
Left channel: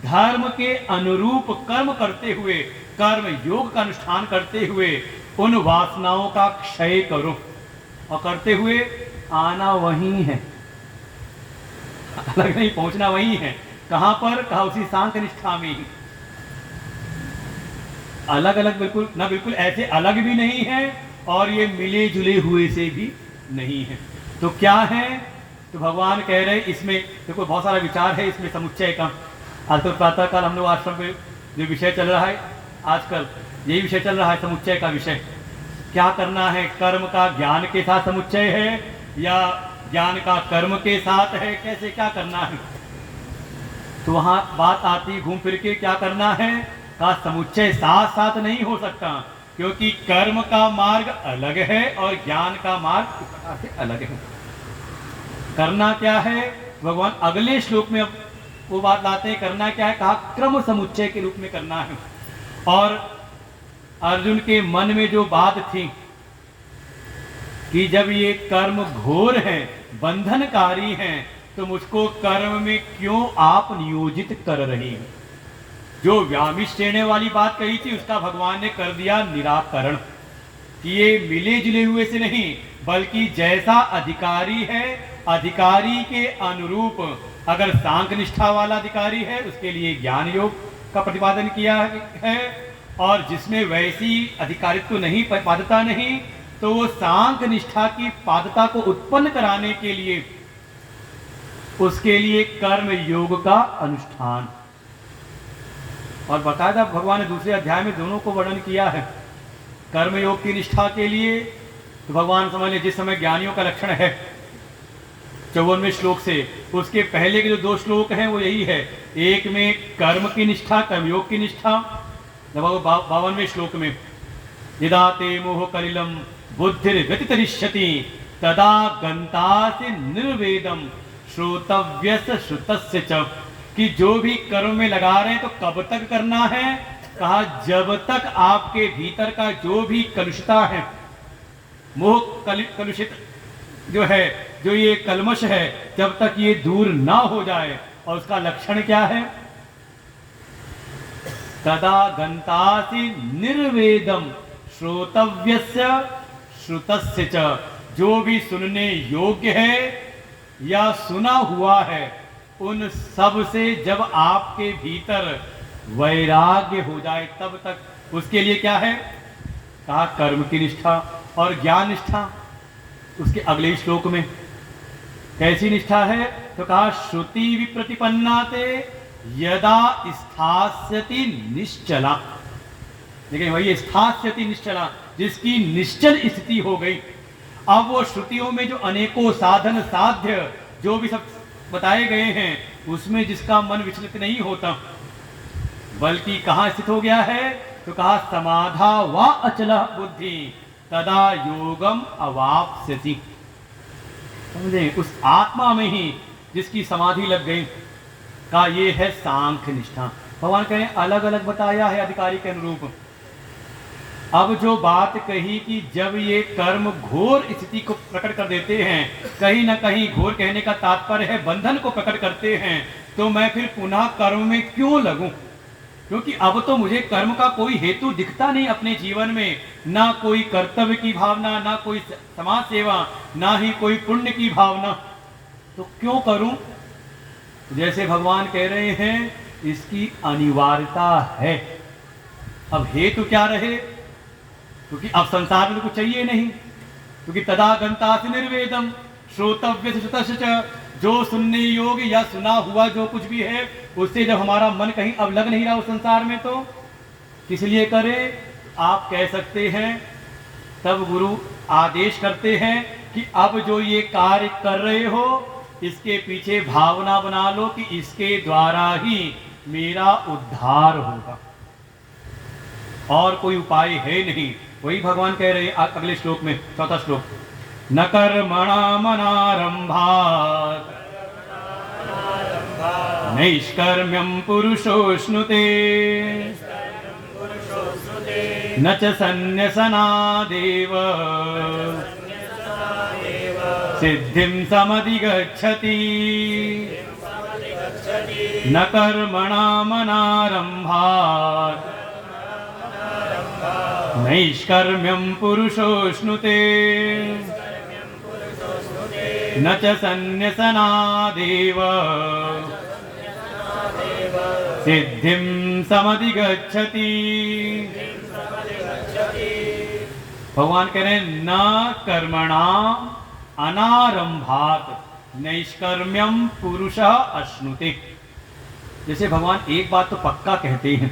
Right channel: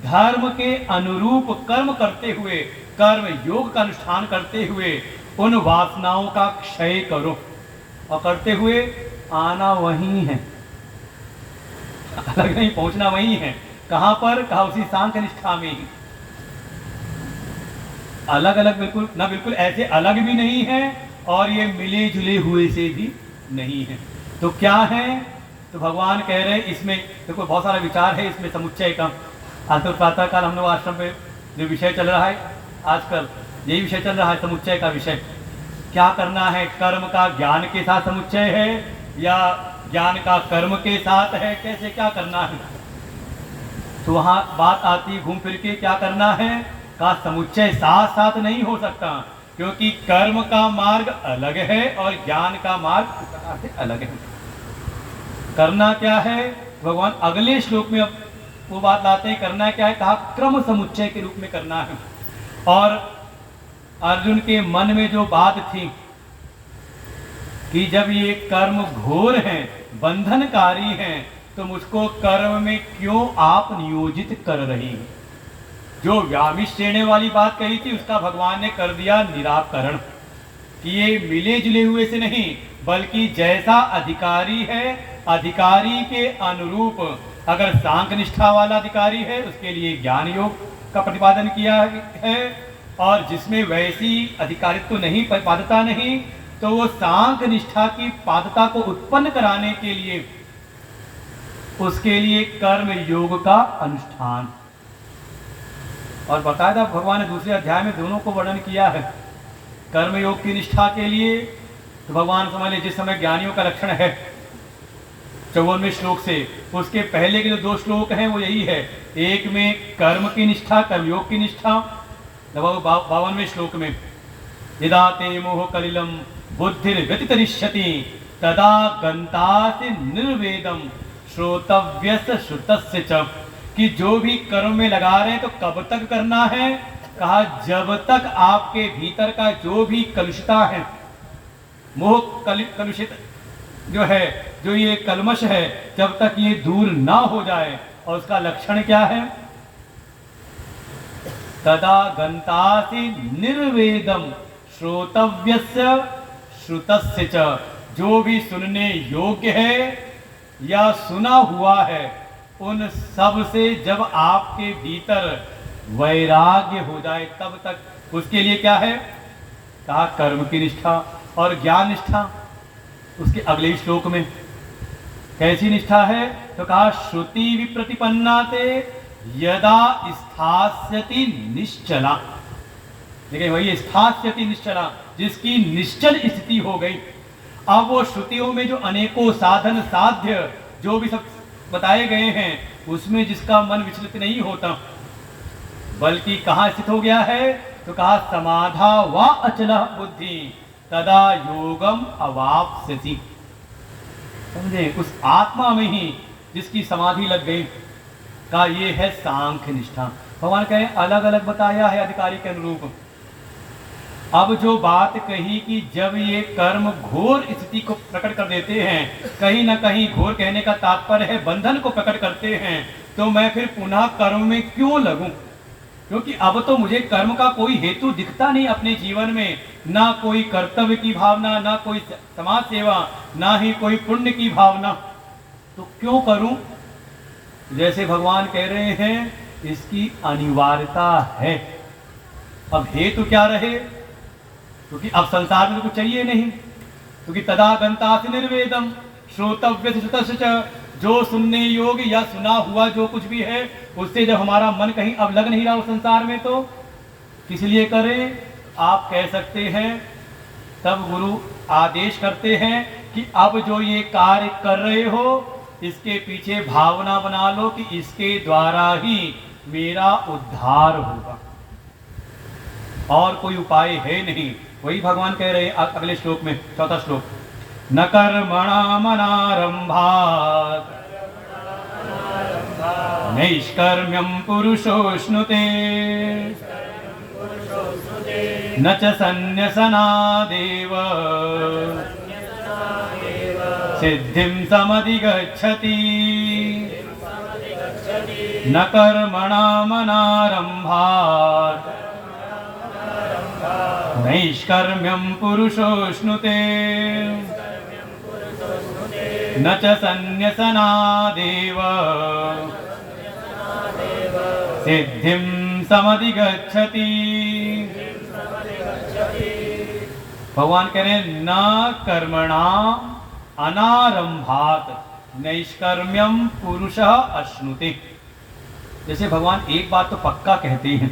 धर्म के अनुरूप कर्म करते हुए, कर्म योग का अनुष्ठान करते हुए उन वासनाओं का क्षय करो। और करते हुए आना वही है, अलग नहीं, पहुंचना वही है। कहां पर, कहा उसी सांख्य निष्ठा में ही। अलग अलग बिल्कुल ना, बिल्कुल ऐसे अलग भी नहीं है और ये मिले जुले हुए से भी नहीं है। तो क्या है? तो भगवान कह रहे हैं इसमें देखो बहुत सारा विचार है इसमें समुच्चय का। आजकल प्रातःकाल हम लोग आश्रम पे जो विषय चल रहा है, आजकल यही विषय चल रहा है, समुच्चय का विषय। क्या करना है? कर्म का ज्ञान के साथ समुच्चय है या ज्ञान का कर्म के साथ है? कैसे क्या करना है? तो वहां बात आती घूम फिर के क्या करना है? का समुच्चय साथ साथ नहीं हो सकता, क्योंकि कर्म का मार्ग अलग है और ज्ञान का मार्ग उस प्रकार से अलग है। करना क्या है? भगवान अगले श्लोक में वो बात लाते हैं। करना क्या है? कहा क्रम समुच्चय के रूप में करना है। और अर्जुन के मन में जो बात थी कि जब ये कर्म घोर है, बंधनकारी है, तो मुझको कर्म में क्यों आप नियोजित कर रही हो? जो व्यामिश्र देने वाली बात कही थी उसका भगवान ने कर दिया निराकरण कि ये मिले जुले हुए से नहीं, बल्कि जैसा अधिकारी है, अधिकारी के अनुरूप, अगर सांख्य निष्ठा वाला अधिकारी है उसके लिए ज्ञान योग का प्रतिपादन किया है, और जिसमें वैसी अधिकारित्व नहीं, पादता नहीं, तो वो सांख्य निष्ठा की पादता को उत्पन्न कराने के लिए उसके लिए कर्म योग का अनुष्ठान। और बताया भगवान ने दूसरे अध्याय में दोनों को वर्णन किया है। कर्म योग की निष्ठा के लिए तो भगवान समझ ले जिस समय ज्ञानियों का लक्षण है 54वें श्लोक से, उसके पहले के जो 2 श्लोक हैं वो यही है। एक में कर्म की निष्ठा, कर्मयोग की निष्ठा, 52वें श्लोक में यदा ते मोह कलिलम बुद्धिर व्यतितरिष्यति तदा गंतासि निर्वेदम श्रोतव्यस्य श्रुतस्य च, कि जो भी कर्म में लगा रहे हैं तो कब तक करना है? कहा जब तक आपके भीतर का जो भी कलुषता है, मोह कलुषित जो है, जो ये कलमश है, जब तक ये दूर ना हो जाए। और उसका लक्षण क्या है? तदा गंतासि निर्वेदम श्रोतव्यस्य श्रुतस्य च, जो भी सुनने योग्य है या सुना हुआ है, उन सब से जब आपके भीतर वैराग्य हो जाए तब तक। उसके लिए क्या है? कहा कर्म की निष्ठा और ज्ञान निष्ठा। उसके अगले श्लोक में कैसी निष्ठा है? तो कहा श्रुति विप्रतिपन्ना ते यदा स्थास्यति निश्चला। देखिए वही स्थास्यति निश्चला, जिसकी निश्चल स्थिति हो गई। अब वो श्रुतियों में जो अनेकों साधन साध्य जो भी सब बताए गए हैं, उसमें जिसका मन विचलित नहीं होता, बल्कि कहां स्थित हो गया है? तो कहा समाधा व अचल बुद्धि तदा योगम अवाप्स्यति। समझे? उस आत्मा में ही जिसकी समाधि लग गई, का ये है सांख्य निष्ठा। भगवान कहे अलग अलग बताया है अधिकारी के अनुरूप। अब जो बात कही कि जब ये कर्म घोर स्थिति को प्रकट कर देते हैं, कहीं ना कहीं घोर कहने का तात्पर्य है बंधन को प्रकट करते हैं, तो मैं फिर पुनः कर्म में क्यों लगूं? क्योंकि अब तो मुझे कर्म का कोई हेतु दिखता नहीं अपने जीवन में, ना कोई कर्तव्य की भावना, ना कोई समाज सेवा, ना ही कोई पुण्य की भावना, तो क्यों करूं? जैसे भगवान कह रहे हैं इसकी अनिवार्यता है। अब हेतु क्या रहे? क्योंकि अब संसार में कुछ चाहिए नहीं, क्योंकि तदा गंतासि निर्वेदम श्रोतव्य श्रुतस्य च, जो सुनने योग्य या सुना हुआ जो कुछ भी है, उससे जब हमारा मन कहीं अब लग नहीं रहा उस संसार में, तो किस लिए करें? आप कह सकते हैं, तब गुरु आदेश करते हैं कि अब जो ये कार्य कर रहे हो, इसके पीछे भावना बना लो कि इसके द्वारा ही मेरा उद्धार होगा, और कोई उपाय है नहीं। वही भगवान कह रहे हैं अगले श्लोक में, 4था श्लोक, न कर्मणामनारंभात् नैष्कर्म्यं पुरुषोऽश्नुते न च सन्न्यसनादेव सिद्धिं समधिगच्छति। न कर्मणामनारंभात् नैष्कर्म्यं पुरुषोऽश्नुते न च सन्न्यसनादेव सिद्धिं समधिगच्छति। भगवान कह रहे हैं न कर्मणा अनारंभात नैष्कर्म्यम पुरुषः अश्नुते। जैसे भगवान एक बात तो पक्का कहते हैं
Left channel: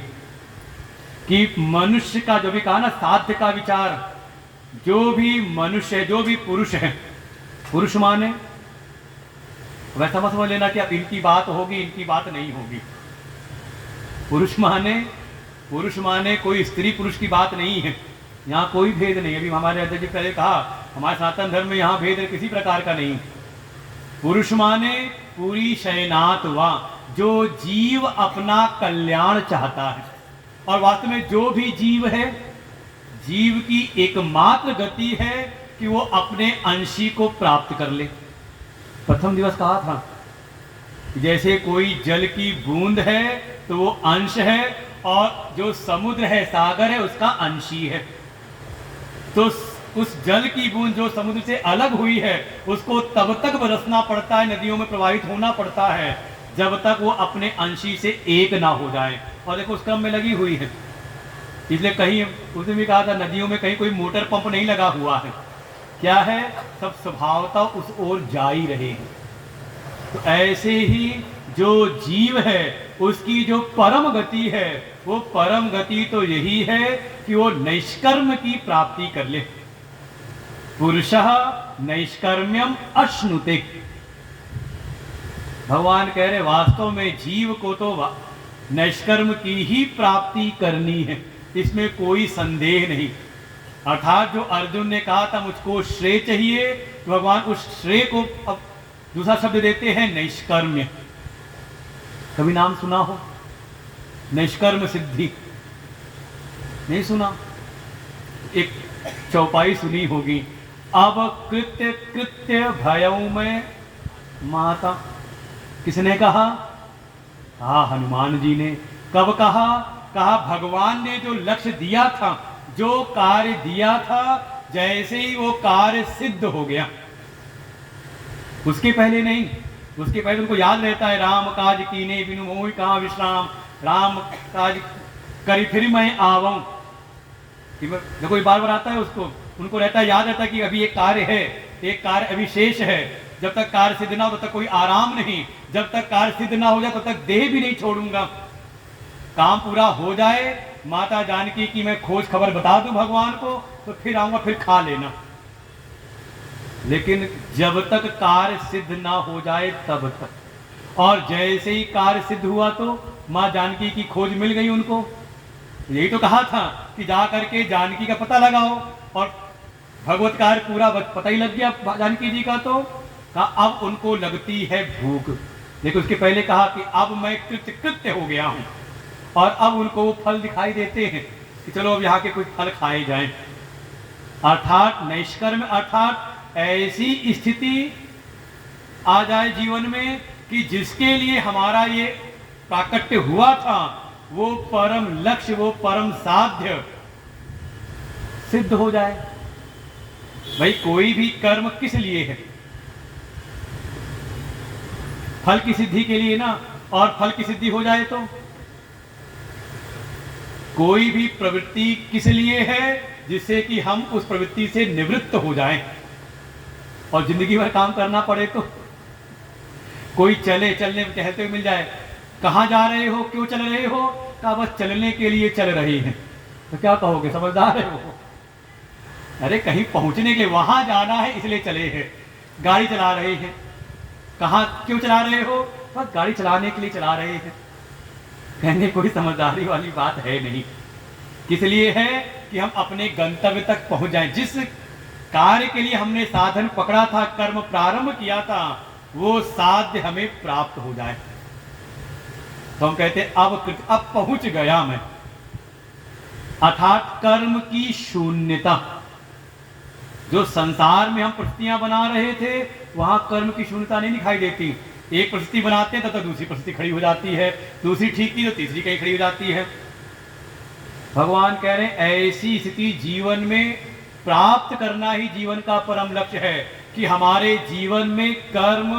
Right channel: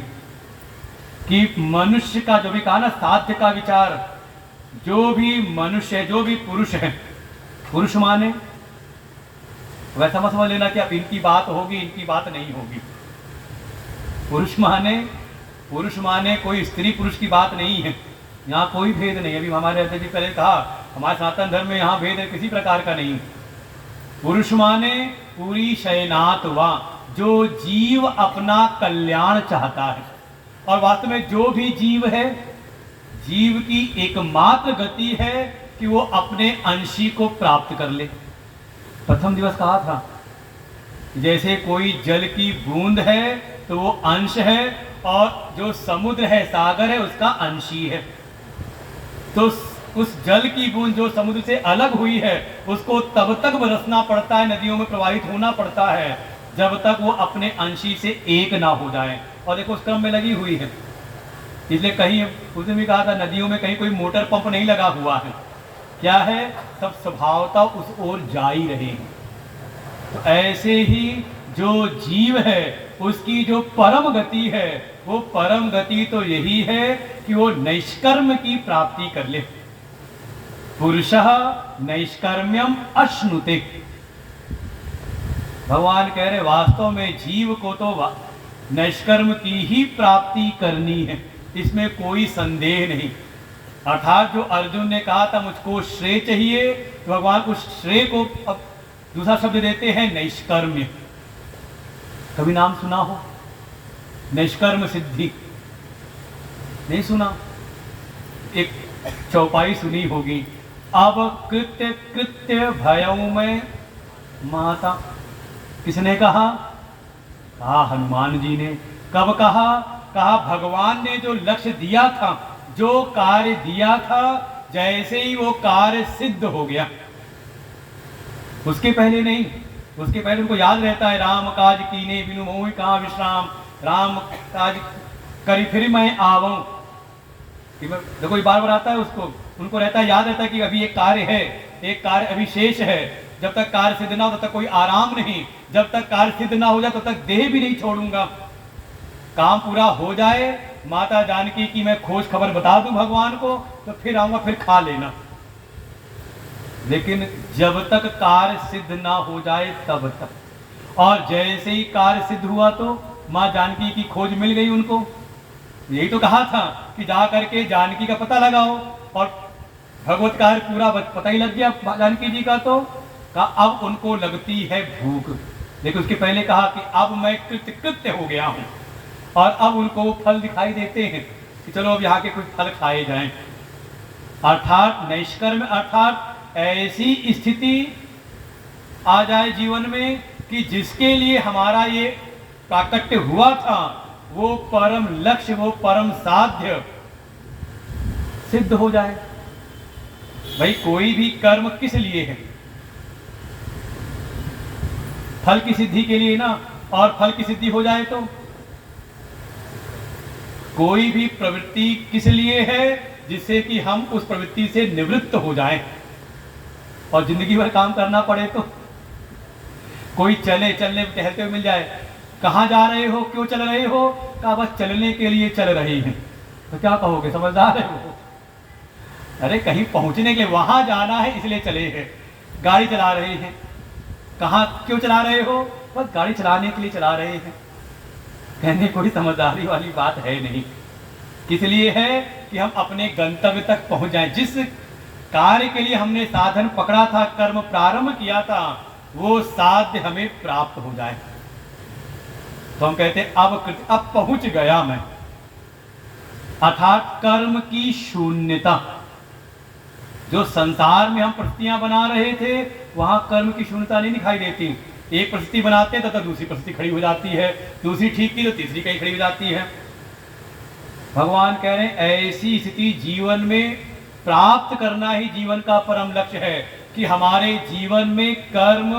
कि मनुष्य का जो भी कहा ना साध्य का विचार, जो भी मनुष्य जो भी पुरुष है, पुरुष माने वैसा मत समझ लेना कि अब इनकी बात होगी इनकी बात नहीं होगी। पुरुष माने कोई स्त्री पुरुष की बात नहीं है, यहाँ कोई भेद नहीं। अभी हमारे अध्यक्ष जी पहले कहा हमारे सनातन धर्म में यहाँ भेद किसी प्रकार का नहीं। पुरुष माने पूरी शयनात वा, जो जीव अपना कल्याण चाहता है। और वास्तव में जो भी जीव है, जीव की एकमात्र गति है कि वो अपने अंशी को प्राप्त कर ले। प्रथम दिवस कहा था जैसे कोई जल की बूंद है तो वो अंश है, और जो समुद्र है सागर है उसका अंशी है। तो उस जल की बूंद जो समुद्र से अलग हुई है उसको तब तक बरसना पड़ता है, नदियों में प्रवाहित होना पड़ता है जब तक वो अपने अंशी से एक ना हो जाए। और देखो उस क्रम में लगी हुई है। इसलिए कहीं उसने भी कहा था नदियों में कहीं कोई मोटर पंप नहीं लगा हुआ है, क्या है सब स्वभावता उस ओर जा ही रहे हैं। तो ऐसे ही जो जीव है उसकी जो परम गति है वो परम गति तो यही है कि वो नैष्कर्म की प्राप्ति कर ले। पुरुषः नैष्कर्म्यम अश्नुते। भगवान कह रहे वास्तव में जीव को तो नैष्कर्म की ही प्राप्ति करनी है, इसमें कोई संदेह नहीं। अर्थात जो अर्जुन ने कहा था मुझको श्रेय चाहिए, तो भगवान उस श्रेय को अब दूसरा शब्द देते हैं नैष्कर्म्य। कभी नाम सुना हो नैष्कर्म सिद्धि? नहीं सुना? एक चौपाई सुनी होगी, अब कृत्य कृत्य भयों में माता। किसने कहा? हाँ हनुमान जी ने। कब कहा? कहा भगवान ने जो लक्ष्य दिया था, जो कार्य दिया था, जैसे ही वो कार्य सिद्ध हो गया, उसके पहले नहीं। उसके पहले उनको याद रहता है राम काज कीने बिनु होई कहाँ विश्राम, राम काज करी फिर मैं आवूं। देखो ये बार बार आता है उसको, उनको रहता है याद रहता है कि अभी एक कार्य है, एक कार्य अभी शेष है। जब तक कार्य सिद्ध ना हो तब तक कोई आराम नहीं, जब तक कार्य सिद्ध ना हो जाए तब तक देह भी नहीं छोड़ूंगा। काम पूरा हो जाए, माता जानकी की मैं खोज खबर बता दूं भगवान को, तो फिर आऊंगा, फिर खा लेना। लेकिन जब तक कार्य सिद्ध ना हो जाए तब तक। और जैसे ही कार्य सिद्ध हुआ तो माँ जानकी की खोज मिल गई उनको। यही तो कहा था कि जा करके जानकी का पता लगाओ, और भगवत कार्य पूरा पता ही लग गया जानकी जी का। तो कहा अब उनको लगती है भूख। लेकिन उसके पहले कहा कि अब मैं कृत्य कृत्य हो गया हूं, और अब उनको वो फल दिखाई देते हैं कि चलो अब यहाँ के कुछ फल खाए जाएं। अर्थात नैष्कर्म अर्थात ऐसी स्थिति आ जाए जीवन में कि जिसके लिए हमारा ये प्राकट्य हुआ था, वो परम लक्ष्य, वो परम साध्य सिद्ध हो जाए। भाई कोई भी कर्म किस लिए है? फल की सिद्धि के लिए ना। और फल की सिद्धि हो जाए तो कोई भी प्रवृत्ति किस लिए है? जिससे कि हम उस प्रवृत्ति से निवृत्त हो जाएं और जिंदगी भर काम करना पड़े। तो कोई चलने टहलते हुए मिल जाए, कहाँ जा रहे हो, क्यों चल रहे हो? कहा बस चलने के लिए चल रहे हैं। तो क्या कहोगे, समझदार हो? अरे कहीं पहुंचने के लिए, वहां जाना है इसलिए चले हैं। गाड़ी चला रहे हैं, कहाँ क्यों चला रहे हो? बस गाड़ी चलाने के लिए चला रहे हैं। कहने कोई समझदारी वाली बात है नहीं। किस लिए है? कि हम अपने गंतव्य तक पहुंच जाएं। जिस कार्य के लिए हमने साधन पकड़ा था, कर्म प्रारंभ किया था, वो साध्य हमें प्राप्त हो जाए। तो हम कहते अब पहुंच गया मैं। अर्थात कर्म की शून्यता। जो संसार में हम परिस्थितियां बना रहे थे, वहां कर्म की शून्यता नहीं दिखाई देती। एक परिस्थिति बनाते हैं तो दूसरी परिस्थिति खड़ी हो जाती है, दूसरी ठीक की तो तीसरी कहीं खड़ी हो जाती है। भगवान कह रहे हैं ऐसी स्थिति जीवन में प्राप्त करना ही जीवन का परम लक्ष्य है, कि हमारे जीवन में कर्म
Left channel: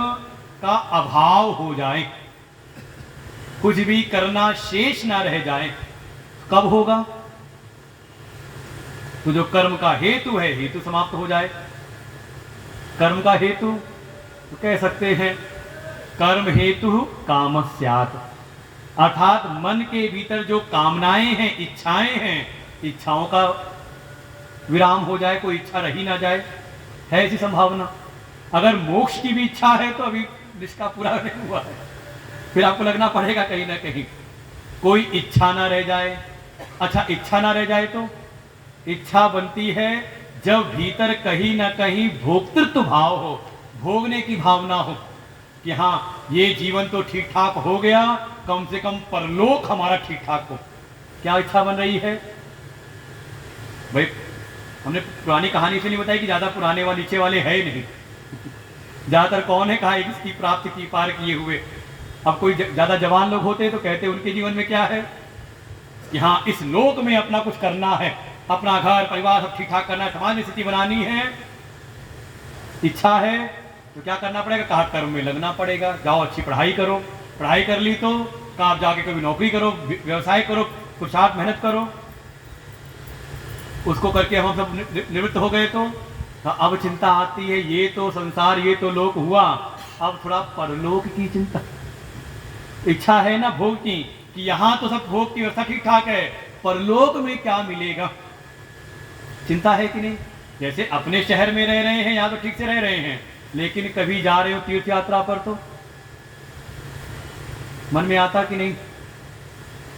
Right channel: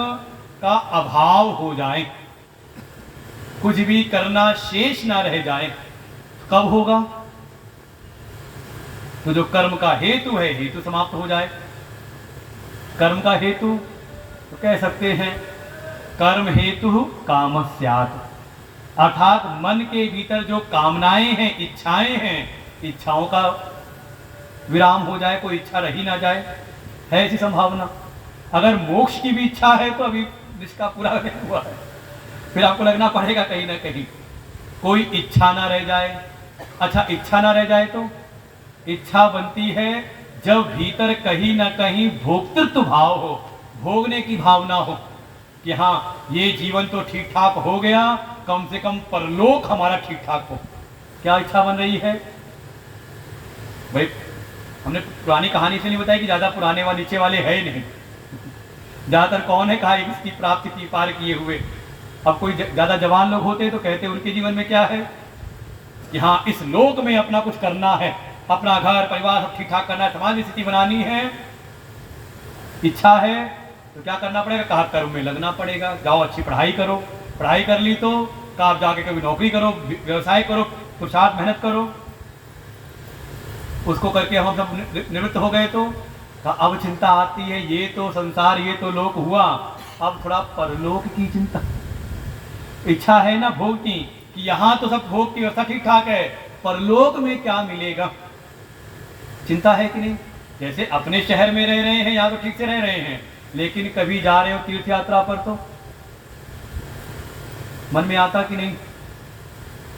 का अभाव हो जाए। कुछ भी करना शेष ना रह जाए, कब होगा? तो जो कर्म का हेतु है, हेतु समाप्त हो जाए। कर्म का हेतु तो कह सकते हैं कर्म हेतु काम स्यात्, अर्थात मन के भीतर जो कामनाएं हैं, इच्छाएं हैं, इच्छाओं का विराम हो जाए, कोई इच्छा रही ना जाए, है ऐसी संभावना। अगर मोक्ष की भी इच्छा है तो अभी निष्ठा पूरा नहीं हुआ है, फिर आपको लगना पड़ेगा कहीं ना कहीं कोई इच्छा ना रह जाए। अच्छा, इच्छा ना रह जाए तो इच्छा बनती है जब भीतर कहीं ना कहीं भोक्तृत्व भाव हो, भोगने की भावना हो कि हाँ ये जीवन तो ठीक ठाक हो गया, कम से कम परलोक हमारा ठीक ठाक हो। क्या इच्छा बन रही है भाई? हमने पुरानी कहानी से नहीं बताई कि ज्यादा पुराने वाले नीचे वाले है नहीं, ज्यादातर कौन है कहा इसकी प्राप्ति की पार किए हुए। अब कोई ज्यादा जवान लोग होते तो कहते उनके जीवन में क्या है कि हाँ इस लोक में अपना कुछ करना है, अपना घर परिवार सब ठीक ठाक करना है, समाज में स्थिति बनानी है। इच्छा है तो क्या करना पड़ेगा? कहा कर्म में लगना पड़ेगा। जाओ अच्छी पढ़ाई करो, पढ़ाई कर ली तो कहा जाके कभी नौकरी करो, व्यवसाय करो, पुरुषार्थ मेहनत करो। उसको करके हम सब निवृत्त हो गए तो अब चिंता आती है ये तो संसार, ये तो लोक हुआ, अब थोड़ा परलोक की चिंता। इच्छा है ना भोग की कि यहां तो सब भोग की व्यवस्था ठीक ठाक है, परलोक में क्या मिलेगा, चिंता है कि नहीं? जैसे अपने शहर में रह रहे हैं, यहां तो ठीक से रह रहे हैं, लेकिन कभी जा रहे हो तीर्थ यात्रा पर तो मन में आता कि नहीं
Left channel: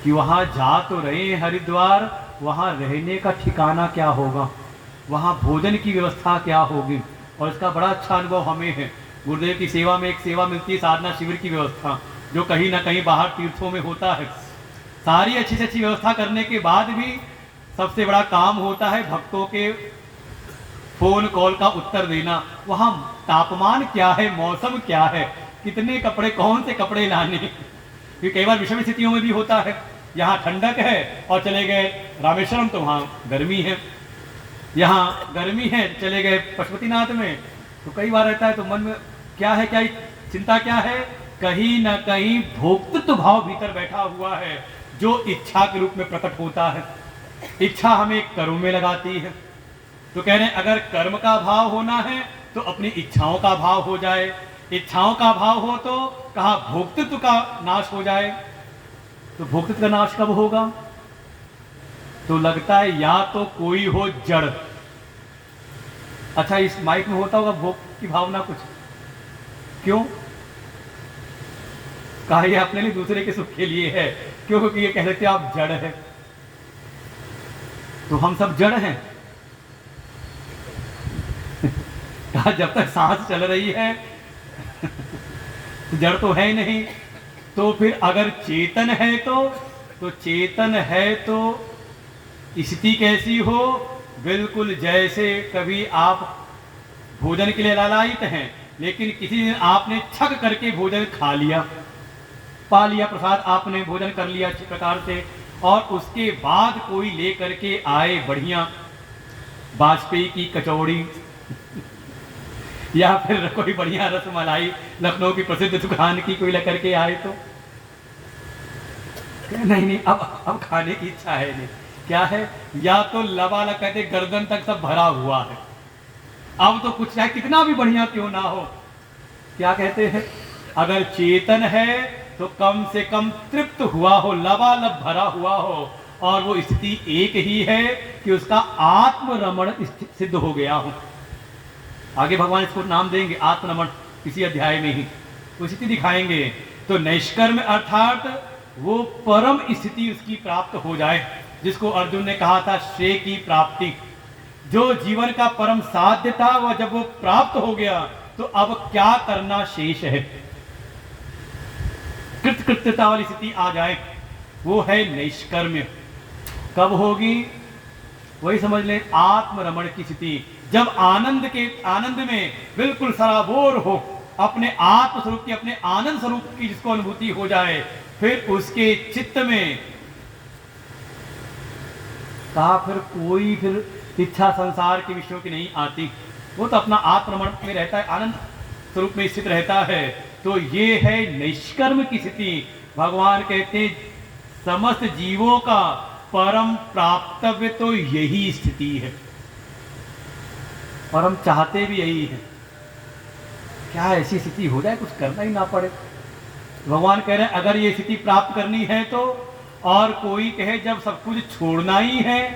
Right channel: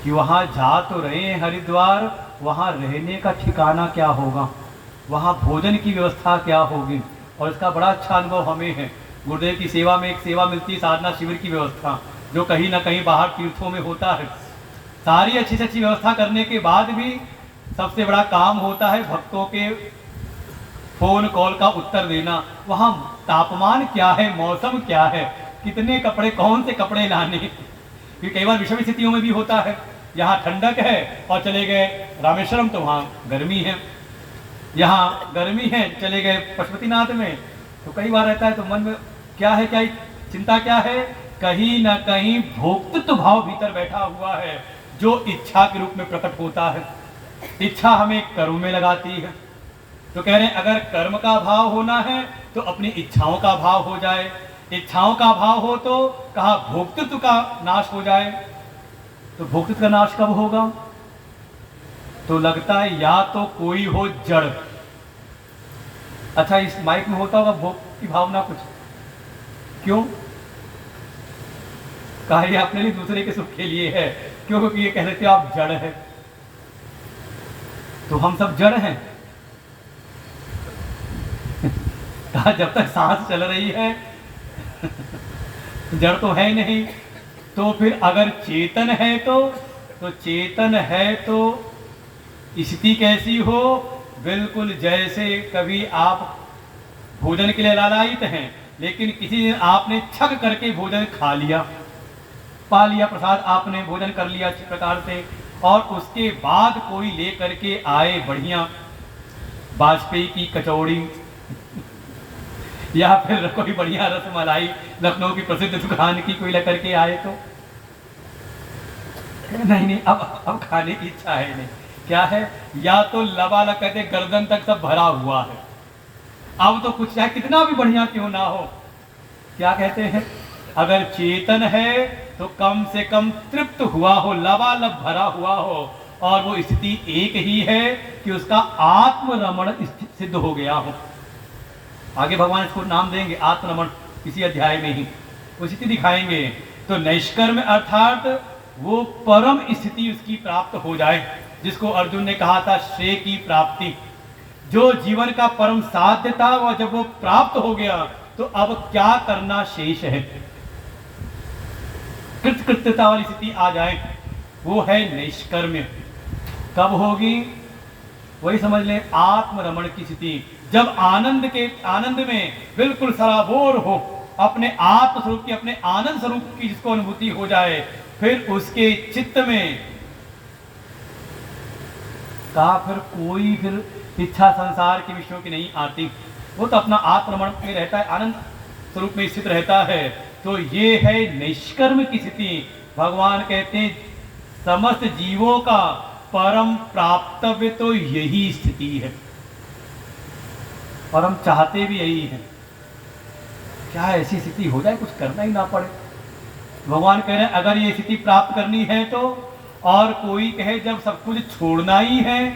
कि वहां जा तो रहे हैं हरिद्वार, वहां रहने का ठिकाना क्या होगा, वहां भोजन की व्यवस्था क्या होगी। और इसका बड़ा अच्छा अनुभव हमें है। गुरुदेव की सेवा में एक सेवा मिलती है साधना शिविर की व्यवस्था, जो कहीं ना कहीं बाहर तीर्थों में होता है। सारी अच्छी से अच्छी व्यवस्था करने के बाद भी सबसे बड़ा काम होता है भक्तों के फोन कॉल का उत्तर देना। वहां तापमान क्या है, मौसम क्या है, कितने कपड़े, कौन से कपड़े लाने। क्योंकि कई बार विषम स्थितियों में भी होता है, यहाँ ठंडक है और चले गए रामेश्वरम तो वहाँ गर्मी है, यहाँ गर्मी है चले गए पशुपतिनाथ में, तो कई बार रहता है। तो मन में क्या है, क्या चिंता क्या है? कहीं ना कहीं भोक्तृत्व भाव भीतर बैठा हुआ है जो इच्छा के रूप में प्रकट होता है। इच्छा हमें कर्म में लगाती है। तो कह रहे हैं अगर कर्म का भाव होना है तो अपनी इच्छाओं का भाव हो जाए, इच्छाओं का भाव हो तो कहा भोक्तृत्व का नाश हो जाए। तो भोक्तृत्व का नाश कब होगा? तो लगता है या तो कोई हो जड़। अच्छा, इस माइक में होता होगा भोग की भावना कुछ, क्यों? कहा ये अपने लिए दूसरे के सुख के लिए है, क्यों? क्योंकि ये कह रहे थे आप जड़ हैं, तो हम सब जड़ हैं। कहा जब तक सांस चल रही है जड़ तो है नहीं। तो फिर अगर चेतन है तो चेतन है तो स्थिति कैसी हो? बिल्कुल जैसे कभी आप भोजन के लिए लालायित हैं, लेकिन किसी दिन आपने छक करके भोजन खा लिया, पा लिया प्रसाद, आपने भोजन कर लिया अच्छी प्रकार से, और उसके बाद कोई ले करके आए बढ़िया वाजपेयी की कचौड़ी या फिर कोई बढ़िया रसमलाई लखनऊ की प्रसिद्ध दुकान की कोई लेकर के आए तो नहीं, अब खाने की इच्छा है नहीं। क्या है? या तो लबालब कहते गर्दन तक सब भरा हुआ है, अब तो कुछ चाहे कितना भी बढ़िया क्यों ना हो, क्या कहते हैं, अगर चेतन है तो कम से कम तृप्त हुआ हो, लबालब भरा हुआ हो, और वो स्थिति एक ही है कि उसका आत्मरमण सिद्ध हो गया हो। आगे भगवान इसको नाम देंगे आत्मरमण, किसी अध्याय में ही वो स्थिति दिखाएंगे। तो नैष्कर्म अर्थात वो परम स्थिति उसकी प्राप्त हो जाए, जिसको अर्जुन ने कहा था श्रेय की प्राप्ति, जो जीवन का परम साध्य था वह जब वो प्राप्त हो गया तो अब क्या करना शेष है, कृतकृत्यता वाली स्थिति आ जाए, वो है नैष्कर्म्य। कब होगी? वही समझ लें आत्मरमण की स्थिति, जब आनंद में बिल्कुल सराबोर हो, अपने आत्म स्वरूप की, अपने आनंद स्वरूप की जिसको अनुभूति हो जाए, फिर उसके चित्त में कहा फिर कोई फिर इच्छा संसार के विषयों की नहीं आती, वो तो अपना आत्मरमण में रहता है, आनंद स्वरूप में स्थित रहता है। तो ये है निष्कर्म की स्थिति, भगवान कहते हैं समस्त जीवों का परम प्राप्तव्य तो यही स्थिति है, और हम चाहते भी यही है। क्या ऐसी स्थिति हो जाए कुछ करना ही ना पड़े? भगवान कह रहे हैं अगर ये स्थिति प्राप्त करनी है तो, और कोई कहे जब सब कुछ छोड़ना ही है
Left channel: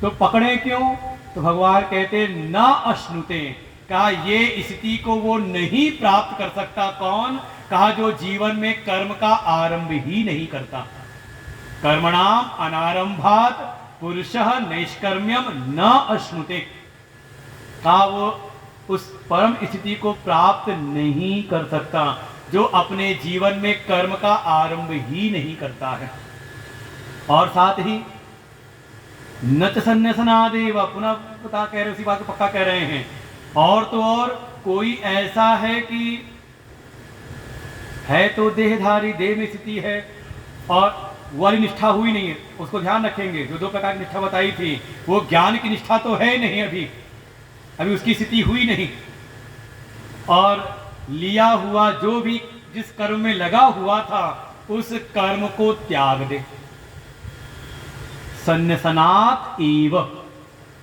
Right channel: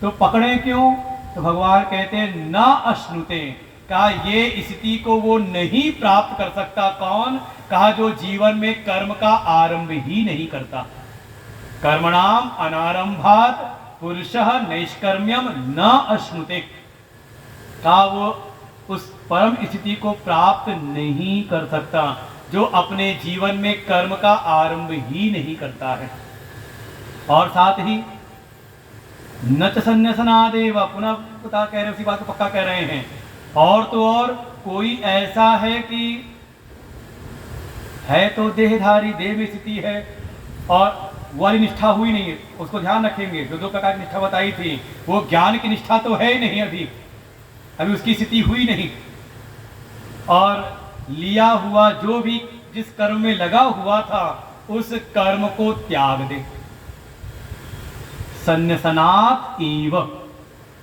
तो पकड़े क्यों? तो भगवान कहते हैं ना अश्नुते, कहा ये स्थिति को वो नहीं प्राप्त कर सकता। कौन? कहा जो जीवन में कर्म का आरंभ ही नहीं करता। कर्मणाम अनारंभात पुरुषः नैष्कर्म्यम न अश्नुते, कहा वो उस परम स्थिति को प्राप्त नहीं कर सकता जो अपने जीवन में कर्म का आरंभ ही नहीं करता है। और साथ ही नच संन्यासनादेव, पुनः पता कह रहे, उसी बात को पक्का कह रहे हैं। और तो और कोई ऐसा है कि है तो देहधारी, देह में स्थिति है और वाली निष्ठा हुई नहीं है, उसको ध्यान रखेंगे। जो दो प्रकार की निष्ठा बताई थी वो ज्ञान की निष्ठा तो है नहीं, अभी उसकी स्थिति हुई नहीं। और लिया हुआ जो भी जिस कर्म में लगा हुआ था उस कर्म को त्याग दे। संन्यासनात् एव,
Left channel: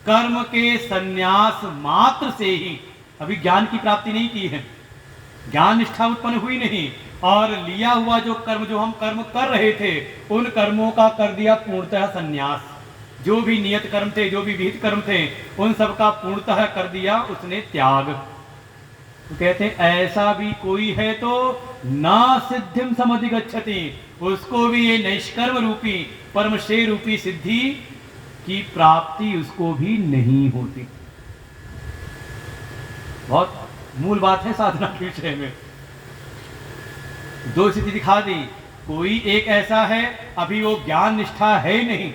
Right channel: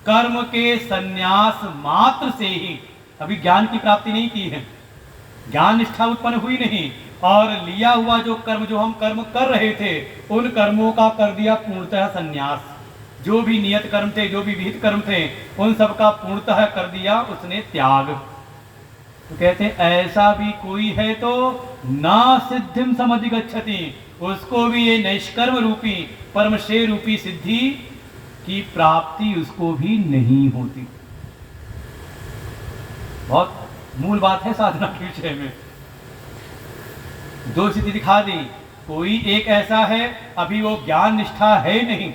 कर्म के संन्यास मात्र से ही, अभी ज्ञान की प्राप्ति नहीं की है, ज्ञान निष्ठा उत्पन्न हुई नहीं, और लिया हुआ जो कर्म, जो हम कर्म कर रहे थे उन कर्मों का कर दिया पूर्णतः संन्यास। जो भी नियत कर्म थे, जो भी विहित कर्म थे, उन सब का पूर्णतः कर दिया उसने त्याग। तो कहते हैं ऐसा भी कोई है तो ना सिद्धिम समधिगच्छति, उसको भी ये नैष्कर्म रूपी परमश्रेय रूपी सिद्धि की प्राप्ति उसको भी नहीं होती। बहुत मूल बात है साधना के विषय में। दो स्थिति दिखा दी, कोई एक ऐसा है अभी वो ज्ञान निष्ठा है नहीं,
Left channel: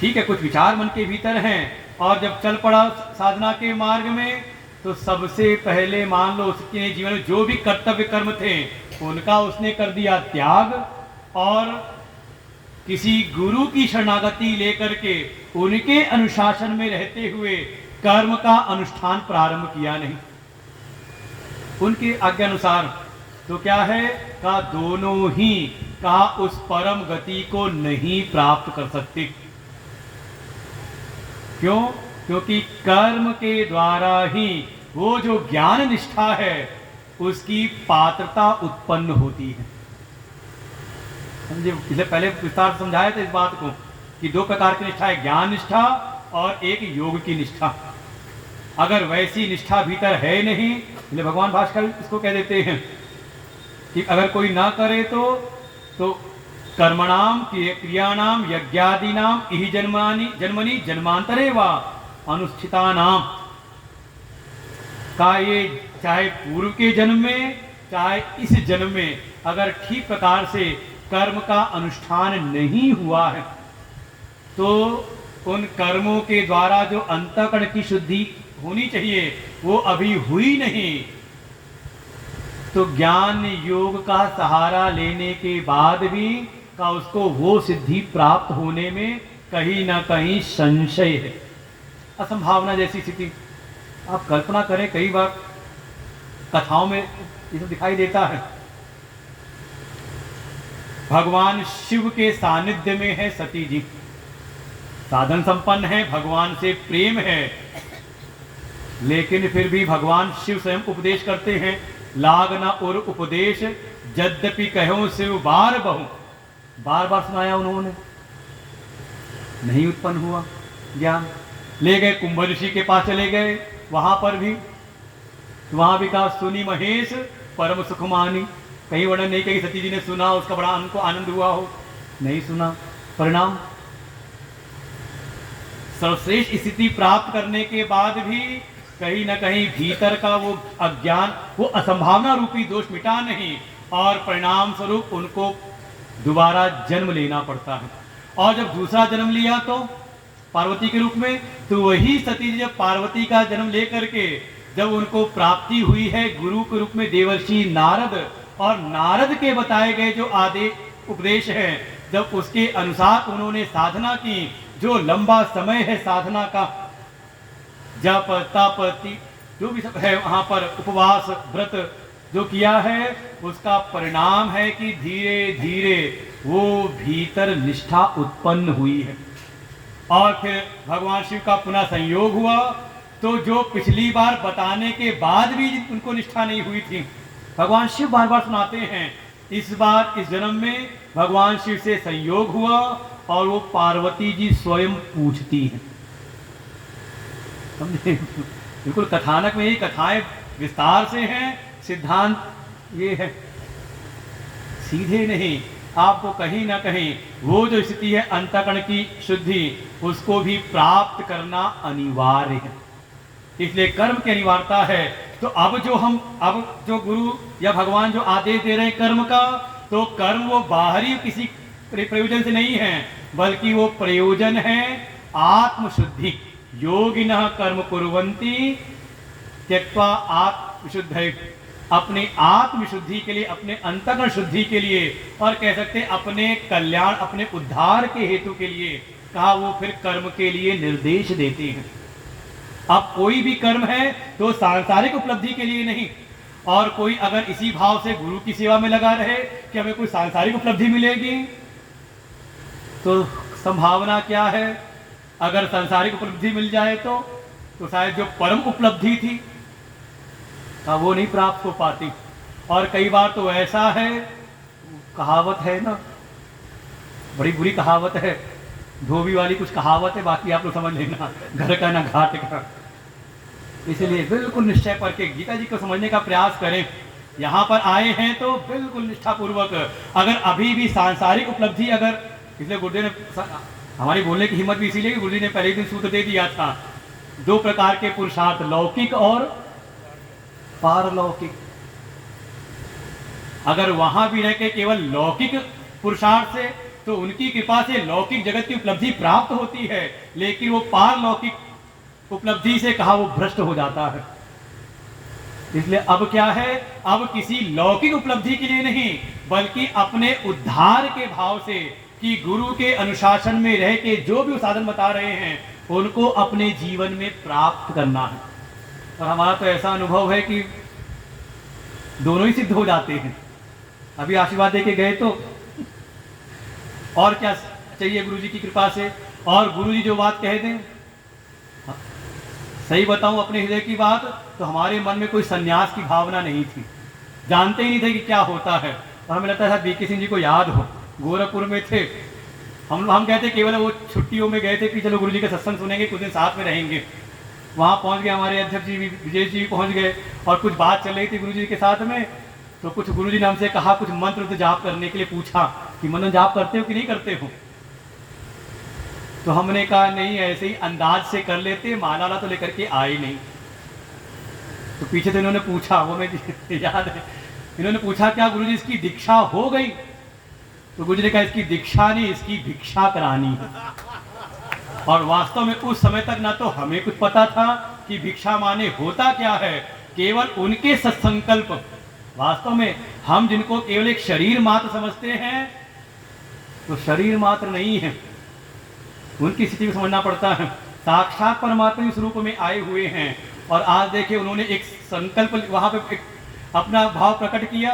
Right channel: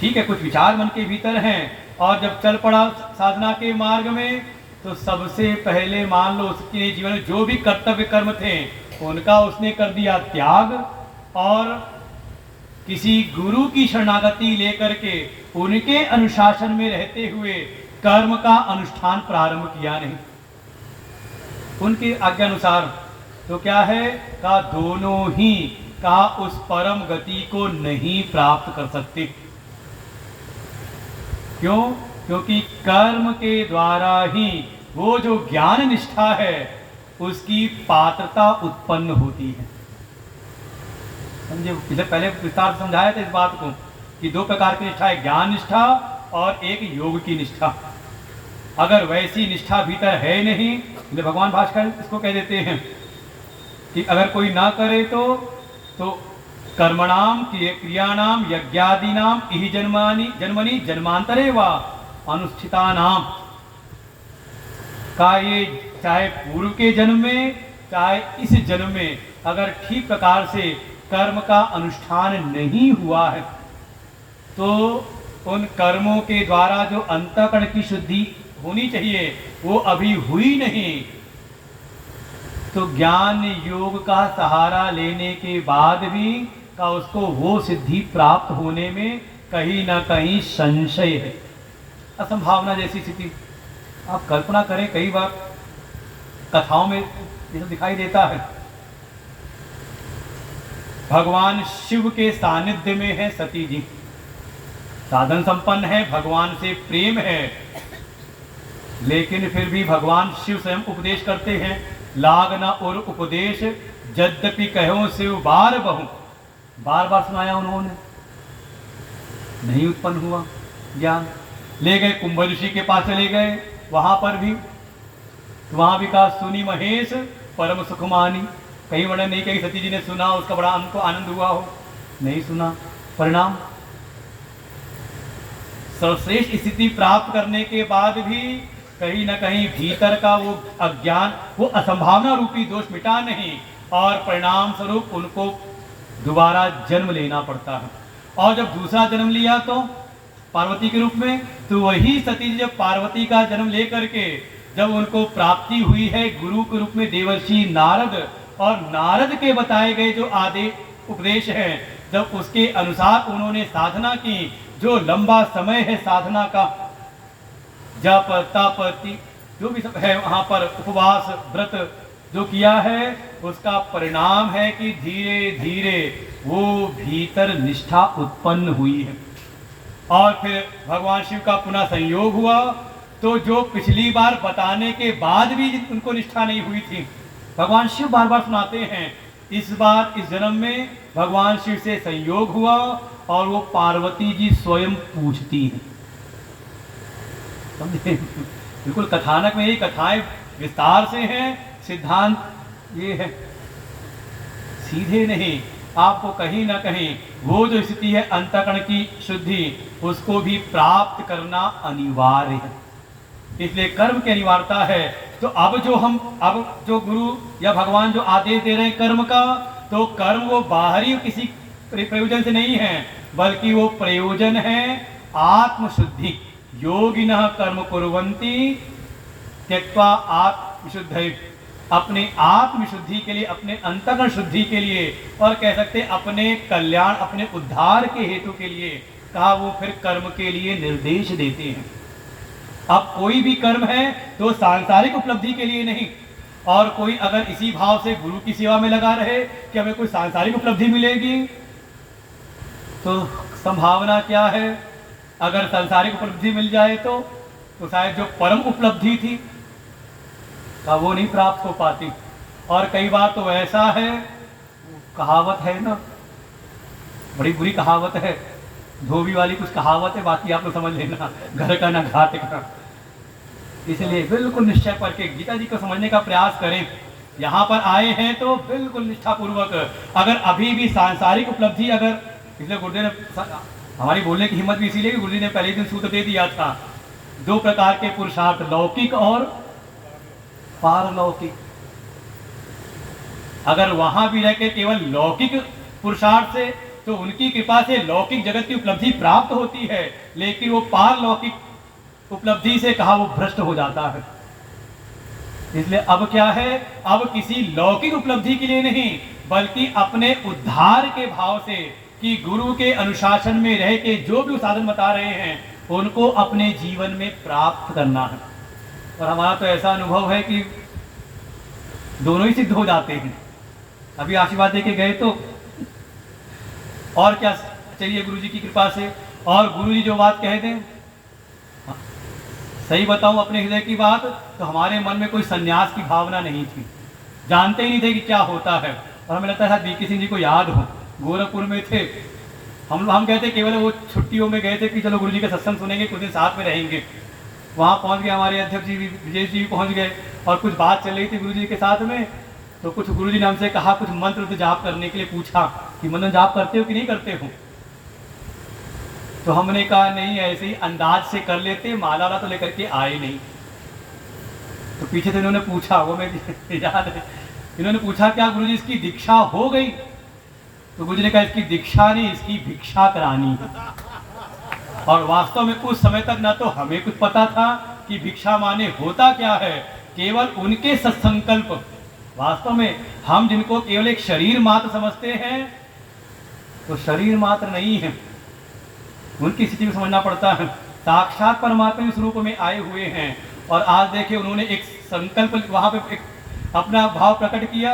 ठीक है, कुछ विचार मन के भीतर हैं, और जब चल पड़ा साधना के मार्ग में तो सबसे पहले मान लो उसके जीवन में जो भी कर्तव्य कर्म थे उनका उसने कर दिया त्याग, और किसी गुरु की शरणागति लेकर के उनके अनुशासन में रहते हुए कर्म का अनुष्ठान प्रारंभ किया नहीं उनके आज्ञा अनुसार। तो क्या है? कहा दोनों ही कहा उस परम गति को नहीं प्राप्त कर सकते। क्यों? क्योंकि कर्म के द्वारा ही वो जो ज्ञान निष्ठा है उसकी पात्रता उत्पन्न होती है। समझे? इससे पहले विस्तार समझाया था इस बात को कि दो प्रकार की निष्ठा है, ज्ञान निष्ठा और एक योग की निष्ठा। अगर वैसी निष्ठा भीतर है नहीं, इसलिए भगवान भास्कर इसको कह देते हैं कि अगर कोई ना करे तो कर्मणाम क्रियाणाम यज्ञादीनाम इहि जन्मनि जन्मांतरे वा अनुष्ठितानाम, का ये चाहे पूर्व के जन्म में चाहे इस जन्म में अगर ठीक प्रकार से कर्म का अनुष्ठान नहीं हुआ है तो उन कर्मों के द्वारा जो अंतःकरण की शुद्धि होनी चाहिए वो अभी हुई नहीं। तो ज्ञान योग का सहारा लेने के बाद भी का उसको वो सिद्धि प्राप्त होने में कहीं ना कहीं संशय है, असंभावना जैसी स्थिति। आप कल्पना करें, कई बार कथाओं में ये सब दिखाई देता है। भगवान शिव के सानिध्य में है सती जी, साधन संपन्न है, भगवान से प्रेम है, लेकिन फिर भी भगवान शिव स्वयं उपदेश करते हैं, लाग न और उपदेश यद्यपि कहो शिव बार बहु। बार बार सुनाया उन्होंने, नहीं उत्पन्न हुआ ज्ञान। ले गए कुंभ ऋषि के पास, चले गए, वहां पर भी वहां भी कहा सुनी महेश परम सुखमानी। कहीं वर्णन नहीं कही सती जी ने सुना, उसका बड़ा उनको आनंद हुआ हो, नहीं सुना। परिणाम सर्वश्रेष्ठ स्थिति प्राप्त करने के बाद भी कहीं ना कहीं भीतर का वो अज्ञान, वो असंभावना रूपी दोष मिटा नहीं, और परिणाम स्वरूप उनको दोबारा जन्म लेना पड़ता है। और जब दूसरा जन्म लिया तो पार्वती के रूप में, तो वही सती जी जब पार्वती का जन्म लेकर के जब उनको प्राप्ति हुई है गुरु के रूप में देवर्षि नारद, और नारद के बताए गए जो आदेश उपदेश है, जब उसके अनुसार उन्होंने साधना की, जो लंबा समय है साधना का, जप तप जो भी सब है वहां पर, उपवास व्रत जो किया है उसका परिणाम है कि धीरे धीरे वो भीतर निष्ठा उत्पन्न हुई है। और फिर भगवान शिव का पुनः संयोग हुआ, तो जो पिछली बार बताने के बाद भी उनको निष्ठा नहीं हुई थी, भगवान शिव बार बार सुनाते हैं, इस बार इस जन्म में भगवान शिव से संयोग हुआ और वो पार्वती जी स्वयं पूछती हैं। बिल्कुल कथानक में ये कथाएं विस्तार से हैं, सिद्धांत ये है, सीधे नहीं, आपको कहीं ना कहीं वो जो स्थिति है अंतःकरण की शुद्धि, उसको भी प्राप्त करना अनिवार्य है। इसलिए कर्म की अनिवार्यता है। तो अब जो गुरु या भगवान जो आदेश दे रहे हैं कर्म का, तो कर्म वो बाहरी किसी प्रयोजन से नहीं है, बल्कि वो प्रयोजन है आत्मशुद्धि। योगिनः कर्म कुर्वन्ति त्यक्त्वा आत्मशुद्धये, अपने आत्मशुद्धि के लिए, अपने अंतःकरण शुद्धि के लिए, और कह सकते अपने कल्याण, अपने उद्धार के हेतु के लिए कहा, वो फिर कर्म के लिए निर्देश देते हैं। अब कोई भी कर्म है तो सांसारिक उपलब्धि के लिए नहीं, और कोई अगर इसी भाव से गुरु की सेवा में लगा रहे कि हमें कोई सांसारिक उपलब्धि मिलेगी, तो संभावना क्या है, अगर सांसारिक उपलब्धि मिल जाए तो शायद जो परम उपलब्धि थी का वो नहीं प्राप्त हो पाती। और कई बार तो ऐसा है, कहावत है ना, बड़ी बुरी कहावत है, धोबी वाली कुछ कहावत है, बाकी आप लोग समझ लेना, घर का ना घाट का। इसलिए बिल्कुल निश्चय करके गीता जी को समझने का प्रयास करें। यहाँ पर आए हैं तो बिल्कुल निष्ठा पूर्वक, अगर अभी भी सांसारिक उपलब्धि, अगर, इसलिए गुरुदेव ने हमारी बोलने की हिम्मत भी इसीलिए गुरुजी ने पहले दिन सूत्र दे दिया था, दो प्रकार के पुरुषार्थ, लौकिक और पारलौकिक। अगर वहां भी रह के केवल लौकिक पुरुषार्थ से, तो उनकी कृपा से लौकिक जगत की उपलब्धि प्राप्त होती है, लेकिन वो पारलौकिक उपलब्धि से कहा वो भ्रष्ट हो जाता है। इसलिए अब क्या है, अब किसी लौकिक उपलब्धि के लिए नहीं, बल्कि अपने उद्धार के भाव से, कि गुरु के अनुशासन में रह के जो भी साधन बता रहे हैं उनको अपने जीवन में प्राप्त करना है। और हमारा तो ऐसा अनुभव है कि दोनों ही सिद्ध हो जाते हैं। अभी आशीर्वाद देके गए तो और क्या चाहिए गुरु जी की कृपा से, और गुरु जी जो बात कह दें, सही बताऊं अपने हृदय की बात, तो हमारे मन में कोई संन्यास की भावना नहीं थी, जानते ही नहीं थे कि क्या होता है। और हमें लगता है बीके सिंह जी को याद हो, गोरखपुर में थे हम कहते केवल वो छुट्टियों में गए थे कि चलो गुरु जी का सत्संग सुनेंगे, कुछ दिन साथ में रहेंगे। वहाँ पहुँच गए, हमारे अध्यक्ष जी भी, विजय जी भी पहुँच गए, और कुछ बात चल रही थी गुरु जी के साथ में, तो कुछ गुरु जी ने हमसे कहा, कुछ मंत्र जाप करने के लिए पूछा कि मंत्र जाप करते हो कि नहीं करते हो। तो हमने कहा नहीं, ऐसे ही अंदाज से कर लेते, माला तो लेकर के आए नहीं। तो पीछे से इन्होंने पूछा, वो मुझे याद है, इन्होंने पूछा क्या गुरु जी इसकी दीक्षा हो गई? तो गुरु जी ने कहा इसकी दीक्षा नहीं, इसकी भिक्षा करानी है। और वास्तव में उस समय तक ना तो हमें कुछ पता था कि भिक्षा माने होता क्या है, केवल उनके सत्संकल्प। वास्तव में हम जिनको केवल एक शरीर मात्र समझते हैं, तो शरीर मात्र नहीं है, उनकी स्थिति को समझना पड़ता है। साक्षात परमात्मा इस रूप में आए हुए हैं, और आज देखिए उन्होंने एक संकल्प वहां पे अपना भाव प्रकट किया,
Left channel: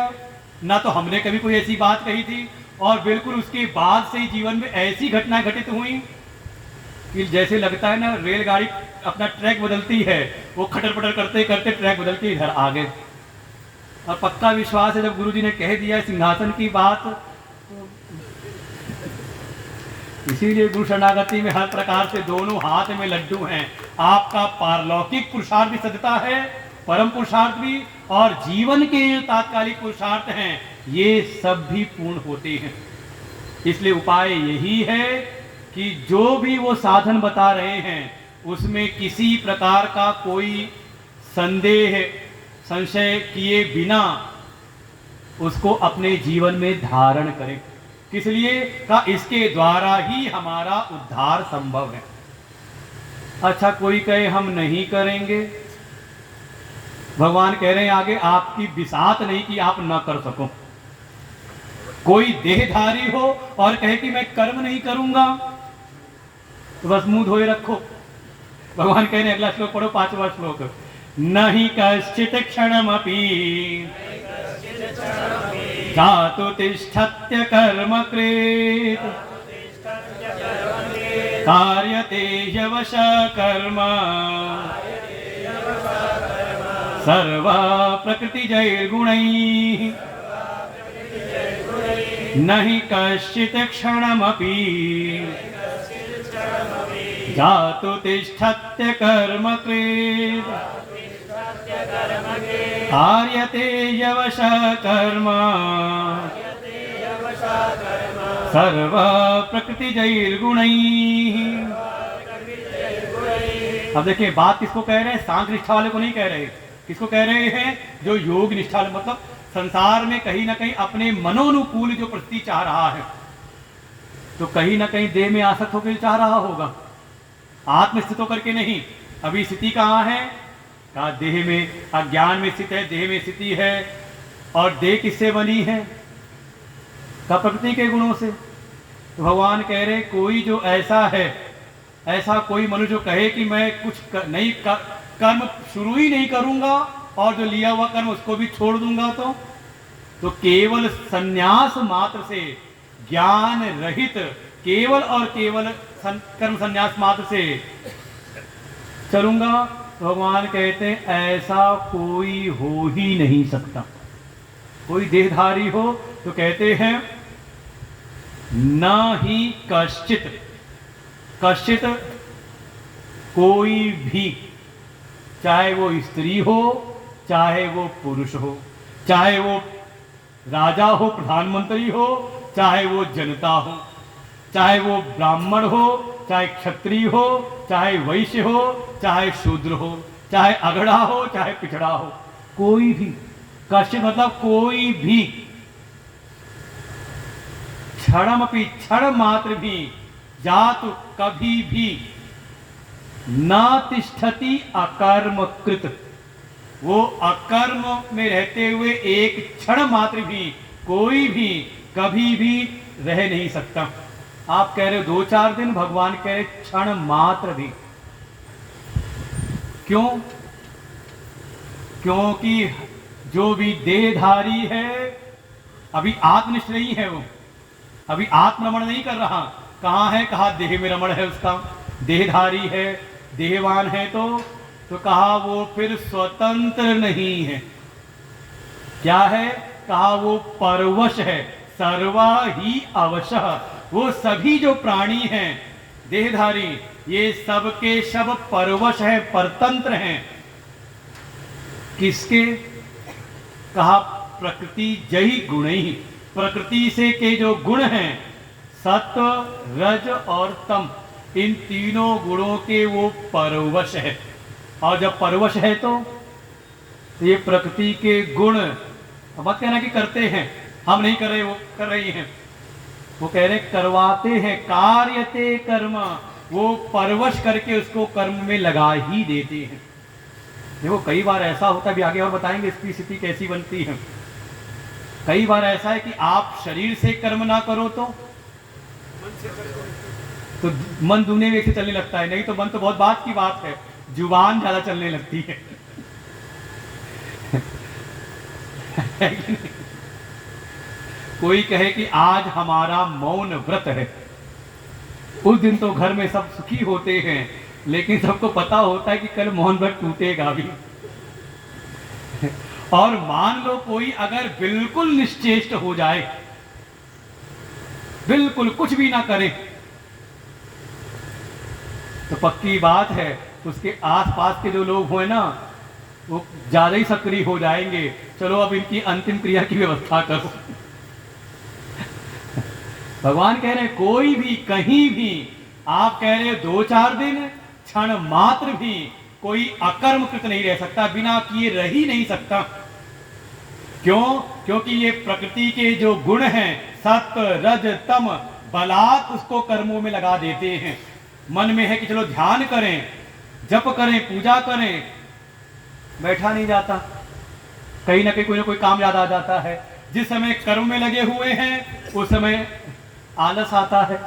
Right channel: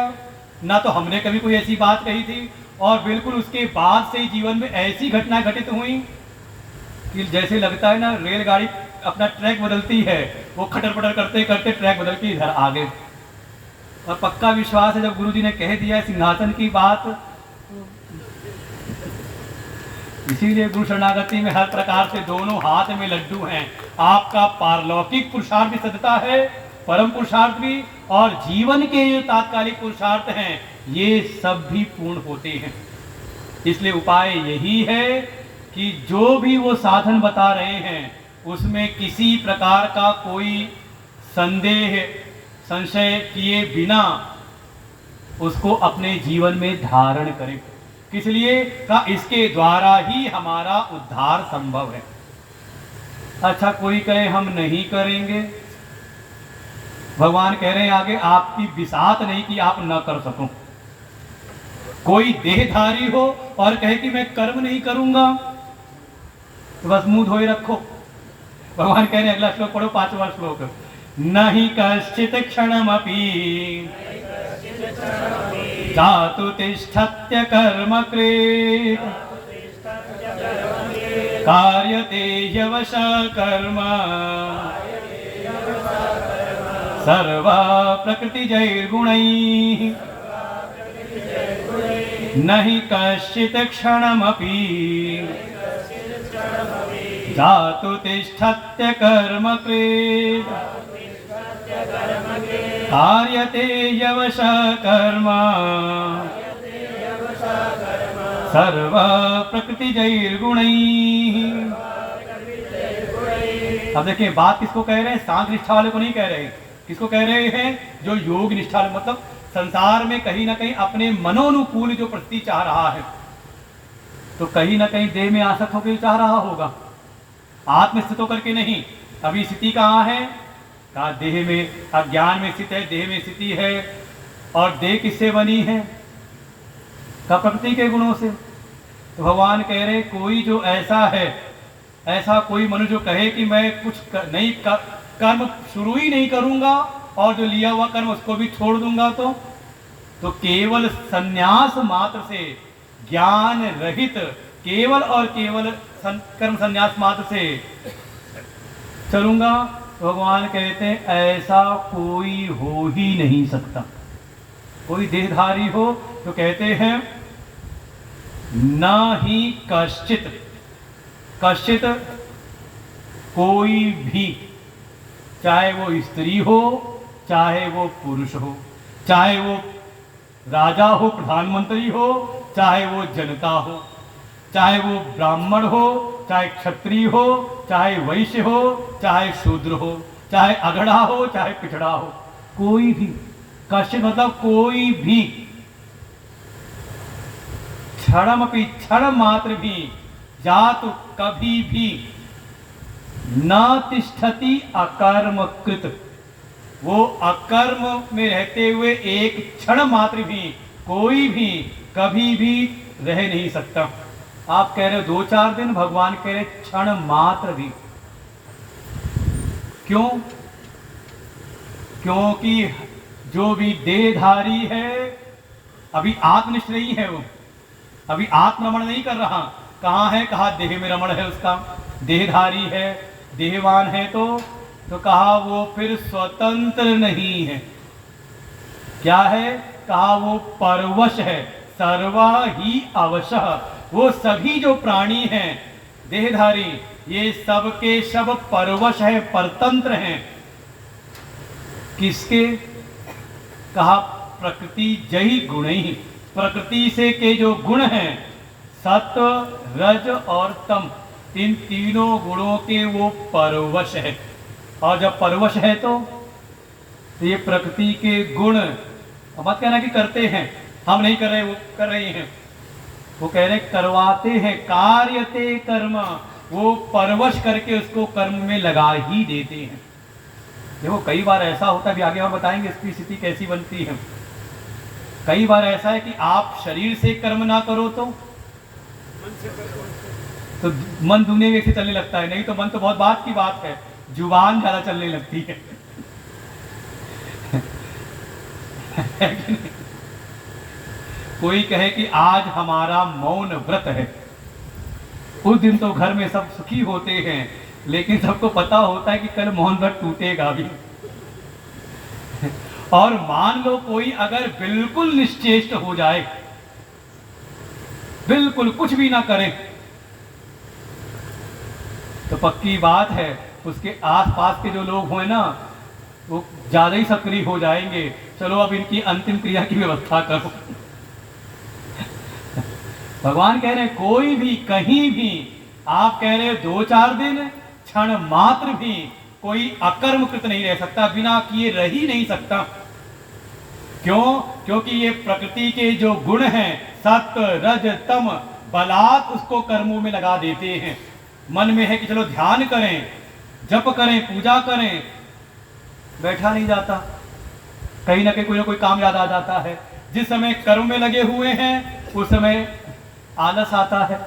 ना तो हमने कभी कोई ऐसी बात कही थी, और बिल्कुल उसके बाद से जीवन में ऐसी घटनाएं घटित हुई कि जैसे लगता है ना रेलगाड़ी अपना ट्रैक बदलती है, वो खटर पटर करते करते ट्रैक बदल के इधर आ गए। और पक्का विश्वास है, जब गुरुजी ने कह दिया सिंहासन की बात, इसीलिए गुरु शरणागति में हर प्रकार से दोनों हाथ में लड्डू हैं। आपका पारलौकिक पुरुषार्थ भी सदता है, परम पुरुषार्थ भी, और जीवन के जो तात्कालिक पुरुषार्थ हैं ये सब भी पूर्ण होते हैं। इसलिए उपाय यही है कि जो भी वो साधन बता रहे हैं उसमें किसी प्रकार का कोई संदेह संशय किए बिना उसको अपने जीवन में धारण करें। किस लिए का, इसके द्वारा ही हमारा उद्धार संभव है। अच्छा, कोई कहे हम नहीं करेंगे, भगवान कह रहे हैं आगे, आपकी बिसात नहीं कि आप ना कर सको। कोई देहधारी हो और कहे कि मैं कर्म नहीं करूंगा, तो बस मुंह धोए रखो। भगवान कह रहे हैं, अगला श्लोक पढ़ो, 5वां श्लोक, नहीं कश्चित क्षणमपि जातु तिष्ठत्य कर्म कृत् कार्यते ह्यवश कर्म सर्वा प्रकृतिजैर्गुणैः न हि कश्चित् क्षणमपि जातु तिष्ठत्य कर्म कृत् कार्यते ह्यवश कर्म सर्वा प्रकृतिजैर्गुणैः। अब देखिए बात किसको कह रहे हैं? सांख्य निष्ठा वाले को नहीं कह रहे। किसको कह रहे हैं? जो योग निष्ठा, मतलब संसार में कहीं ना कहीं अपने मनोनुकूल जो प्रति चाह रहा है, तो कहीं ना कहीं देह में आसक्त होकर चाह रहा होगा, आत्मस्थित होकर के नहीं। अभी स्थिति कहाँ है? कहा देह में, अज्ञान में स्थित है, देह में स्थिति है। और देह किससे बनी है? का प्रकृति के गुणों से। तो भगवान कह रहे कोई जो ऐसा है, ऐसा कोई मनुष्य जो कहे कि मैं कुछ नहीं कर्म शुरू ही नहीं करूंगा और जो लिया हुआ कर्म उसको भी छोड़ दूंगा, तो केवल संन्यास मात्र से, ज्ञान रहित केवल और केवल कर्म संन्यास मात्र से चलूंगा, तो भगवान कहते हैं ऐसा कोई हो ही नहीं सकता। कोई देहधारी हो तो कहते हैं न ही कश्चित, कश्चित कोई भी, चाहे वो स्त्री हो, चाहे वो पुरुष हो, चाहे वो राजा हो, प्रधानमंत्री हो, चाहे वो जनता हो, चाहे वो ब्राह्मण हो, चाहे क्षत्रिय हो, चाहे वैश्य हो, चाहे शूद्र हो, चाहे अगड़ा हो, चाहे पिछड़ा हो, कोई भी, कश्चित मतलब कोई भी, क्षणमपि, क्षण मात्र भी, जातु कभी भी, न तिष्ठति अकर्मकृत, वो अकर्म में रहते हुए एक क्षण मात्र भी, कोई भी कभी भी रह नहीं सकता। आप कह रहे हो 2-4 दिन, भगवान कह रहे क्षण मात्र भी। क्यों? क्योंकि जो भी देहधारी है अभी आत्मनिष्ठ नहीं है, वो अभी आत्मरमण नहीं कर रहा। कहाँ है? कहा देह में रमण है उसका, देहधारी है, देहवान है, तो कहा वो फिर स्वतंत्र नहीं है। क्या है? कहा वो परवश है, सर्वा ही अवशः। वो सभी जो प्राणी हैं देहधारी, ये सब के सब परवश है, परतंत्र हैं। किसके? कहा प्रकृति जही गुण ही, प्रकृति से के जो गुण हैं सत्व, रज और तम, इन तीनों गुणों के वो परवश है। और जब परवश है तो ये प्रकृति के गुण, मत कहना कि करते हैं, हम नहीं कर रहे, वो कर रही हैं। वो कह रहे करवाते हैं, कार्यते कर्म, वो परवश करके उसको कर्म में लगा ही देते हैं। देखो कई बार ऐसा होता है, अभी आगे और बताएंगे इसकी स्थिति कैसी बनती है। कई बार ऐसा है कि आप शरीर से कर्म ना करो तो मन दुनिया में से चलने लगता है, नहीं तो मन तो बहुत बात की बात है, जुबान ज्यादा चलने लगती है। कोई कहे कि आज हमारा मौन व्रत है, उस दिन तो घर में सब सुखी होते हैं, लेकिन सबको पता होता है कि कल मौन व्रत टूटेगा भी। और मान लो कोई अगर बिल्कुल निश्चेष्ट हो जाए, बिल्कुल कुछ भी ना करे, तो पक्की बात है उसके आसपास के जो लोग हुए ना, वो ज्यादा ही सक्रिय हो जाएंगे। चलो अब इनकी अंतिम क्रिया की व्यवस्था करो। भगवान कह रहे कोई भी कहीं भी, आप कह रहे 2-4 दिन, क्षण मात्र भी कोई अकर्मकृत नहीं रह सकता, बिना किए रह ही नहीं सकता। क्यों? क्योंकि ये प्रकृति के जो गुण हैं सत्व, रज, तम, बलात् उसको कर्मों में लगा देते हैं। मन में है कि चलो ध्यान करें, जप करें, पूजा करें, बैठा नहीं जाता, कहीं ना कहीं कोई ना कोई काम याद आ जाता है। जिस समय कर्म में लगे हुए हैं उस समय आलस आता है,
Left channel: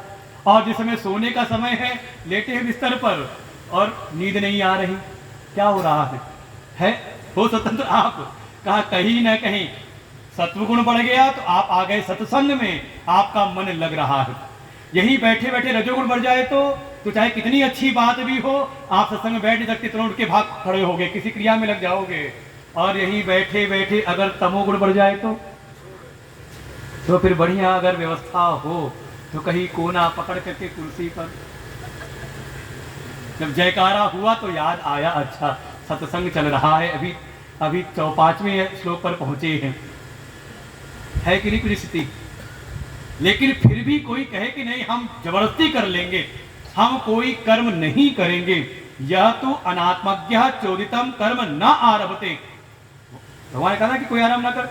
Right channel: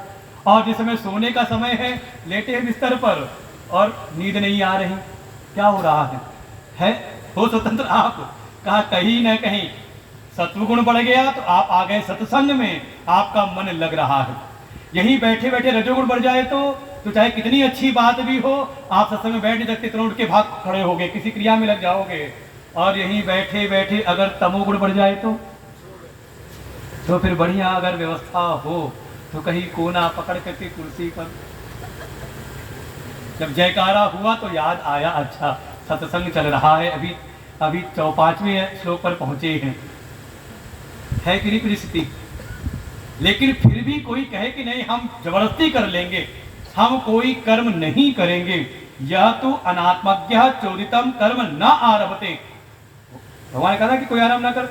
और जिस समय सोने का समय है, लेटे हैं बिस्तर पर और नींद नहीं आ रही, क्या हो रहा है? हो स्वतंत्र आप, कहा कहीं ना कहीं सत्वगुण बढ़ गया तो आप आ गए सत्संग में, आपका मन लग रहा है। यही बैठे बैठे रजोगुण बढ़ जाए तो चाहे कितनी अच्छी बात भी हो, आप सत्संग में बैठ नहीं सकते, तुरंत के भाग खड़े होगे, किसी क्रिया में लग जाओगे। और यही बैठे बैठे अगर तमोगुण बढ़ जाए तो फिर बढ़िया अगर व्यवस्था हो तो कहीं कोना पकड़ करके कुर्सी पर, जब जयकारा हुआ तो याद आया अच्छा सत्संग चल रहा है, अभी 5वें श्लोक पर पहुंचे हैं, है कि नहीं परिस्थिति। लेकिन फिर भी कोई कहे कि नहीं हम जबरदस्ती कर लेंगे, हम कोई कर्म नहीं करेंगे, यह तो अनात्मज्ञ चोदितम कर्म न आरभते। भगवान ने कहा कि कोई आरंभ ना कर,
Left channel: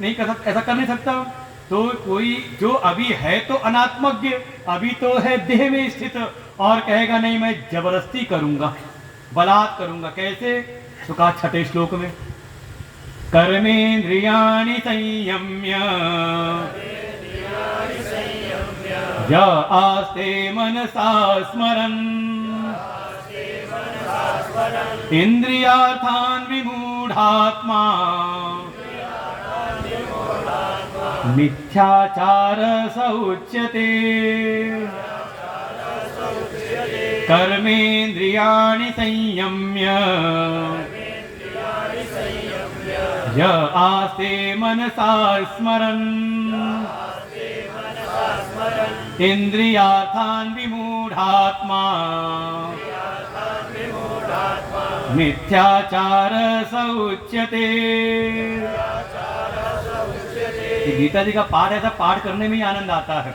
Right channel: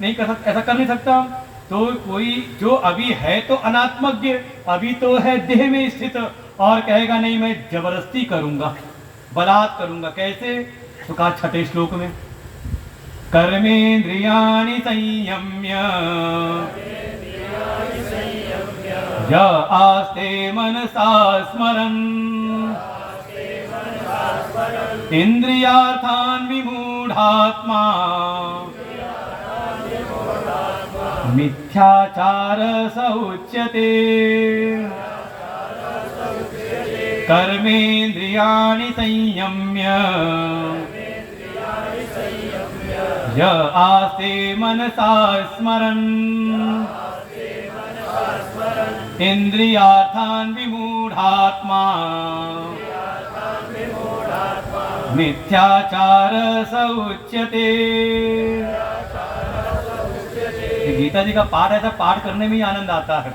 नहीं कर सकता, ऐसा कर नहीं सकता। तो कोई जो अभी है तो अनात्मज्ञ, अभी तो है देह में स्थित, और कहेगा नहीं मैं जबरदस्ती करूंगा, बलात् करूंगा। कैसे? तो कहा 6ठे श्लोक में, कर्मेन्द्रियाणि संयम्य य आस्ते मनसा स्मरन् इंद्रियार्थान् विमूढ़ात्मा मिथ्याचार स उच्यते। कर्मेन्द्रियाणि संयम्य य आस्ते मनसा स्मरन् इंद्रियार्थान् विमूढ़ात्मा मिथ्याचार स उच्यते। गीता जी का पाठ ऐसा पाठ करने में ही आनंद आता है,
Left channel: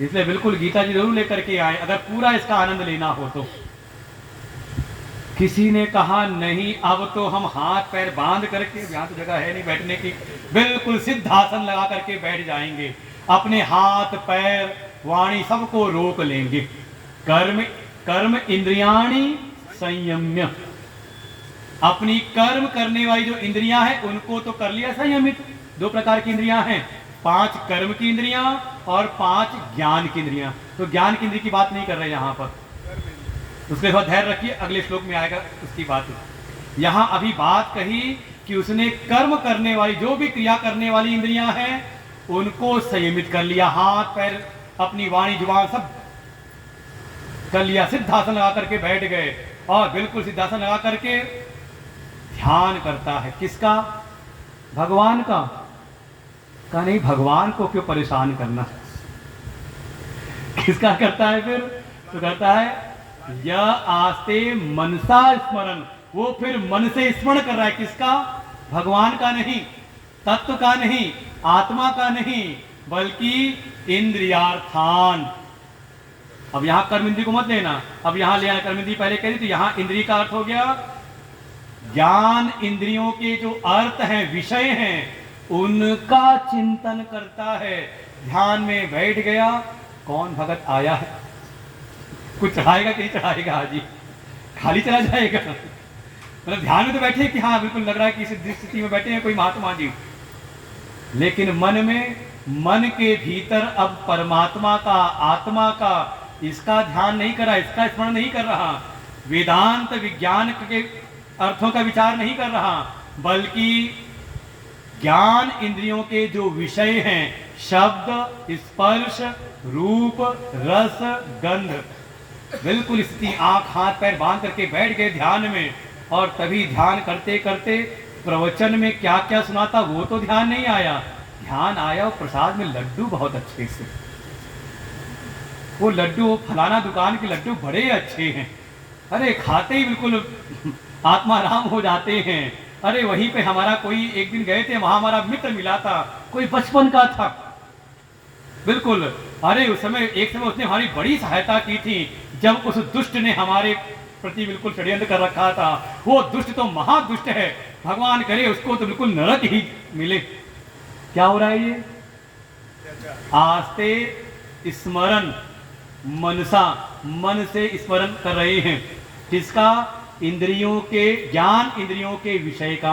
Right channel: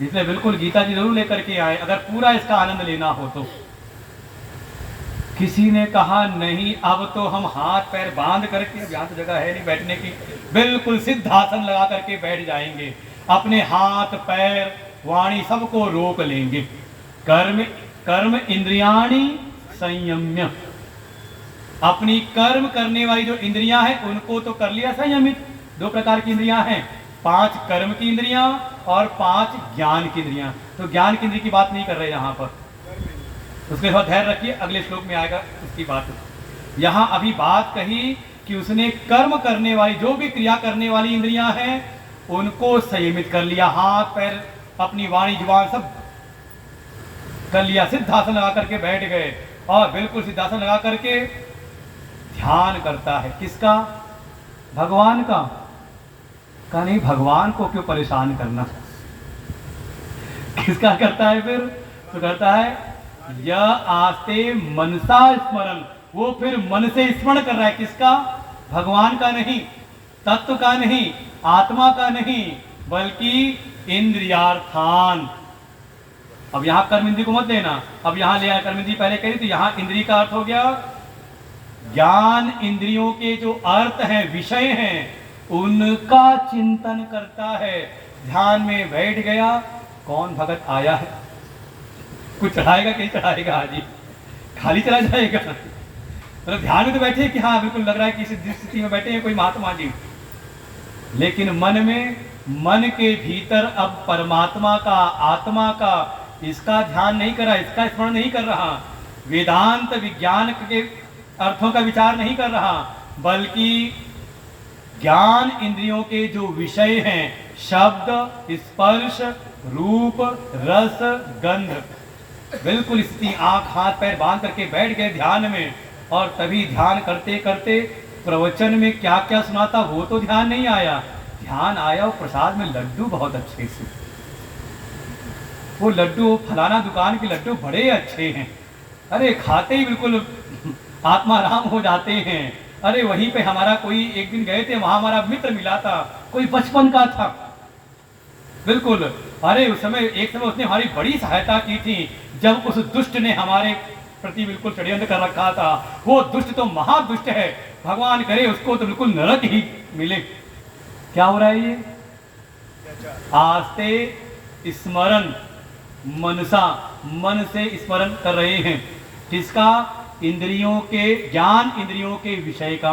इसलिए बिल्कुल गीता जी जरूर लेकर के आए अगर पूरा इसका आनंद लेना हो तो। किसी ने कहा नहीं अब तो हम हाथ पैर बांध करके, यहाँ तो जगह है नहीं बैठने की, बिल्कुल सिद्धासन लगा करके बैठ जाएंगे, अपने हाथ पैर वाणी सबको रोक लेंगे। कर्म इंद्रियाणि संयम्य, अपनी कर्म करने वाली जो इंद्रियां हैं उनको तो कर लिया संयमित। 2 प्रकार की इंद्रियां हैं, 5 कर्म की इंद्रियां और 5 ज्ञान की इंद्रियां। तो ज्ञान की इंद्रिय की बात नहीं कर रहे यहाँ पर, उसके बाद धैर्य रखिए, अगले श्लोक में आएगा उसकी बात। यहाँ अभी बात कही कि उसने कर्म करने वाली जो भी क्रिया करने वाली इंद्रियां हैं उनको संयमित कर लिया, हाथ पैर अपनी वाणी जुबान सब कर लिया, सिद्धासन लगा करके बैठ गए और बिल्कुल सिद्धासन लगा करके ध्यान करता है। किसका? भगवान का। कहा नहीं भगवान को क्यों परेशान करना, किसका करता है फिर? तो करता है या आस्ते मनसा स्मरण, वो फिर मन से स्मरण कर रहा है। किसका? भगवान का नहीं, तत्व का नहीं, आत्मा का नहीं, बल्कि इंद्रियार्थान। अब यहां कर्म इंद्रिय को मत लेना, अब यहां ले कर्म इंद्रिय पहले कही तो यहां इंद्रिय का अर्थ हो गया ज्ञान इंद्रियों के जो अर्थ हैं, विषय हैं, उनका चिंतन करता है। ध्यान में बैठ गया, कौन भगत आया है, कुछ चढ़ाएगा कि नहीं चढ़ाएगा, हाजी खाली चला जाएगा। मतलब ध्यान में तो बैठे कि हाँ बिल्कुल लग रहा है कि इस स्थिति में बैठे हैं कोई महात्मा जी, लेकिन मन के भीतर अब परमात्मा का, आत्मा का, इसका ध्यान नहीं कर रहा, इसका स्मरण नहीं कर रहा, वेदांत विज्ञान के अर्थों का विचार नहीं कर रहा, बल्कि ज्ञान इंद्रियों के जो विषय हैं, शब्द, स्पर्श, रूप, रस, गंध, बिल्कुल स्थिति आंख हाथ पैर बांध करके बैठ गए ध्यान में। और तभी ध्यान करते करते प्रवचन में क्या क्या सुनाता वो तो ध्यान नहीं आया, ध्यान आया वो प्रसाद में लड्डू बहुत अच्छे से, वो लड्डू फलाना दुकान के लड्डू बड़े अच्छे हैं, अरे खाते ही बिल्कुल आत्माराम हो जाते हैं। अरे वहीं पे हमारा कोई एक दिन गए थे, वहां हमारा मित्र मिला था, कोई बचपन का था बिल्कुल। अरे उस समय एक समय उसने हमारी बड़ी सहायता की थी, जब उस दुष्ट ने हमारे प्रति बिल्कुल षड्यंत्र कर रखा था। वो दुष्ट तो महादुष्ट है, भगवान करे उसको तो बिल्कुल नरक ही मिले। क्या हो रहा है ये? आस्ते स्मरण मनसा, मन से स्मरण कर रहे हैं। किसका? इंद्रियों के, ज्ञान इंद्रियों के विषय का।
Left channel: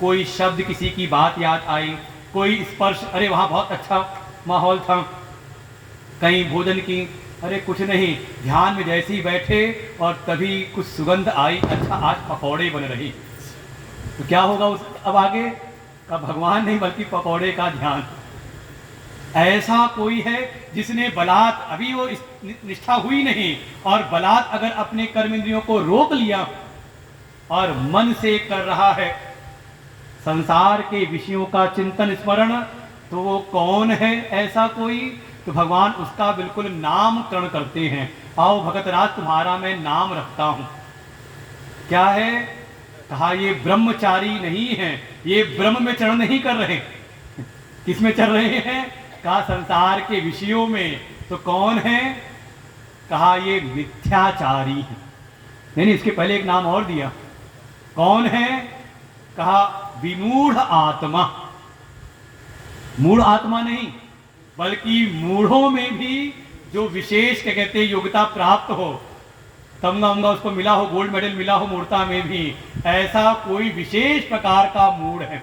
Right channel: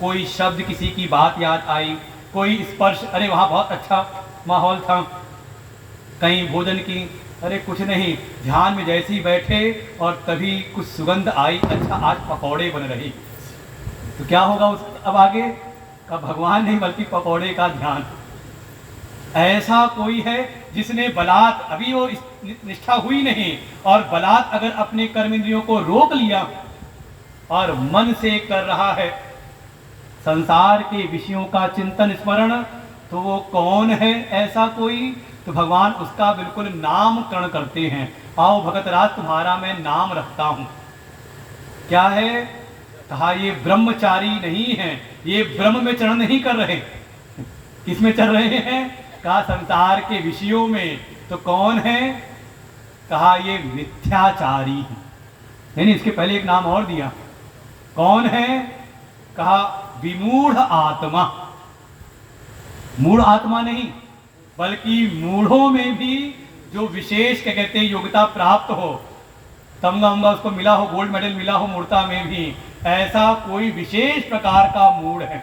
कोई शब्द, किसी की बात याद आई, कोई स्पर्श, अरे वहां बहुत अच्छा माहौल था, कहीं भोजन की, अरे कुछ नहीं, ध्यान में जैसे ही बैठे और तभी कुछ सुगंध आई, अच्छा आज पकौड़े बन रही, तो क्या होगा उस अब आगे? का भगवान नहीं बल्कि पकौड़े का ध्यान। ऐसा कोई है जिसने बलात्, अभी वो निष्ठा हुई नहीं, और बलात् अगर अपने कर्म इंद्रियों को रोक लिया और मन से कर रहा है संसार के विषयों का चिंतन स्मरण, तो वो कौन है ऐसा कोई? तो भगवान उसका बिल्कुल नामकरण करते हैं। आओ भगत राज तुम्हारा मैं नाम रखता हूं। क्या है? कहा ये ब्रह्मचारी नहीं है, ये ब्रह्म में चरण नहीं कर रहे। किसमें चल रहे हैं? कहा संसार के विषयों में। तो कौन है? कहा ये मिथ्याचारी है। नहीं, इसके पहले एक नाम और दिया। कौन है? कहा विमूढ़ आत्मा। मूढ़ आत्मा नहीं, बल्कि मूढ़ों में भी जो विशेष क्या कहते हैं योग्यता प्राप्त हो, तमगा उमगा उसको मिला हो, गोल्ड मेडल मिला हो मूर्ता में भी, ऐसा कोई विशेष प्रकार का मूढ़ है,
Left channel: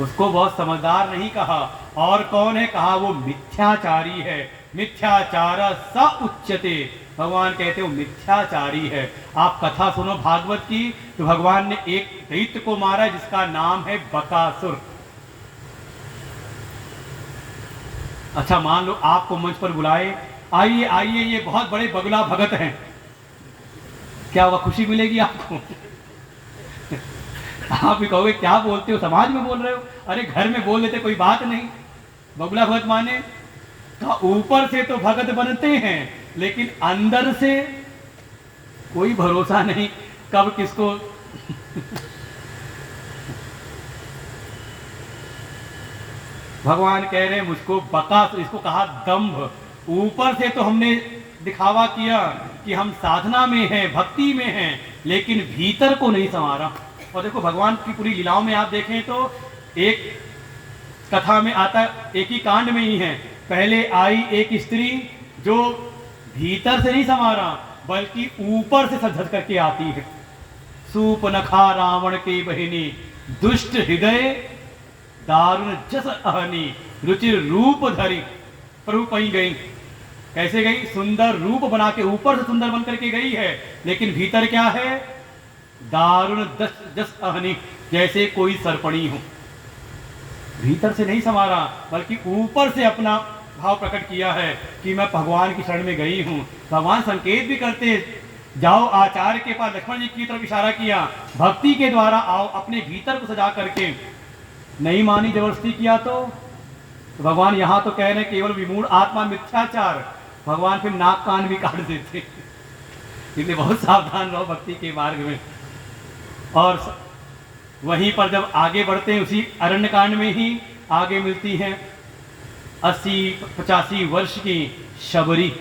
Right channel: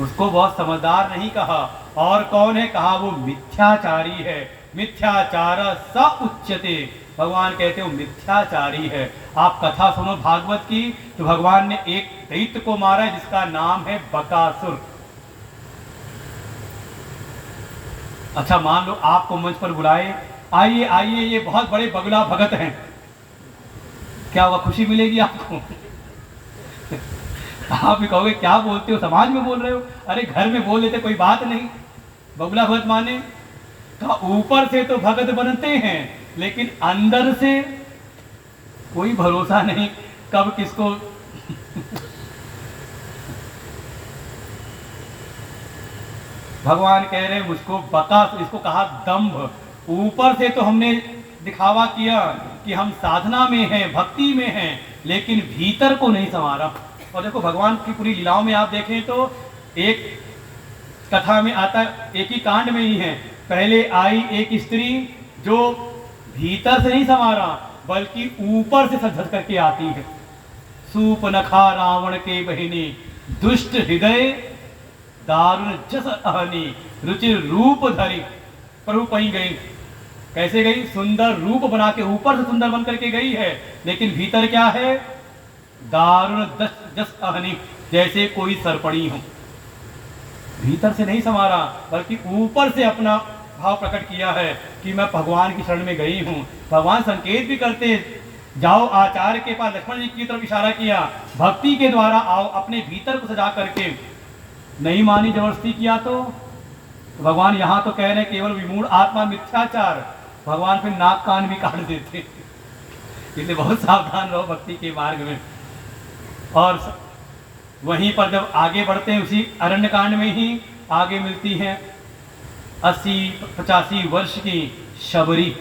उसको बहुत समझदार नहीं कहा। और कौन है? कहा वो मिथ्याचारी है। मिथ्याचार स उच्यते। भगवान कहते हो मिथ्याचारी है। आप कथा सुनो भागवत की, तो भगवान ने एक दैत्य को मारा जिसका नाम है बकासुर। अच्छा, मान लो आपको मंच पर बुलाए, आइए आइए, ये बहुत बड़े बगुला भगत हैं, क्या वह खुशी मिलेगी आपको? आप भी कहोगे क्या बोलते हो, समाज में बोल रहे हो? अरे घर में बोल लेते कोई बात नहीं। बगुला भगत माने ऊपर से तो भगत बनते हैं, लेकिन अंदर से कोई भरोसा नहीं कब किसको भगवान कह रहे हैं मुझको बका, इसको कहा दंभ। ऊपर से तो हमने दिखावा किया कि हम साधना में हैं, भक्ति में हैं, लेकिन भीतर को नहीं संवारा। और देखो भगवान की पूरी लीलाओं में आप देखें तो एक कथा में आता, एक ही कांड में ही है, पहले आई एक स्त्री जो भीतर से नहीं संवारा बल्कि ऊपर से सजध करके आती है। सूपनखा रावण के बहिनी, दुष्ट हृदय दारुण जस अहनी, रुचिर रूप धरी। प्रभु कहीं गई, कैसे गई? सुंदर रूप बना के ऊपर से सुंदर बन करके गई है, लेकिन भीतर क्या है? दारुण जस अहनी, जैसे कोई सरपड़ी हो। भीतर से नहीं संवारा बल्कि ऊपर से अपना भाव प्रकट किया है कि मैं भगवान की शरण में गई हूं। भगवान संकेत भी करते, जाओ आचार्य के पास, लक्ष्मण जी की तरफ इशारा किया, भक्ति के द्वारा आओ, अपने भीतर को सजा करके। नहीं मानी, जबरदस्ती किया तो भगवान यहां तो कह रहे हैं केवल विमूढ़ आत्मा मिथ्याचार, भगवान फिर नाक कान भी काट देते। इसलिए बहुत सावधान रहो भक्ति के मार्ग में। और वहीं पर जब आगे बढ़ते हैं, उसी अरण्य कांड में ही आगे मिलती है 80-85 वर्ष की शबरी,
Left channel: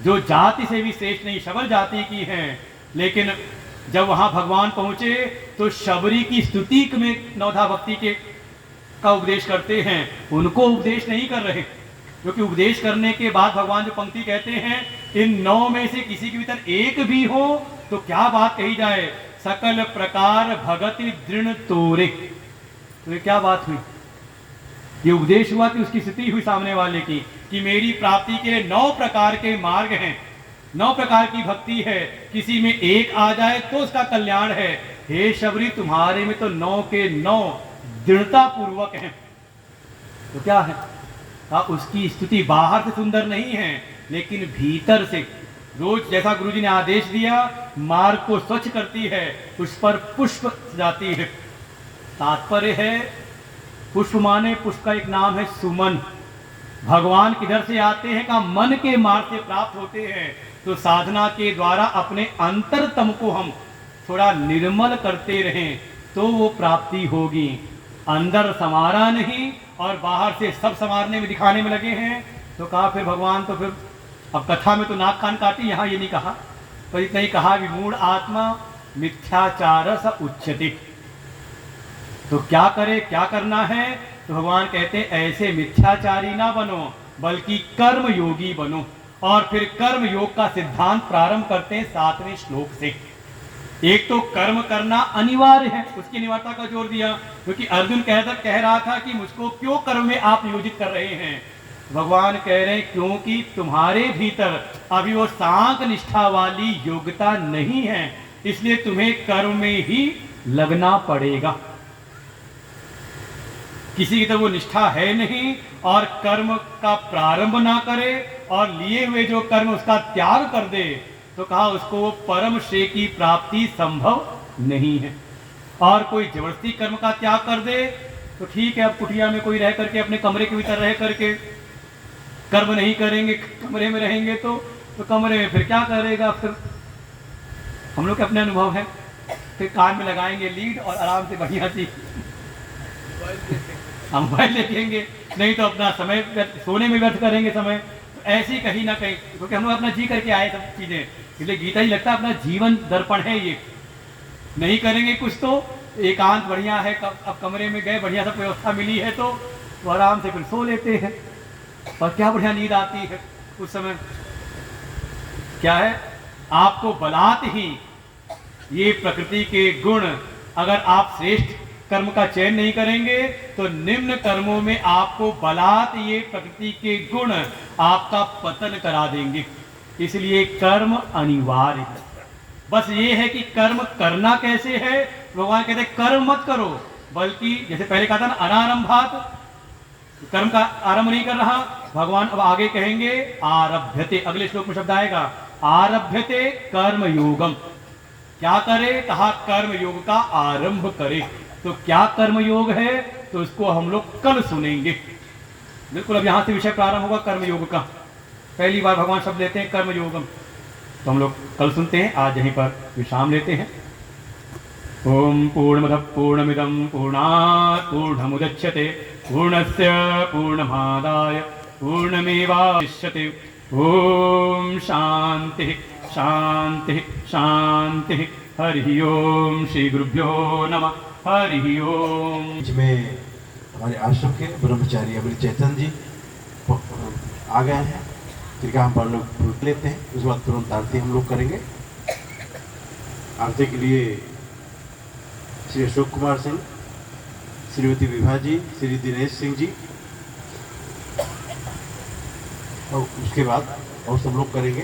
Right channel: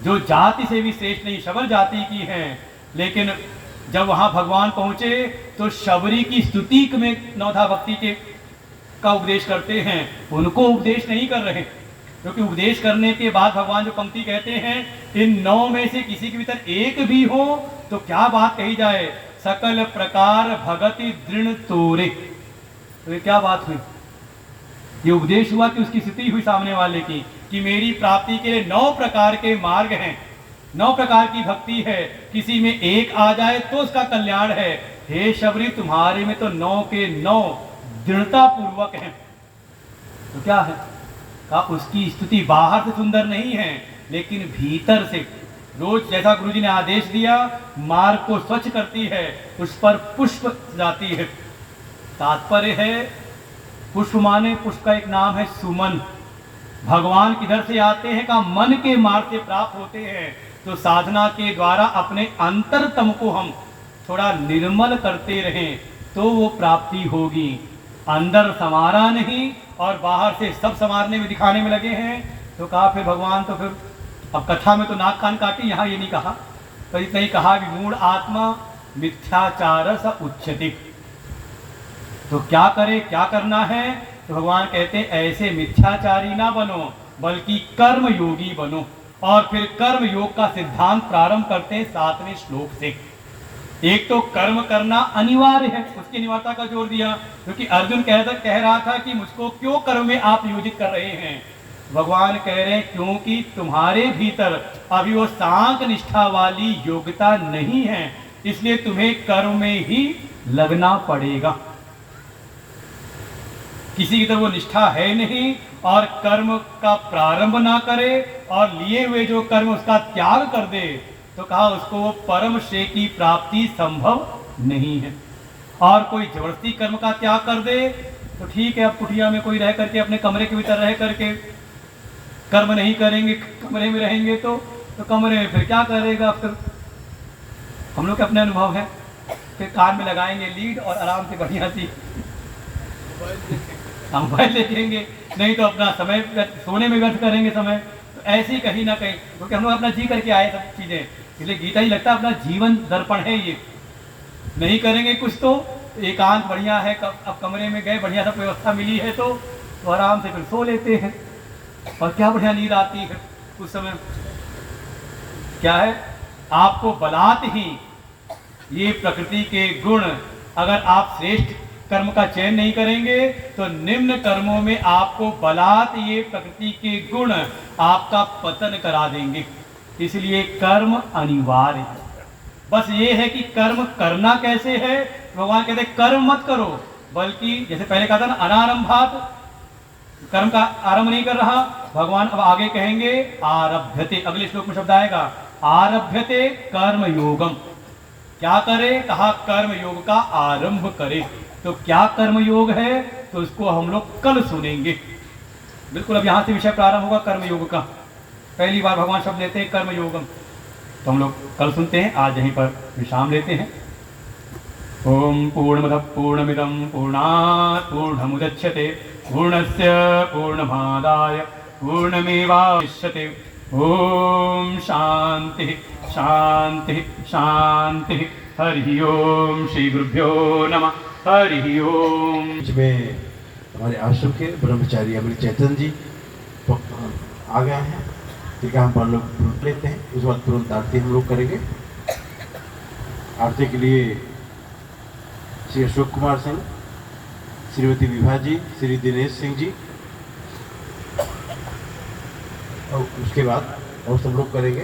जो जाति से भी श्रेष्ठ नहीं, शबर जाति की है। लेकिन जब वहां भगवान पहुंचे तो शबरी की स्तुति में नवधा भक्ति के का उपदेश करते हैं, उनको उपदेश नहीं कर रहे, क्योंकि उपदेश करने के बाद भगवान जो पंक्ति कहते हैं, इन 9 में से किसी के भीतर एक भी हो तो क्या बात कही जाए? सकल प्रकार भगति दृढ़ तोरे। तो ये क्या बात हुई? ये उपदेश हुआ कि उसकी स्थिति हुई सामने वाले की कि मेरी प्राप्ति के लिए 9 प्रकार के मार्ग हैं, 9 प्रकार की भक्ति है, किसी में एक आ जाए तो उसका कल्याण है। हे शबरी, तुम्हारे में तो 9 के 9 दृढ़ता पूर्वक है। तो क्या है? का उसकी स्तुति बाहर से सुंदर नहीं है, लेकिन भीतर से रोज जैसा गुरुजी ने आदेश दिया, मार्ग को स्वच्छ करती है, उस पर पुष्प जाती है। तात्पर्य है, पुष्प माने, पुष्प का एक नाम है सुमन। भगवान किधर से आते हैं? का मन के मार्ग से प्राप्त होते हैं। तो साधना के द्वारा अपने अंतरतम को हम थोड़ा निर्मल करते रहें तो वो प्राप्ति होगी। अंदर संवारा नहीं और बाहर से सब संवारने में, दिखाने में लगे हैं, तो कहा फिर भगवान तो फिर अब कथा में तो नाक कान काटी, यहाँ ये नहीं कहा, पर इतना ही कहा विमूढ़ आत्मा मिथ्याचार स उच्यते। तो क्या करे, क्या करना है? तो भगवान कहते हैं ऐसे मिथ्याचारी ना बनो, बल्कि कर्म योगी बनो। और फिर कर्म योग का सिद्धांत प्रारंभ करते हैं 7वें श्लोक से। एक तो कर्म करना अनिवार्य है, उसकी अनिवार्यता का जोर दिया, क्योंकि अर्जुन कह रहा था कि मुझको क्यों कर्म में आप नियोजित कर रहे हैं? भगवान कह रहे हैं क्योंकि तुम्हारे भीतर अभी वो सांख निष्ठा वाली योग्यता नहीं है, इसलिए तुम्हें कर्म में ही लगना पड़ेगा। किसी की तरफ वो निष्ठा है नहीं और कर्म का प्रारंभ ना करे और लिए हुए जो कर्म उसका त्याग कर दे, तो कहा उसको परम श्रेय की प्राप्ति संभव नहीं है। और कोई जबरदस्ती कर्म का त्याग कर दे तो ठीक है, अब कुटिया में कोई रह करके अपने कमरे के भीतर रह करके कर्म नहीं करेंगे, कमरे में रहेंगे तो कमरे में फिर क्या करेगा? फिर हम लोग के अपने अनुभव है, फिर कान में लगाएंगे लीड और आराम से बढ़िया सी मोबाइल देखेंगे, नहीं तो अपना समय सोने में व्यर्थ करेंगे समय। तो ऐसे ही कहीं ना कहीं, क्योंकि हम लोग अपना जी करके आए सब चीजें, इसलिए गीता ही लगता है अपना जीवन दर्पण है ये। नहीं करेंगे कुछ तो एकांत बढ़िया है, अब कमरे में गए, बढ़िया सा व्यवस्था मिली है तो आराम से फिर सो लेते हैं और क्या बढ़िया नींद आती है उस समय। क्या है, आपको बलात् ही ये प्रकृति के गुण, अगर आप श्रेष्ठ कर्म का चयन नहीं करेंगे तो निम्न कर्मों में आपको बलात् ये प्रकृति के गुण आपका पतन करा देंगे। इसलिए कर्म अनिवार्य है। बस ये है कि कर्म करना कैसे है। भगवान कहते हैं कर्म मत करो, बल्कि जैसे पहले कहा था ना, अनारंभात, कर्म का आरंभ नहीं कर रहा। भगवान अब आगे कहेंगे आरभ्यते, अगले श्लोक में शब्द आएगा आरभ्यते कर्म योगम। क्या करे? कहा कर्म योग का आरंभ करे। तो क्या कर्म योग है, तो उसको हम लोग कल सुनेंगे। बिल्कुल अब यहां से विषय प्रारंभ होगा कर्म योग का। पहली बार भगवान शब्द लेते हैं कर्म योगम, तो हम लोग कल सुनते हैं। आज यहीं पर विश्राम लेते हैं। ओम पूर्णमदः पूर्णमिदं पूर्णात् पूर्णमुदच्यते पूर्णस्य पूर्णमादाय पूर्णमेवावशिष्यते। ओम शांति शांति शांति। हरि ओम। श्री गुरुभ्यो नमः। हरि ओम। में हमारे आश्रम के ब्रह्मचारी अमृत चैतन्य जी आ गए हैं। ठीक है, हम पर लोग लेते हैं, उस वक्त तुरंत आरती हम लोग करेंगे। आरती के लिए श्री अशोक कुमार सिंह, श्रीमती विभा जी, श्री दिनेश सिंह जी, और उसके बाद और सब लोग करेंगे।